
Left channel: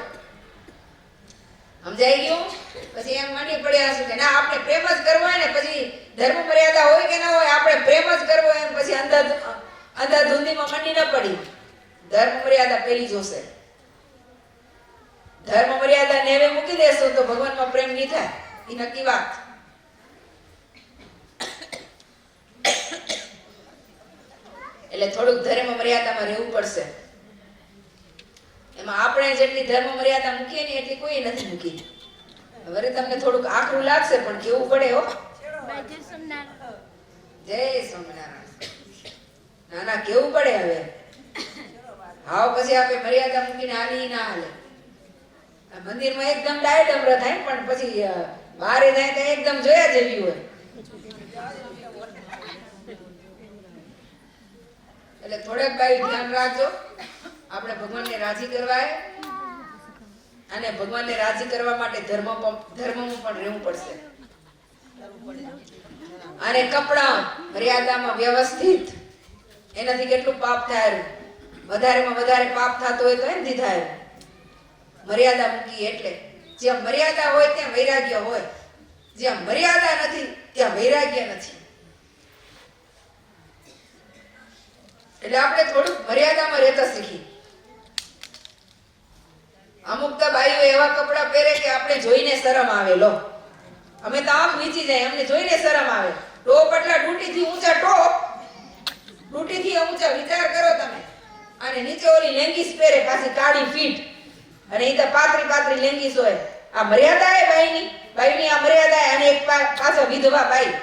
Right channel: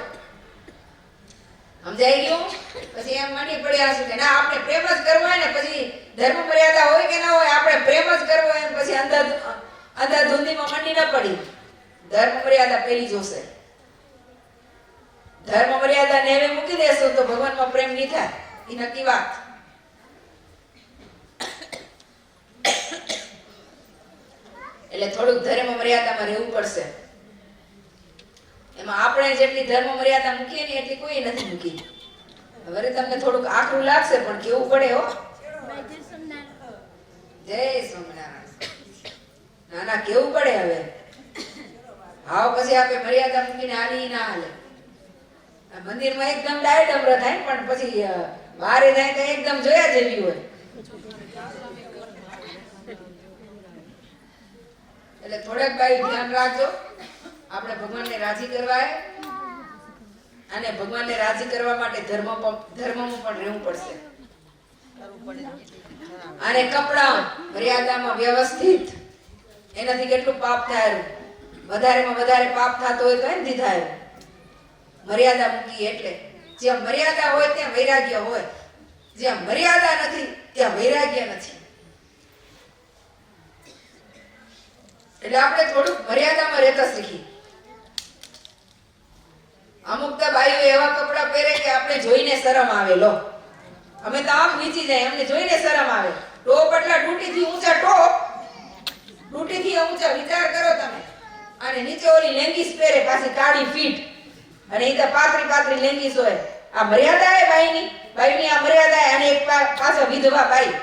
સમજાઈ ગયું? પછી એમ મંડી પડ્યા છે કે ના આપણે પ્રેમ જ કરવો હોય ને પછી ધર્મ મર્યાદા હોય કે ના હોય આપણે પ્રેમ જ કરવો હોય પછી અંધાધૂંધીમાં મંડી ન પડી. ધર્મ મર્યાદા પેલી જોશે. ધર્મ મર્યાદા નેવે મૂકી દેશો તો ભગવાનમાં પ્રેમ નહીં થાય. એ નક્કી વાત. એટલે થોડુંક ધર્મ મર્યાદામાં રહેવું પડશે. એમાં આપણે જેટલી ધર્મ મર્યાદા મૂકીએ ને એટલી કોઈ નથી મૂકી. હવે તમને થોડુંક આકરું લાગશે પણ કેવું પડે હો. જય સ્વામિનારાયણ. ના ના કેવું પડે હવે. હાવ પછી આપણે મર્યાદા મૂકીને હાલી ના હાલે. મંદિરમાં એકદમ ડાયડમર થાય પણ પછી બહારે જાય તો એકદમ જોયા જેવી હોય. એટલે થોડેક ભાઈ ધ્યાન રાખજો. આપણે ભગવાનને રાજી કરવા અને ભગવાનને રાજી કરવા માટે ધર્મમાં પણ રહેવું પડશે. અને કપડા મર્યાદામાં વ્યવસ્થિત. એનાથી કેટલું પાપ થાય. વધારેમાં વધારે પાપ થતો હોય તો એમથી થાય. મર્યાદા મૂકી એટલે જ્યાં મર્યાદા હોય ત્યાં વૈરાગ્ય હોય. જ્યાં મર્યાદા નથી ત્યાં વૈરાગ્ય નથી. એટલે આપણે થોડુંક મર્યાદામાં રહેતા શીખી. અમુક તો બાઈઓ એવા કપડા પહેરે કે આપણે જોઈને શરમ આવે. લો અમે તો આમ નીચી જાય અમને જોઈને શરમ આવે. ટોપ એટલા ડૂટીથી ઊંચા ટોપ, ડૂટીથી ઊંચા. વિચાર કરો તમે. અને નીચે ઓલી લેંગીસ પહેરે પાછી કાળી ફીટ અને એ તો પાતળી લેંગીસ હોય. આ મર્યાદા હે બાઈની આ મર્યાદા હે. અને એક પાછો વિધવા બાઈ.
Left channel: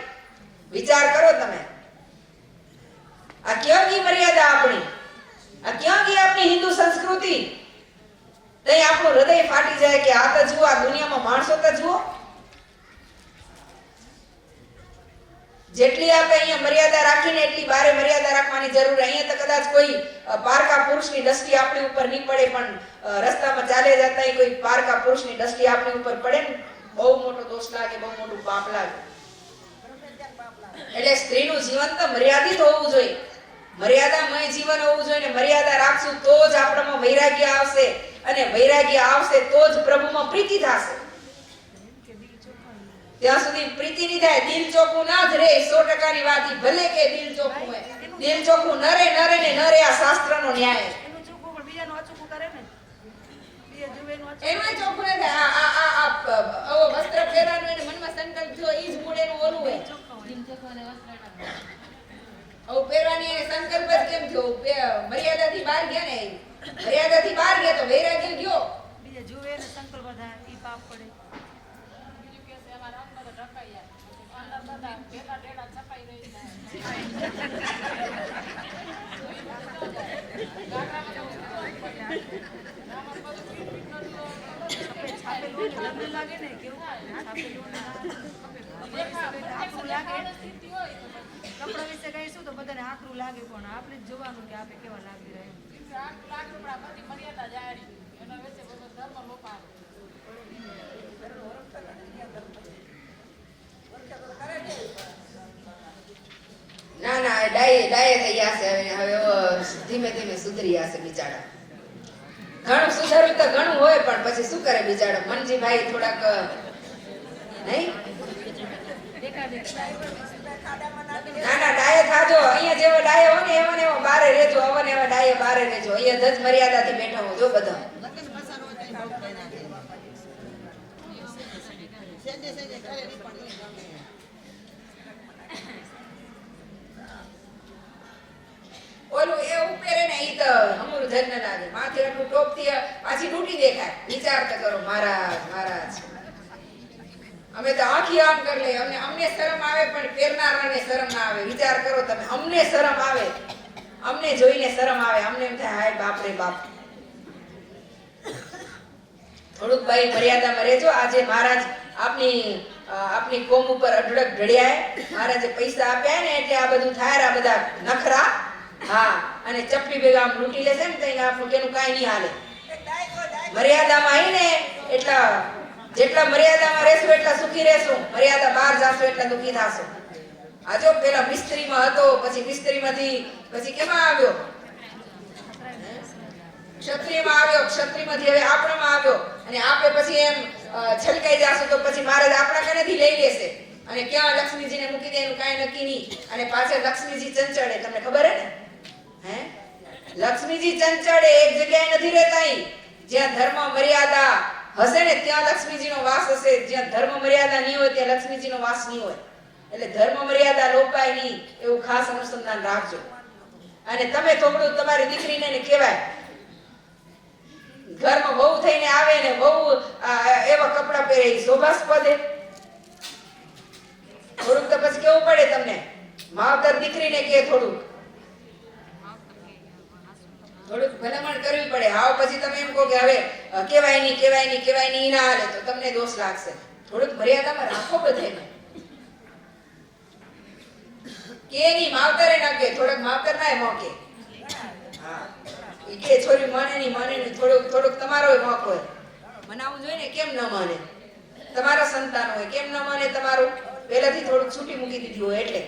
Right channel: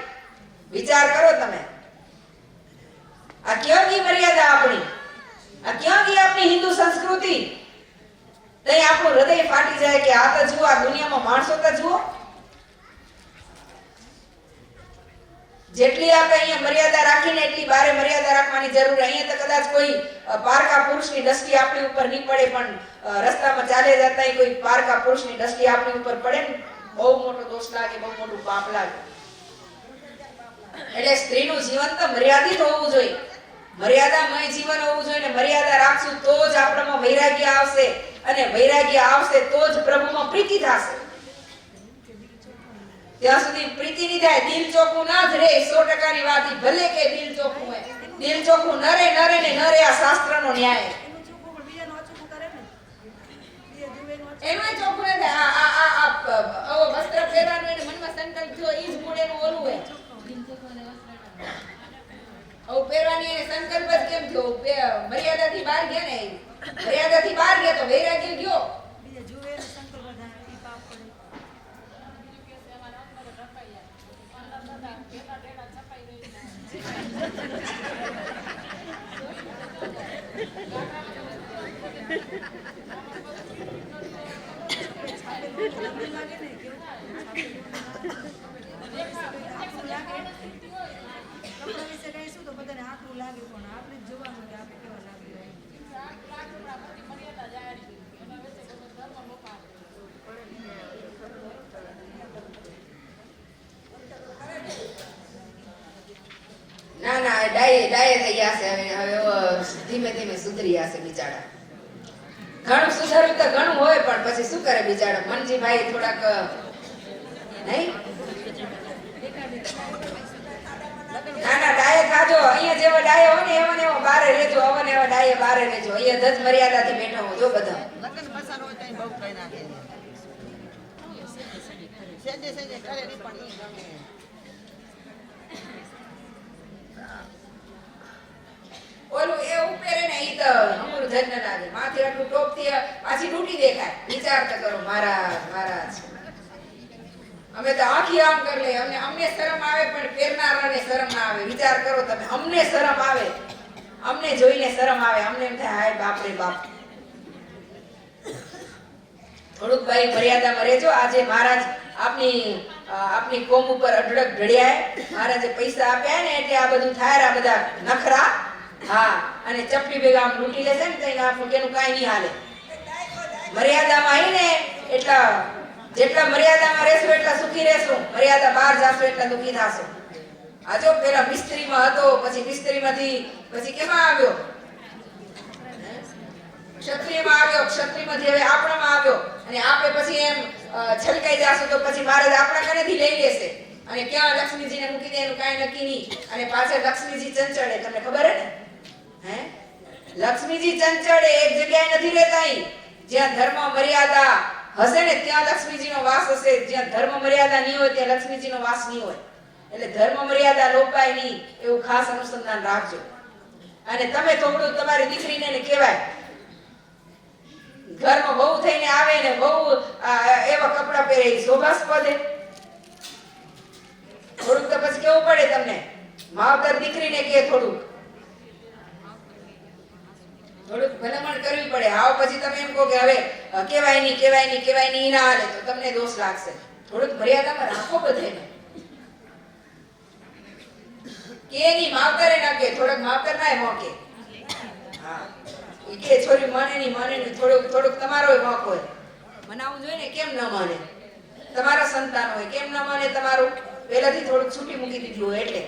વિચાર કરો તમે. આ ક્યાં ગઈ મર્યાદા આપણી? આ ક્યાં ગઈ આપણી હિન્દુ સંસ્કૃતિ? તઈ આપણું હૃદય ફાટી જાય કે આ તો જુઓ, આ દુનિયામાં માણસો તો જુઓ. જેટલી આપણે અહીંયા મર્યાદા રાખીને એટલી બારે મર્યાદા રાખવાની જરૂર. અહીંયા તો કદાચ કોઈ પારકા પુરુષની દ્રષ્ટિ આપણી ઉપર નહીં પડે પણ રસ્તામાં ચાલે જતા કોઈ પારકા પુરુષની દ્રષ્ટિ આપણી ઉપર પડે ને બહુ મોટો દોષ લાગે, બહુ મોટું પાપ લાગે. એટલે સ્ત્રીનું જીવન તો મર્યાદિત હોવું જોઈએ. મર્યાદામય જીવન હોવું જોઈએ. મર્યાદા રાખશું તો જ આપણામાં વૈરાગ્ય આવશે અને વૈરાગ્ય આવશે તો જ પ્રભુમાં પ્રીતિ થશે. ત્યાં સુધી પ્રીતિ નહીં થાય, દિલ ચોખ્ખું ના જ રહે. 100% ની વાત. ભલે કે દિલ ચોખ્ખું હોય, દિલ ચોખ્ખું ન રે ને ન રે. આ શાસ્ત્રનો ન્યાય. એમાં ચોખ્ખું ન થાય. આવો વસ્ત્ર પહેરવાનું એને મનમાં સંકલ્પ થયો ઈ જ મૂળેનું ઓલું હોય. આવું પહેરવાની એને સંકલ્પ જ કેમ થયો? મર્યાદાથી બહાર ગયા ને. મર્યાદાથી બહાર ગયા તો વૈરાગ્ય ગયો. બીજા જુએ ને સંકલ્પ થાય ઈ પાપ પડે. લાગે ને કેવું કપડા વિશે કહીશું તો બધાને આકરું લાગે પણ આપણે જ જોવાનું કે આપણે કેવા લાગી રહ્યા. ના ના ડાયે થઈ જશે. હવે ધીમે ધીમે સુધરી જશે બિચારા. ઘણું સુધાર્યું તો ઘણું હોય પણ પછી શું કરે બિચારો મનજીભાઈ થોડાક નહીં. ના ના ડાયે થાજો. અહીંયા જેવો ડાયે હોય ને એવા ને એવો બારે રહેજો. હવે ને એવા ડાયે બારે રહેજો. અહીંયા ધજ મર્યાદાથી બેઠા હો જો બધા. ઓલું એ ઉપેરે ને ઈ તો અમૂલ ધન ન લાગે. માથે આટલું ટોપ થી પાછી ડૂટી દેખાય. વિચાર તો કરો મહારાજ. અમે તો આખી આમ કરી લઈએ. અમને શરમ આવે પણ પહેરનારાને શરમ ના આવે. વિચાર કરો તમે. અમને શરમ આવે, અમને જોઈને શરમ આવે. અમને એમ થાય હાય બાપ રે બાપ. થોડુંક ભાઈ મર્યાદામાં રહેજો. આજે મહારાજ આપની કોમ ઉપર અઢળક ઢળ્યા. મહારાજે પૈસા આપ્યા ને એટલે આ બધું થાય. આ બધા નખરા. હા અને ચપટી ભેગા આમ લૂંટી લેશે ને તો આપણું કેનું કાંઈ નહીં હાલે. મર્યાદામાં આવીને એટલા જેટલા મર્યાદામાં રહેશું એટલા સુખી રહેશું, મર્યાદા બહાર જાશું એટલા દુખી થાશું. આ જો પેલા મિસ્ત્રીમાં હતો, પછી મિસ્ત્રીમાંથી પછી કેમાં આવ્યો? ક્ષત્રિયમાં આવ્યો, ક્ષત્રિયમાંથી હવે આપણામાં આવ્યો, અને આપે પછી એમ છલકાઈ જાશું તો પછી મહારાજ આપણા કનેથી લઈ લેશે, અને ક્યાં લક્ષ્મીજીને મૂકી દે એનું કાંઈ નક્કી નહીં. અને પાછળ લક્ષ્મીજી ચંચળે, તમને ખબર હે ને? હે લક્ષ્મીજી ચંચળે એક જગ્યાએ નથી રહેતા. અહીં જ્યાં ધર્મ મર્યાદા હશે ને ત્યાં લક્ષ્મીજીનો વાસ હશે, જ્યાં ધર્મ મર્યાદા નહીં હોય ત્યાં લક્ષ્મીજીનો વાસ નહીં હોય. એટલે ધર્મ મર્યાદા લોપાય નહીં એવું ખાસ અનુસંધાન રાખજો. અને તમે થોડું તમારી દીકરીને કહેવાય, ઘરમાં બહુ થઈને આવે ને બહુ એવા કપડાં પહેરે શોભાસ્પદ, થોડુંક તો પછી કેવું પડે તમને. માવતર દીકરીને કે થોડુંક ભલામણ કરવી પડે. આવ પછી તમે એમ કહો કે હવે કહેવાય નહીં ના હાલે તો તમને દોષ લાગશે. થોડુંક મર્યાદામાં રાખો બધાને. કે ની માવતરે ના કે, થોડુંક માવતર નાય મોકે. હા ઈ કે છોરી માને નહીં, થોડુંક તમારો મોક હોય. મનાવવું જોઈએ ને, કેમ ન માને? તમારા સંતાન હોય, કેમ ન માને તમારું? પહેલાથી થોડુંક છૂટી મૂકી દીધું હોય એટલે.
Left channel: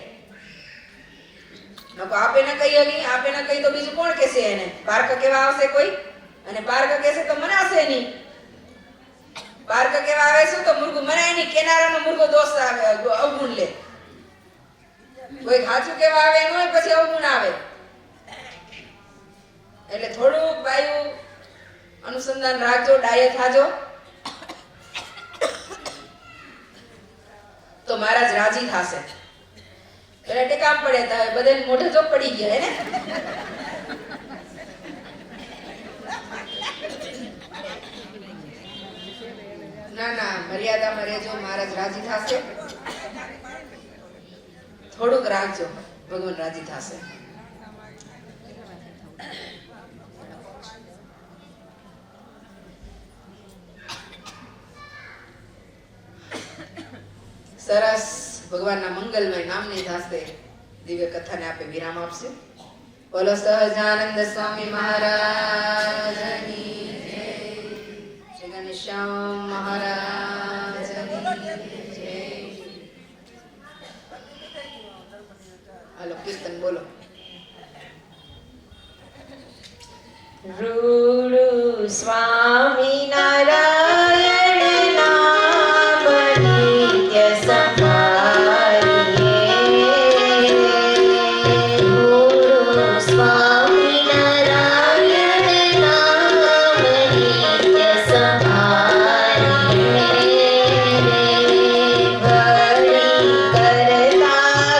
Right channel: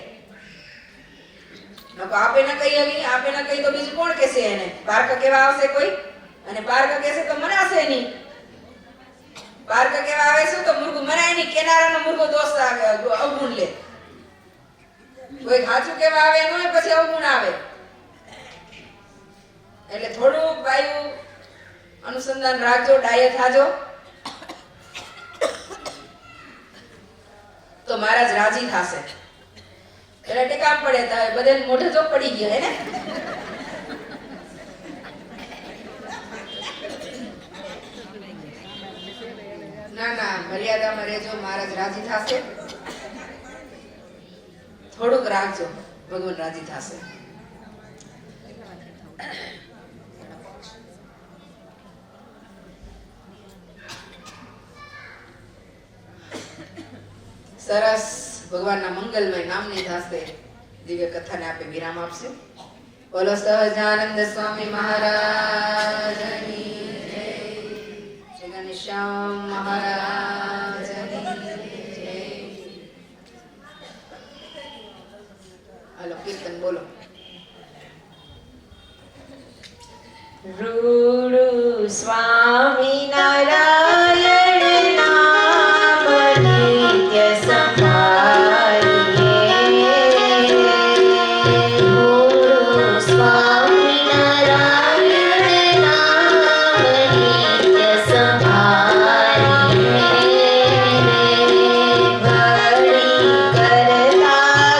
આપે ન કહી હલી, આપે ન કહી તો બીજું કોણ કહેશે એને? પાર્ક કેવા આવશે કોઈ? અને પાર્ક કહેશે તો મનાશે નહીં. પાર્ક કેવા આવે શું તો મુર્ગું મનાય નહીં, કેનારાનો મુર્ગો દોષ આવે, અવગુણ લે. કોઈ સાચું કેવા આવે ન હોય પછી અવગુણ આવે. એટલે થોડુંક બાયું અનુસંધાન રાખજો, ડાયે થાજો તો મહારાજ રાજી થાશે. એટલે ટેકામ પડે તો બધાને મોઢે જો પડી ગયા હે ને. ના મર્યાદામાં રહેજો, મહારાજ રાજી થાશે. થોડુંક રાખજો, ભગવાન રાજી થાશે. સરસ ભગવાનના મંગલમય નામની ધાસ્તે દિવ્ય કથાને આપે વિરામ આપશે. બોલો સહજાનંદ સ્વામી મહારાજની જય, શ્રી ઘનશ્યામ મહારાજની જય. હાલો કીર્તન બોલો. રૂડુ સ્વામી નારાયણ નામ નિત્ય સંભાળીએ. રૂડુ સ્વામી નારાયણ નામ નિત્ય સંભાળીએ. ઘડી કરતા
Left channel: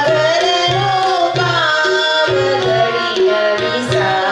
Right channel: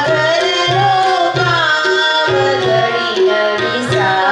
ઘરનો કામ ઘડી વિસારીએ.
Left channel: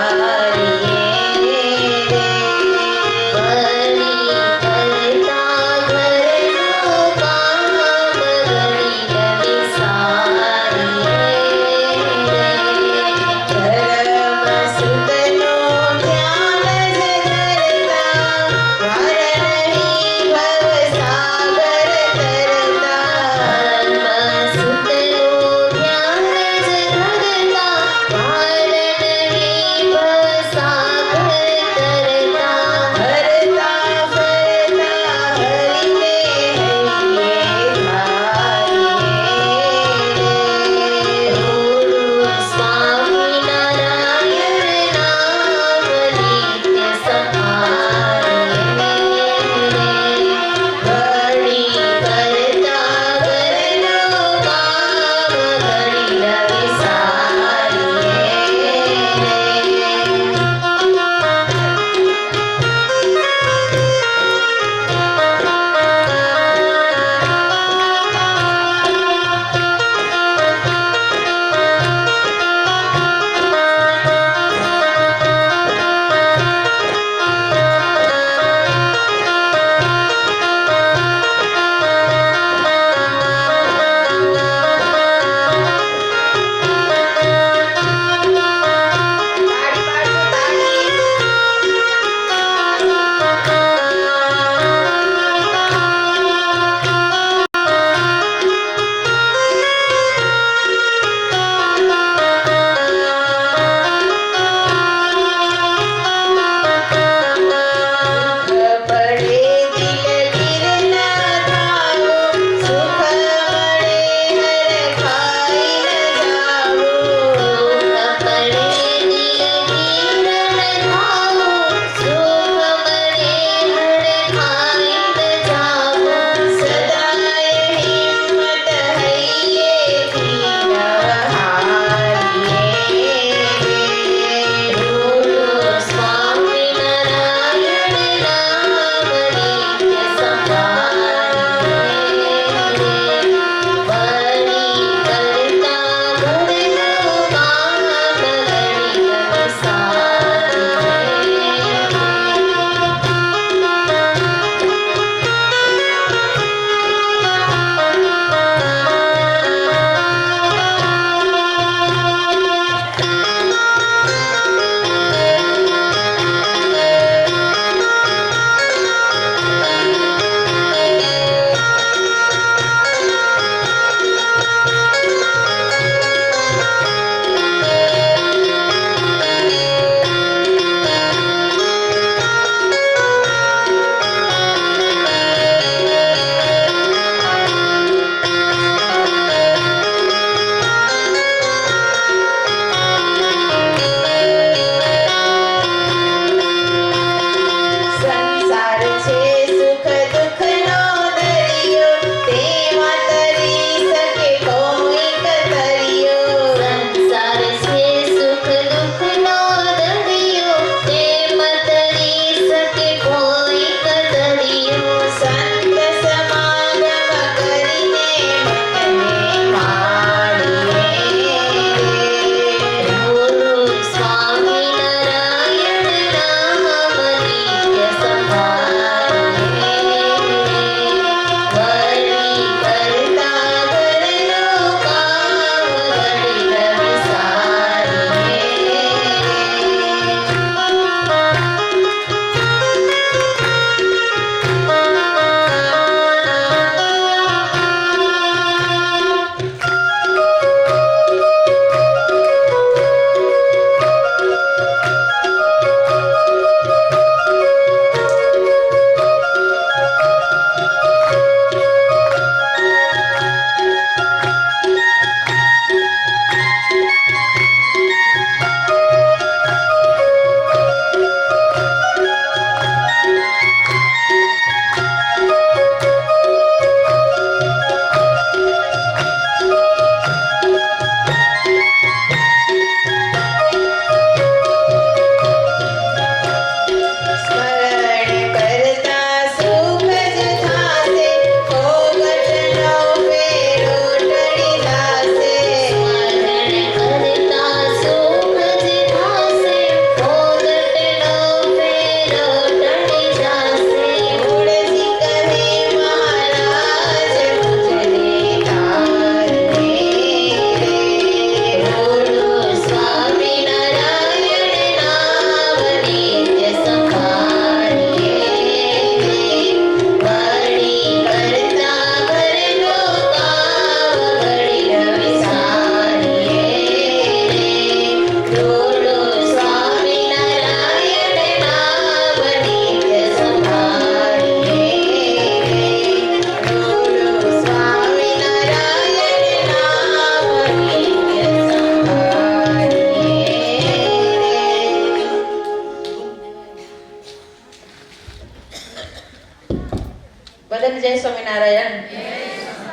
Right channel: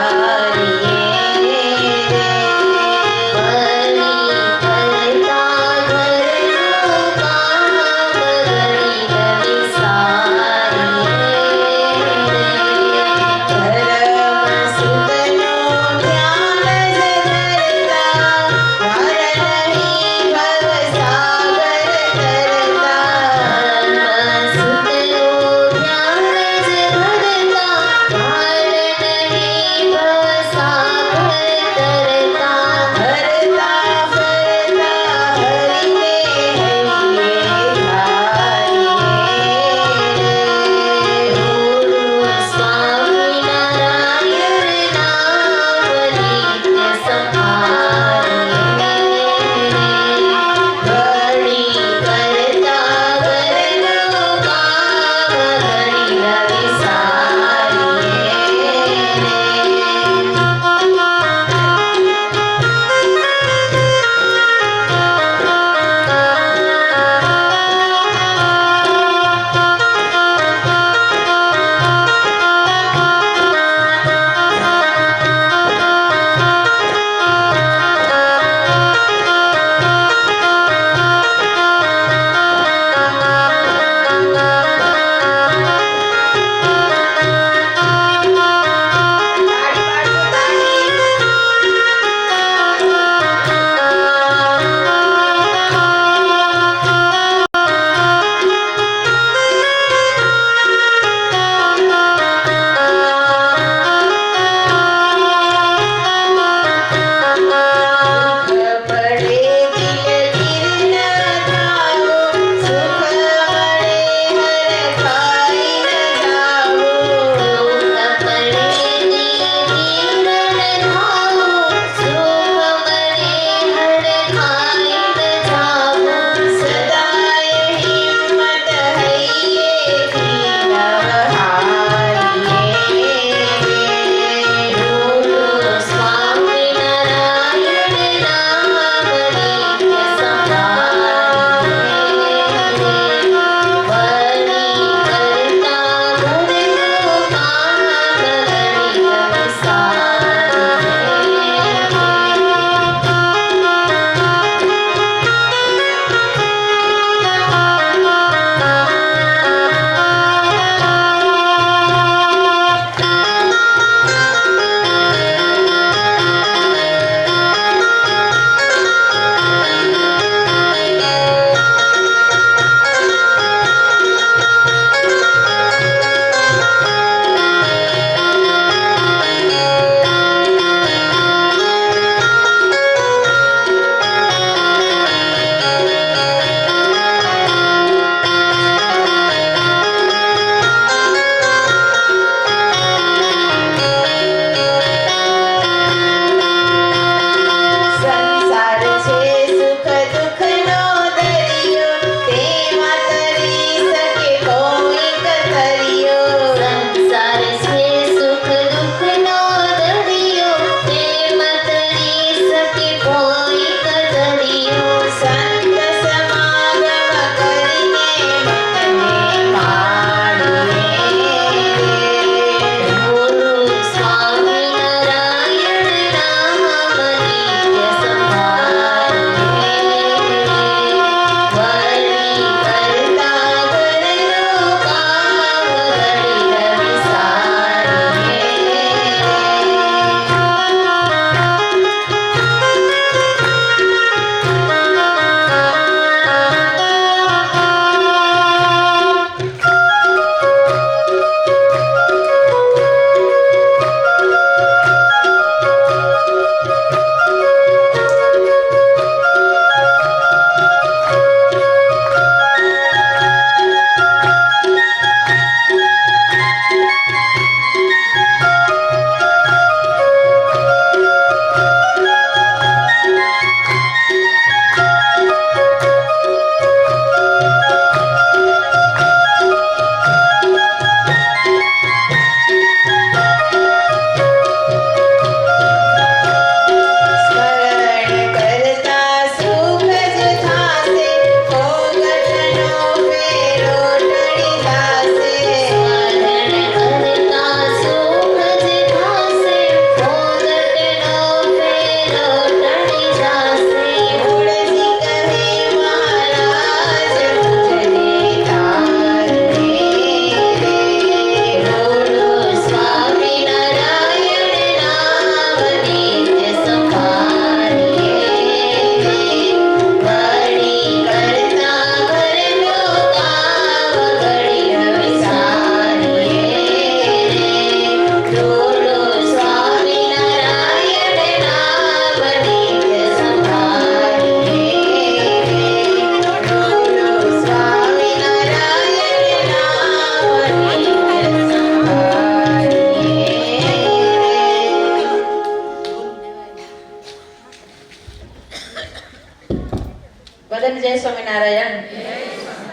જય સ્વામિનારાયણ.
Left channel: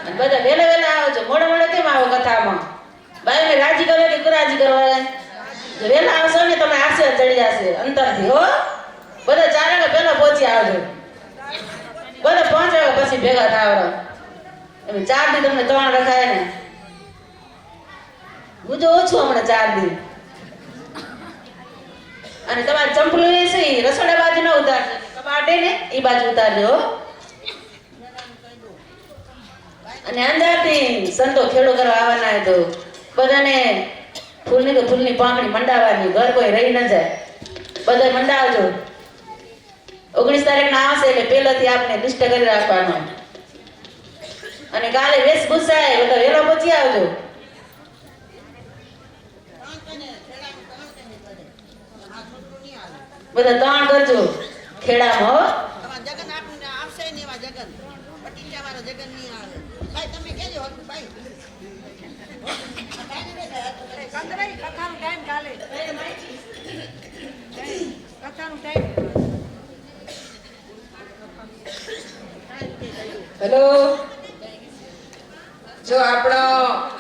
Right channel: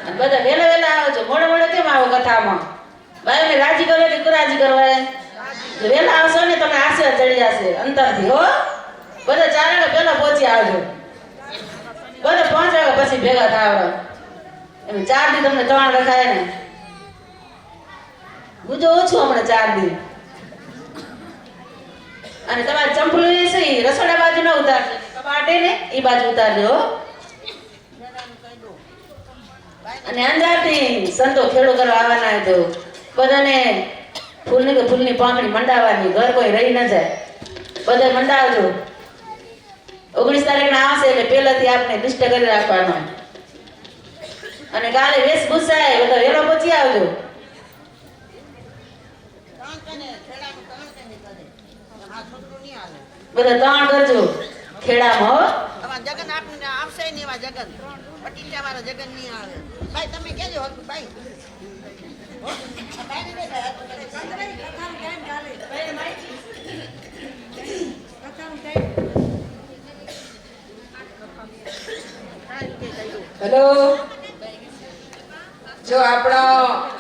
અને બધા વેલા વેલા આવજો. મોડે મોડે કેમ આવો કથામાં? ભાઈ મેં રાજી કરો કે કુરાજી કરવા? જો વેલા આવશો ને તમે આશીર્વાદ ચડી જશે અંતરથી હો. બધા 4 વાગે પહેલા પહોંચી આવજો. બધા 5 વાગે પછી ભેગા થાવ. એમ 4 દી તમને 3 રખાય ને. હું જો ઓછું હમણાં 4 દી. અને તમારે ચંપલું એ છે રસોડા બાજુ ન ઉતારજો. કબાટે ને એ બાજુ ઉતારજો હો. અને અંજારથી સંતો ખેડો કરવા આવવાના તો બધાને ફૂલની પાંખડી મંડાવવાની. ઘર કોઈ રહી ન જાય. બધા મંડાવજો. 19 તારીખના આવશે એટલે પહેલાથી આપણે લિસ્ટ કરી રાખવાનો. અને કાલે વેશભૂષાએ બધા વેલો પહોંચી આવજો. બધા 3 કરજો ખેડામાં હો. જગન આપણને આવશે ને એવા જગન પટીલિયા વાળા જગન નહીં આવે. ભાઈ તમે કેજો ભાઈ કથાનું ટાઈમ ચાલે કથાનું ટાઈમ હેલો. જો આપણો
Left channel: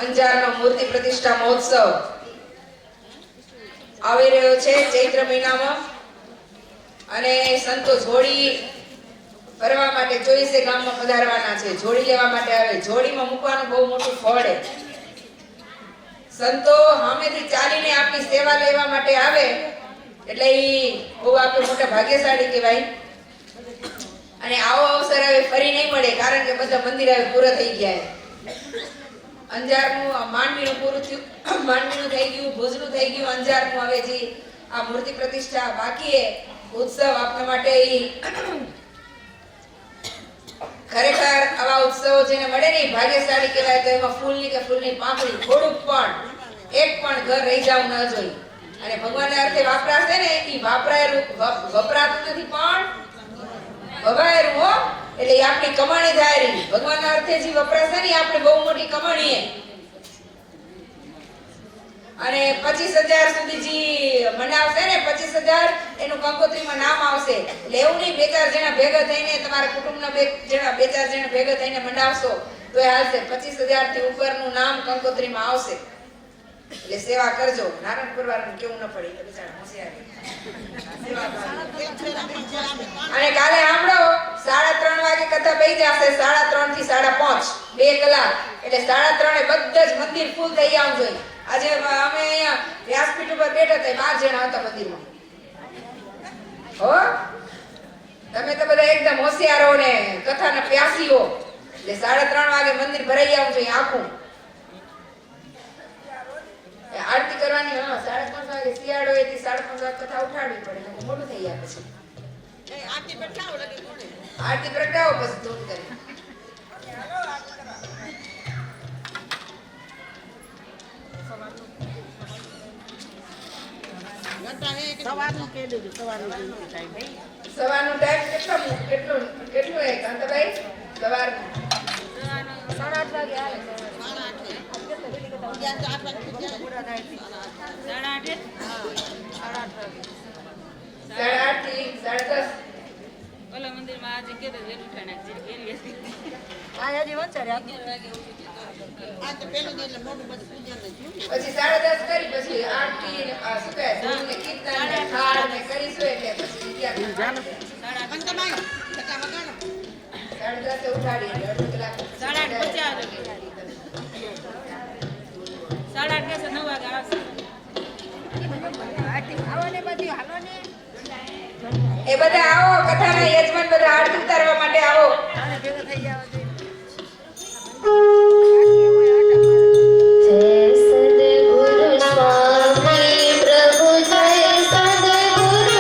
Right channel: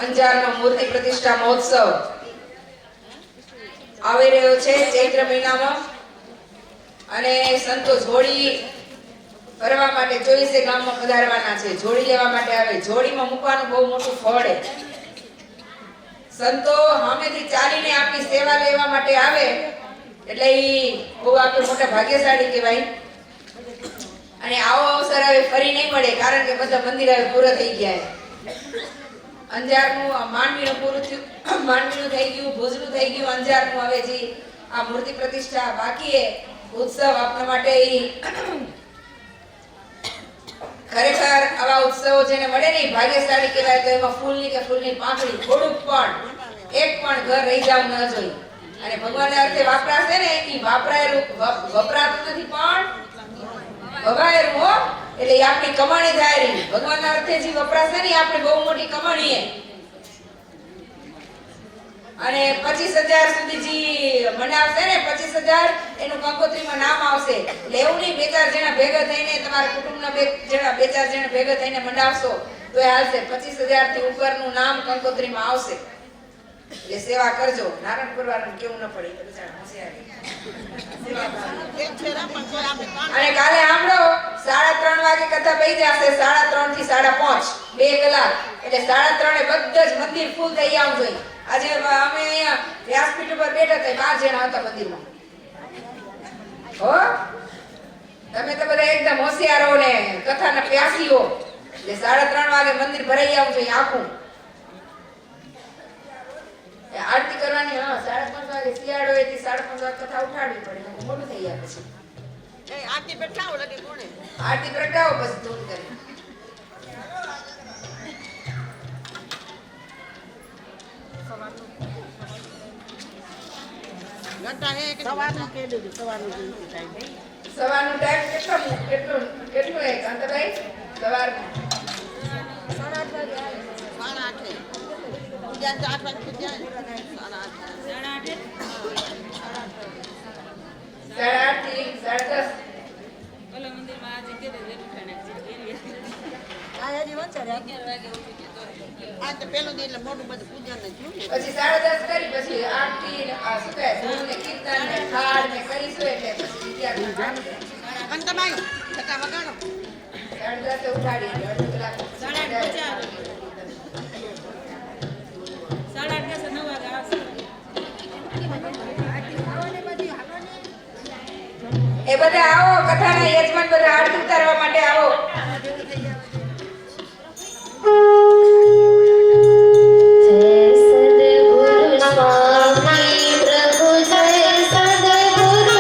અંજારનો મૂર્તિ પ્રતિષ્ઠા મહોત્સવ આવી રહ્યો છે ચૈત્ર મહિનામાં. અને સંતો જોડી ફરવા માટે 24 ગામમાં પધારવાના છે. જોડી લેવા માટે આવે. જોડીમાં મૂકવાનું બહુ મોટું ફળ છે. સંતો સામેથી ચાલીને આપણી સેવા લેવા માટે આવે એટલે ઈ બહુ આપણે મોટા ભાગ્યશાળી કહેવાય. અને આવો અવસર હવે ફરી નહીં મળે કારણ કે બધા મંદિર હવે પૂરા થઈ ગયા. અંજારનું માંડવીનું પૂરું થયું. માંડવીનું થઈ ગયું, ભુજનું થઈ ગયું. અંજારનું હવે જે આ મૂર્તિ પ્રતિષ્ઠા બાકી છે ઉત્સવ આપણા માટે ખરેખર આવા ઉત્સવો જેને મળે ને ભાગ્યશાળી કહેવાય. તો એમાં ફૂલની પાંખડી થોડુંક પણ એક પણ ઘર રહી જવું ન જોઈએ. અને ભગવાનના અર્થે વાપરાશે ને એ વાપરાયેલું વપરાતું નથી પણ વગાયેલું હો. એટલે એ આપણી કમાણી થાય રહી. ભગવાનના અર્થે જે વપરાશે ને આપણે બહુ મોટી કમાણી. અને 25,000 સુધી જે મનાવશે ને 25,000 એનું કંકોત્રીમાં નામ આવશે. એટલે એવું નહીં 2-4 જણા ભેગા થઈને તમારા કુટુંબના 2 જણા ભેગા થઈને મનાવશો તો એ હાલશે. 25,000 થી ઉપરનું નામ કંકોત્રીમાં આવશે. એટલે સેવા કરજો. નારાયણપુર વાળાને કેવું ન પડે તો બિચારા હોશિયાર. અને કાલે સાંભળો 3:30 વાગે કથા બેસી જશે. 3:30 થી 5:30 2 કલાક. એટલે 3:30 બધા જ મંદિર ફૂલ થઈ આવવું જોઈએ. આજે અમે અહીંયા વ્યાસપીઠ ઉપર બેઠા હતા 12 જણા હતા મંદિરમાં હો. તમે તો બધા એકદમ હોશિયારો ને કથાના પ્યાસીઓ. એટલે 3:30 વાગે મંદિર ભરાઈ આવવું જોઈએ આખું. આરતી કરવાની 5:30 વાગે શિયાળો એથી 5:30 વાગે કથા ઉઠાડવી પડે. મોટું થઈ જાય પછી આરતી પ્રગટાવો લગે કોણે આરતી પ્રગટાવો પછી થોડી કરી. સવારનું કહી દેજો. સવારનું ટાઈમ સવારનું ટાઈમ કેટલું હે કાંતાભાઈ? સવારનું 8:30 વાગે આવે 8:30 વાગે 8:30 થી 10:30. આ હજી વંચારે 11 વાગે આ તો પેલું દી એટલે મોટું બધું પૂજન ને થયું ને. પછી 10:30 કરી પછી આરતી ને આ શું કહે ધૂન ને કીર્તન ને થાળ ને કરીશું એટલે પછી ત્યાં કંતભાઈ છટા વગાડો 10:30 ઉઠાડી એટલે અડધો કલાક 9 વાગે આવશે. એ બધા આવો કથાના યજમાન બધા આરતી ઉતારવા માટે આવો. સદગુરુ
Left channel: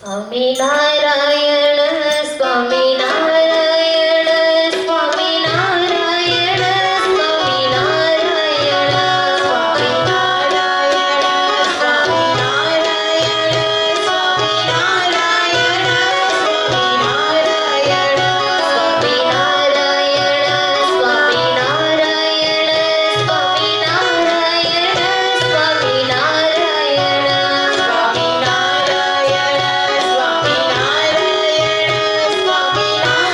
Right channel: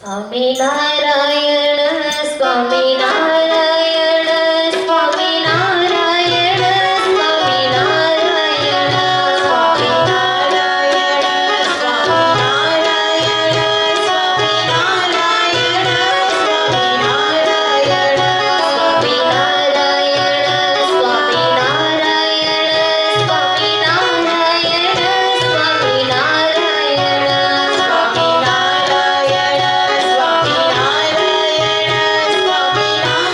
સ્વામિનારાયણ સ્વામિનારાયણ સ્વામિનારાયણ સ્વામિનારાયણ સ્વામિનારાયણ સ્વામિનારાયણ સ્વામિનારાયણ સ્વામિનારાયણ સ્વામિનારાયણ સ્વામિનારાયણ સ્વામિનારાયણ સ્વામિનારાયણ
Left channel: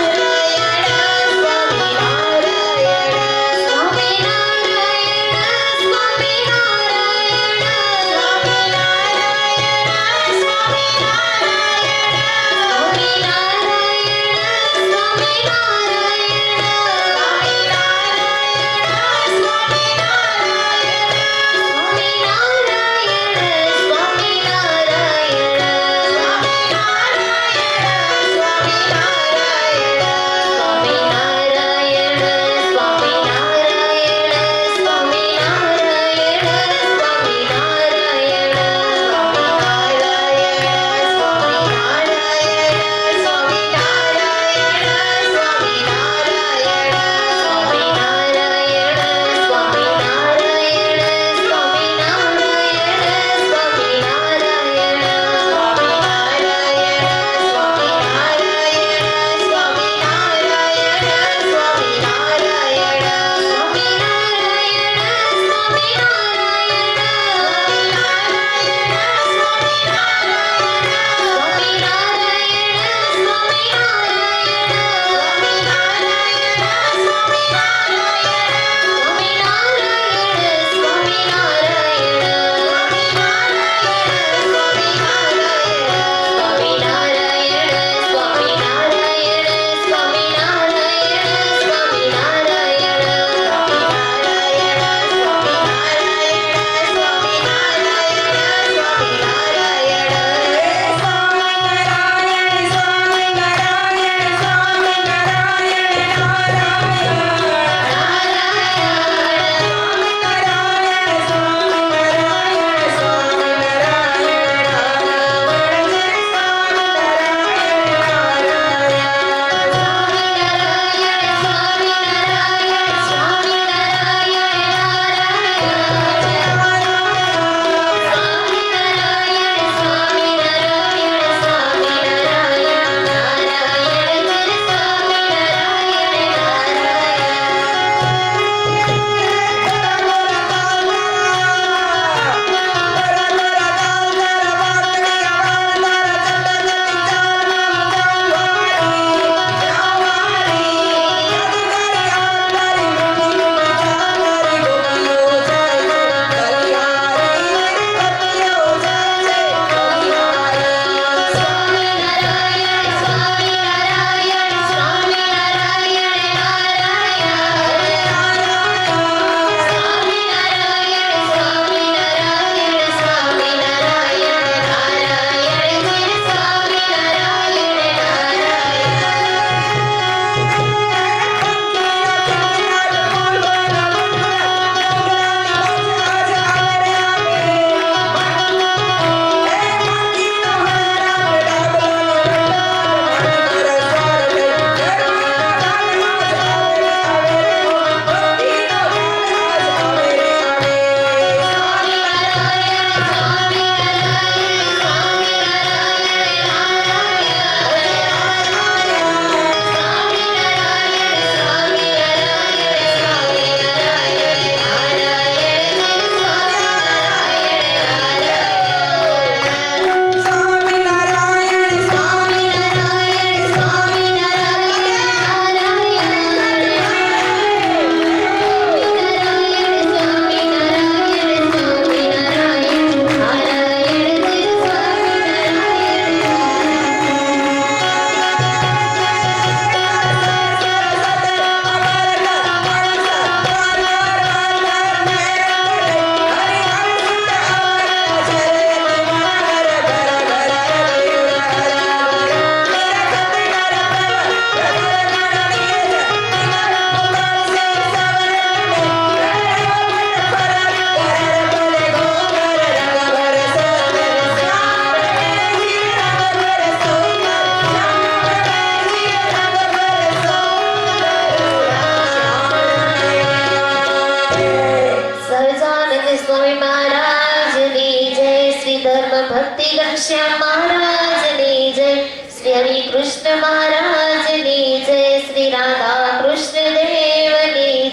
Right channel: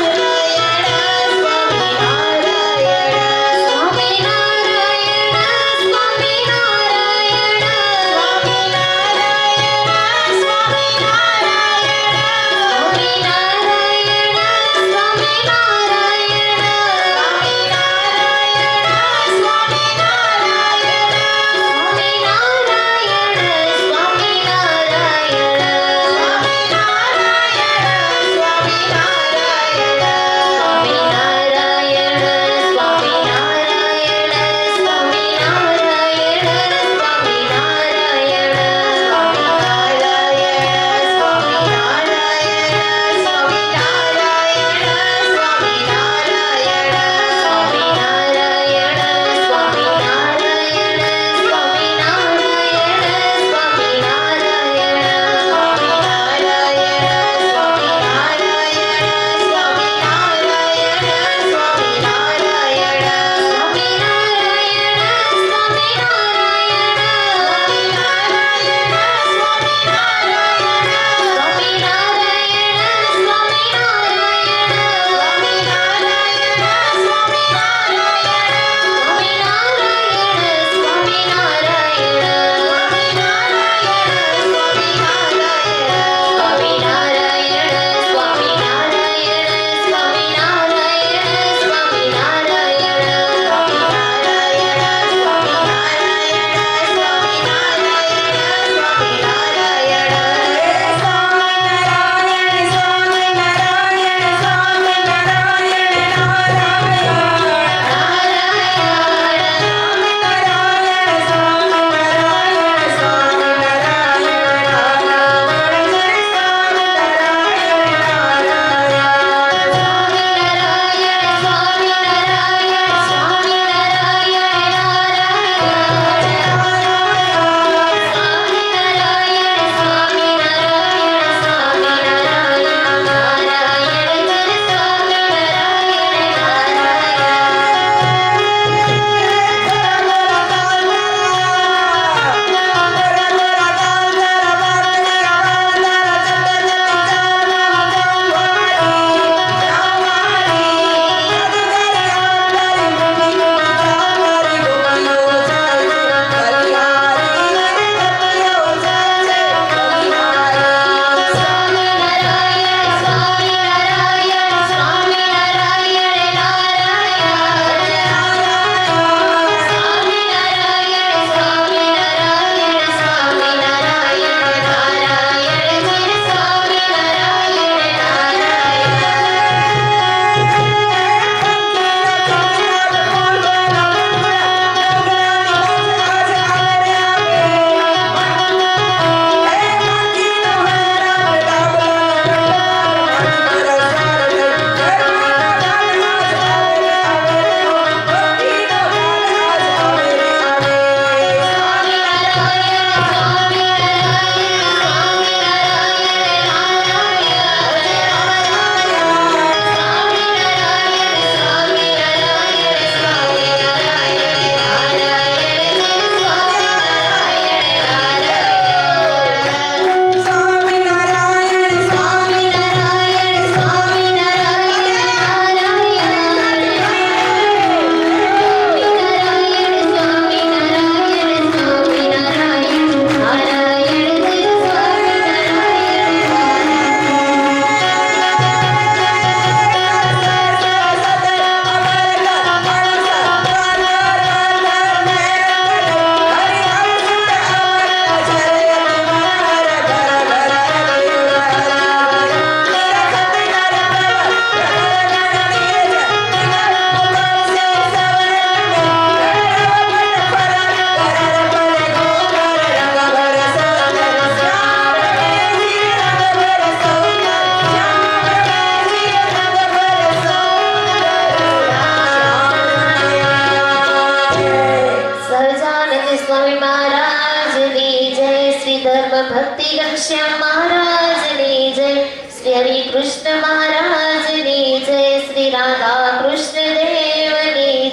ઘનશ્યામ મહારાજની જય, શ્રી હરિ કૃષ્ણ મહારાજની જય, શ્રી રાધા કૃષ્ણ દેવની,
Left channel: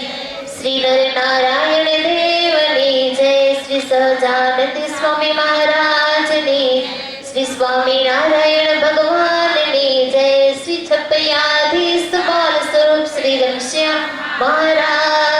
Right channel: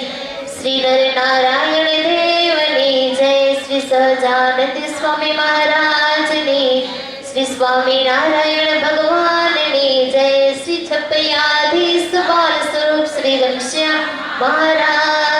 શ્રી નર નારાયણ દેવની જય, શ્રી સહજાનંદ સ્વામી મહારાજની, શ્રી સ્વામિનારાયણ ભગવાનની જય, શ્રી છપૈયાધીશ બાલ સ્વરૂપ શ્રી ઘનશ્યામ મહારાજ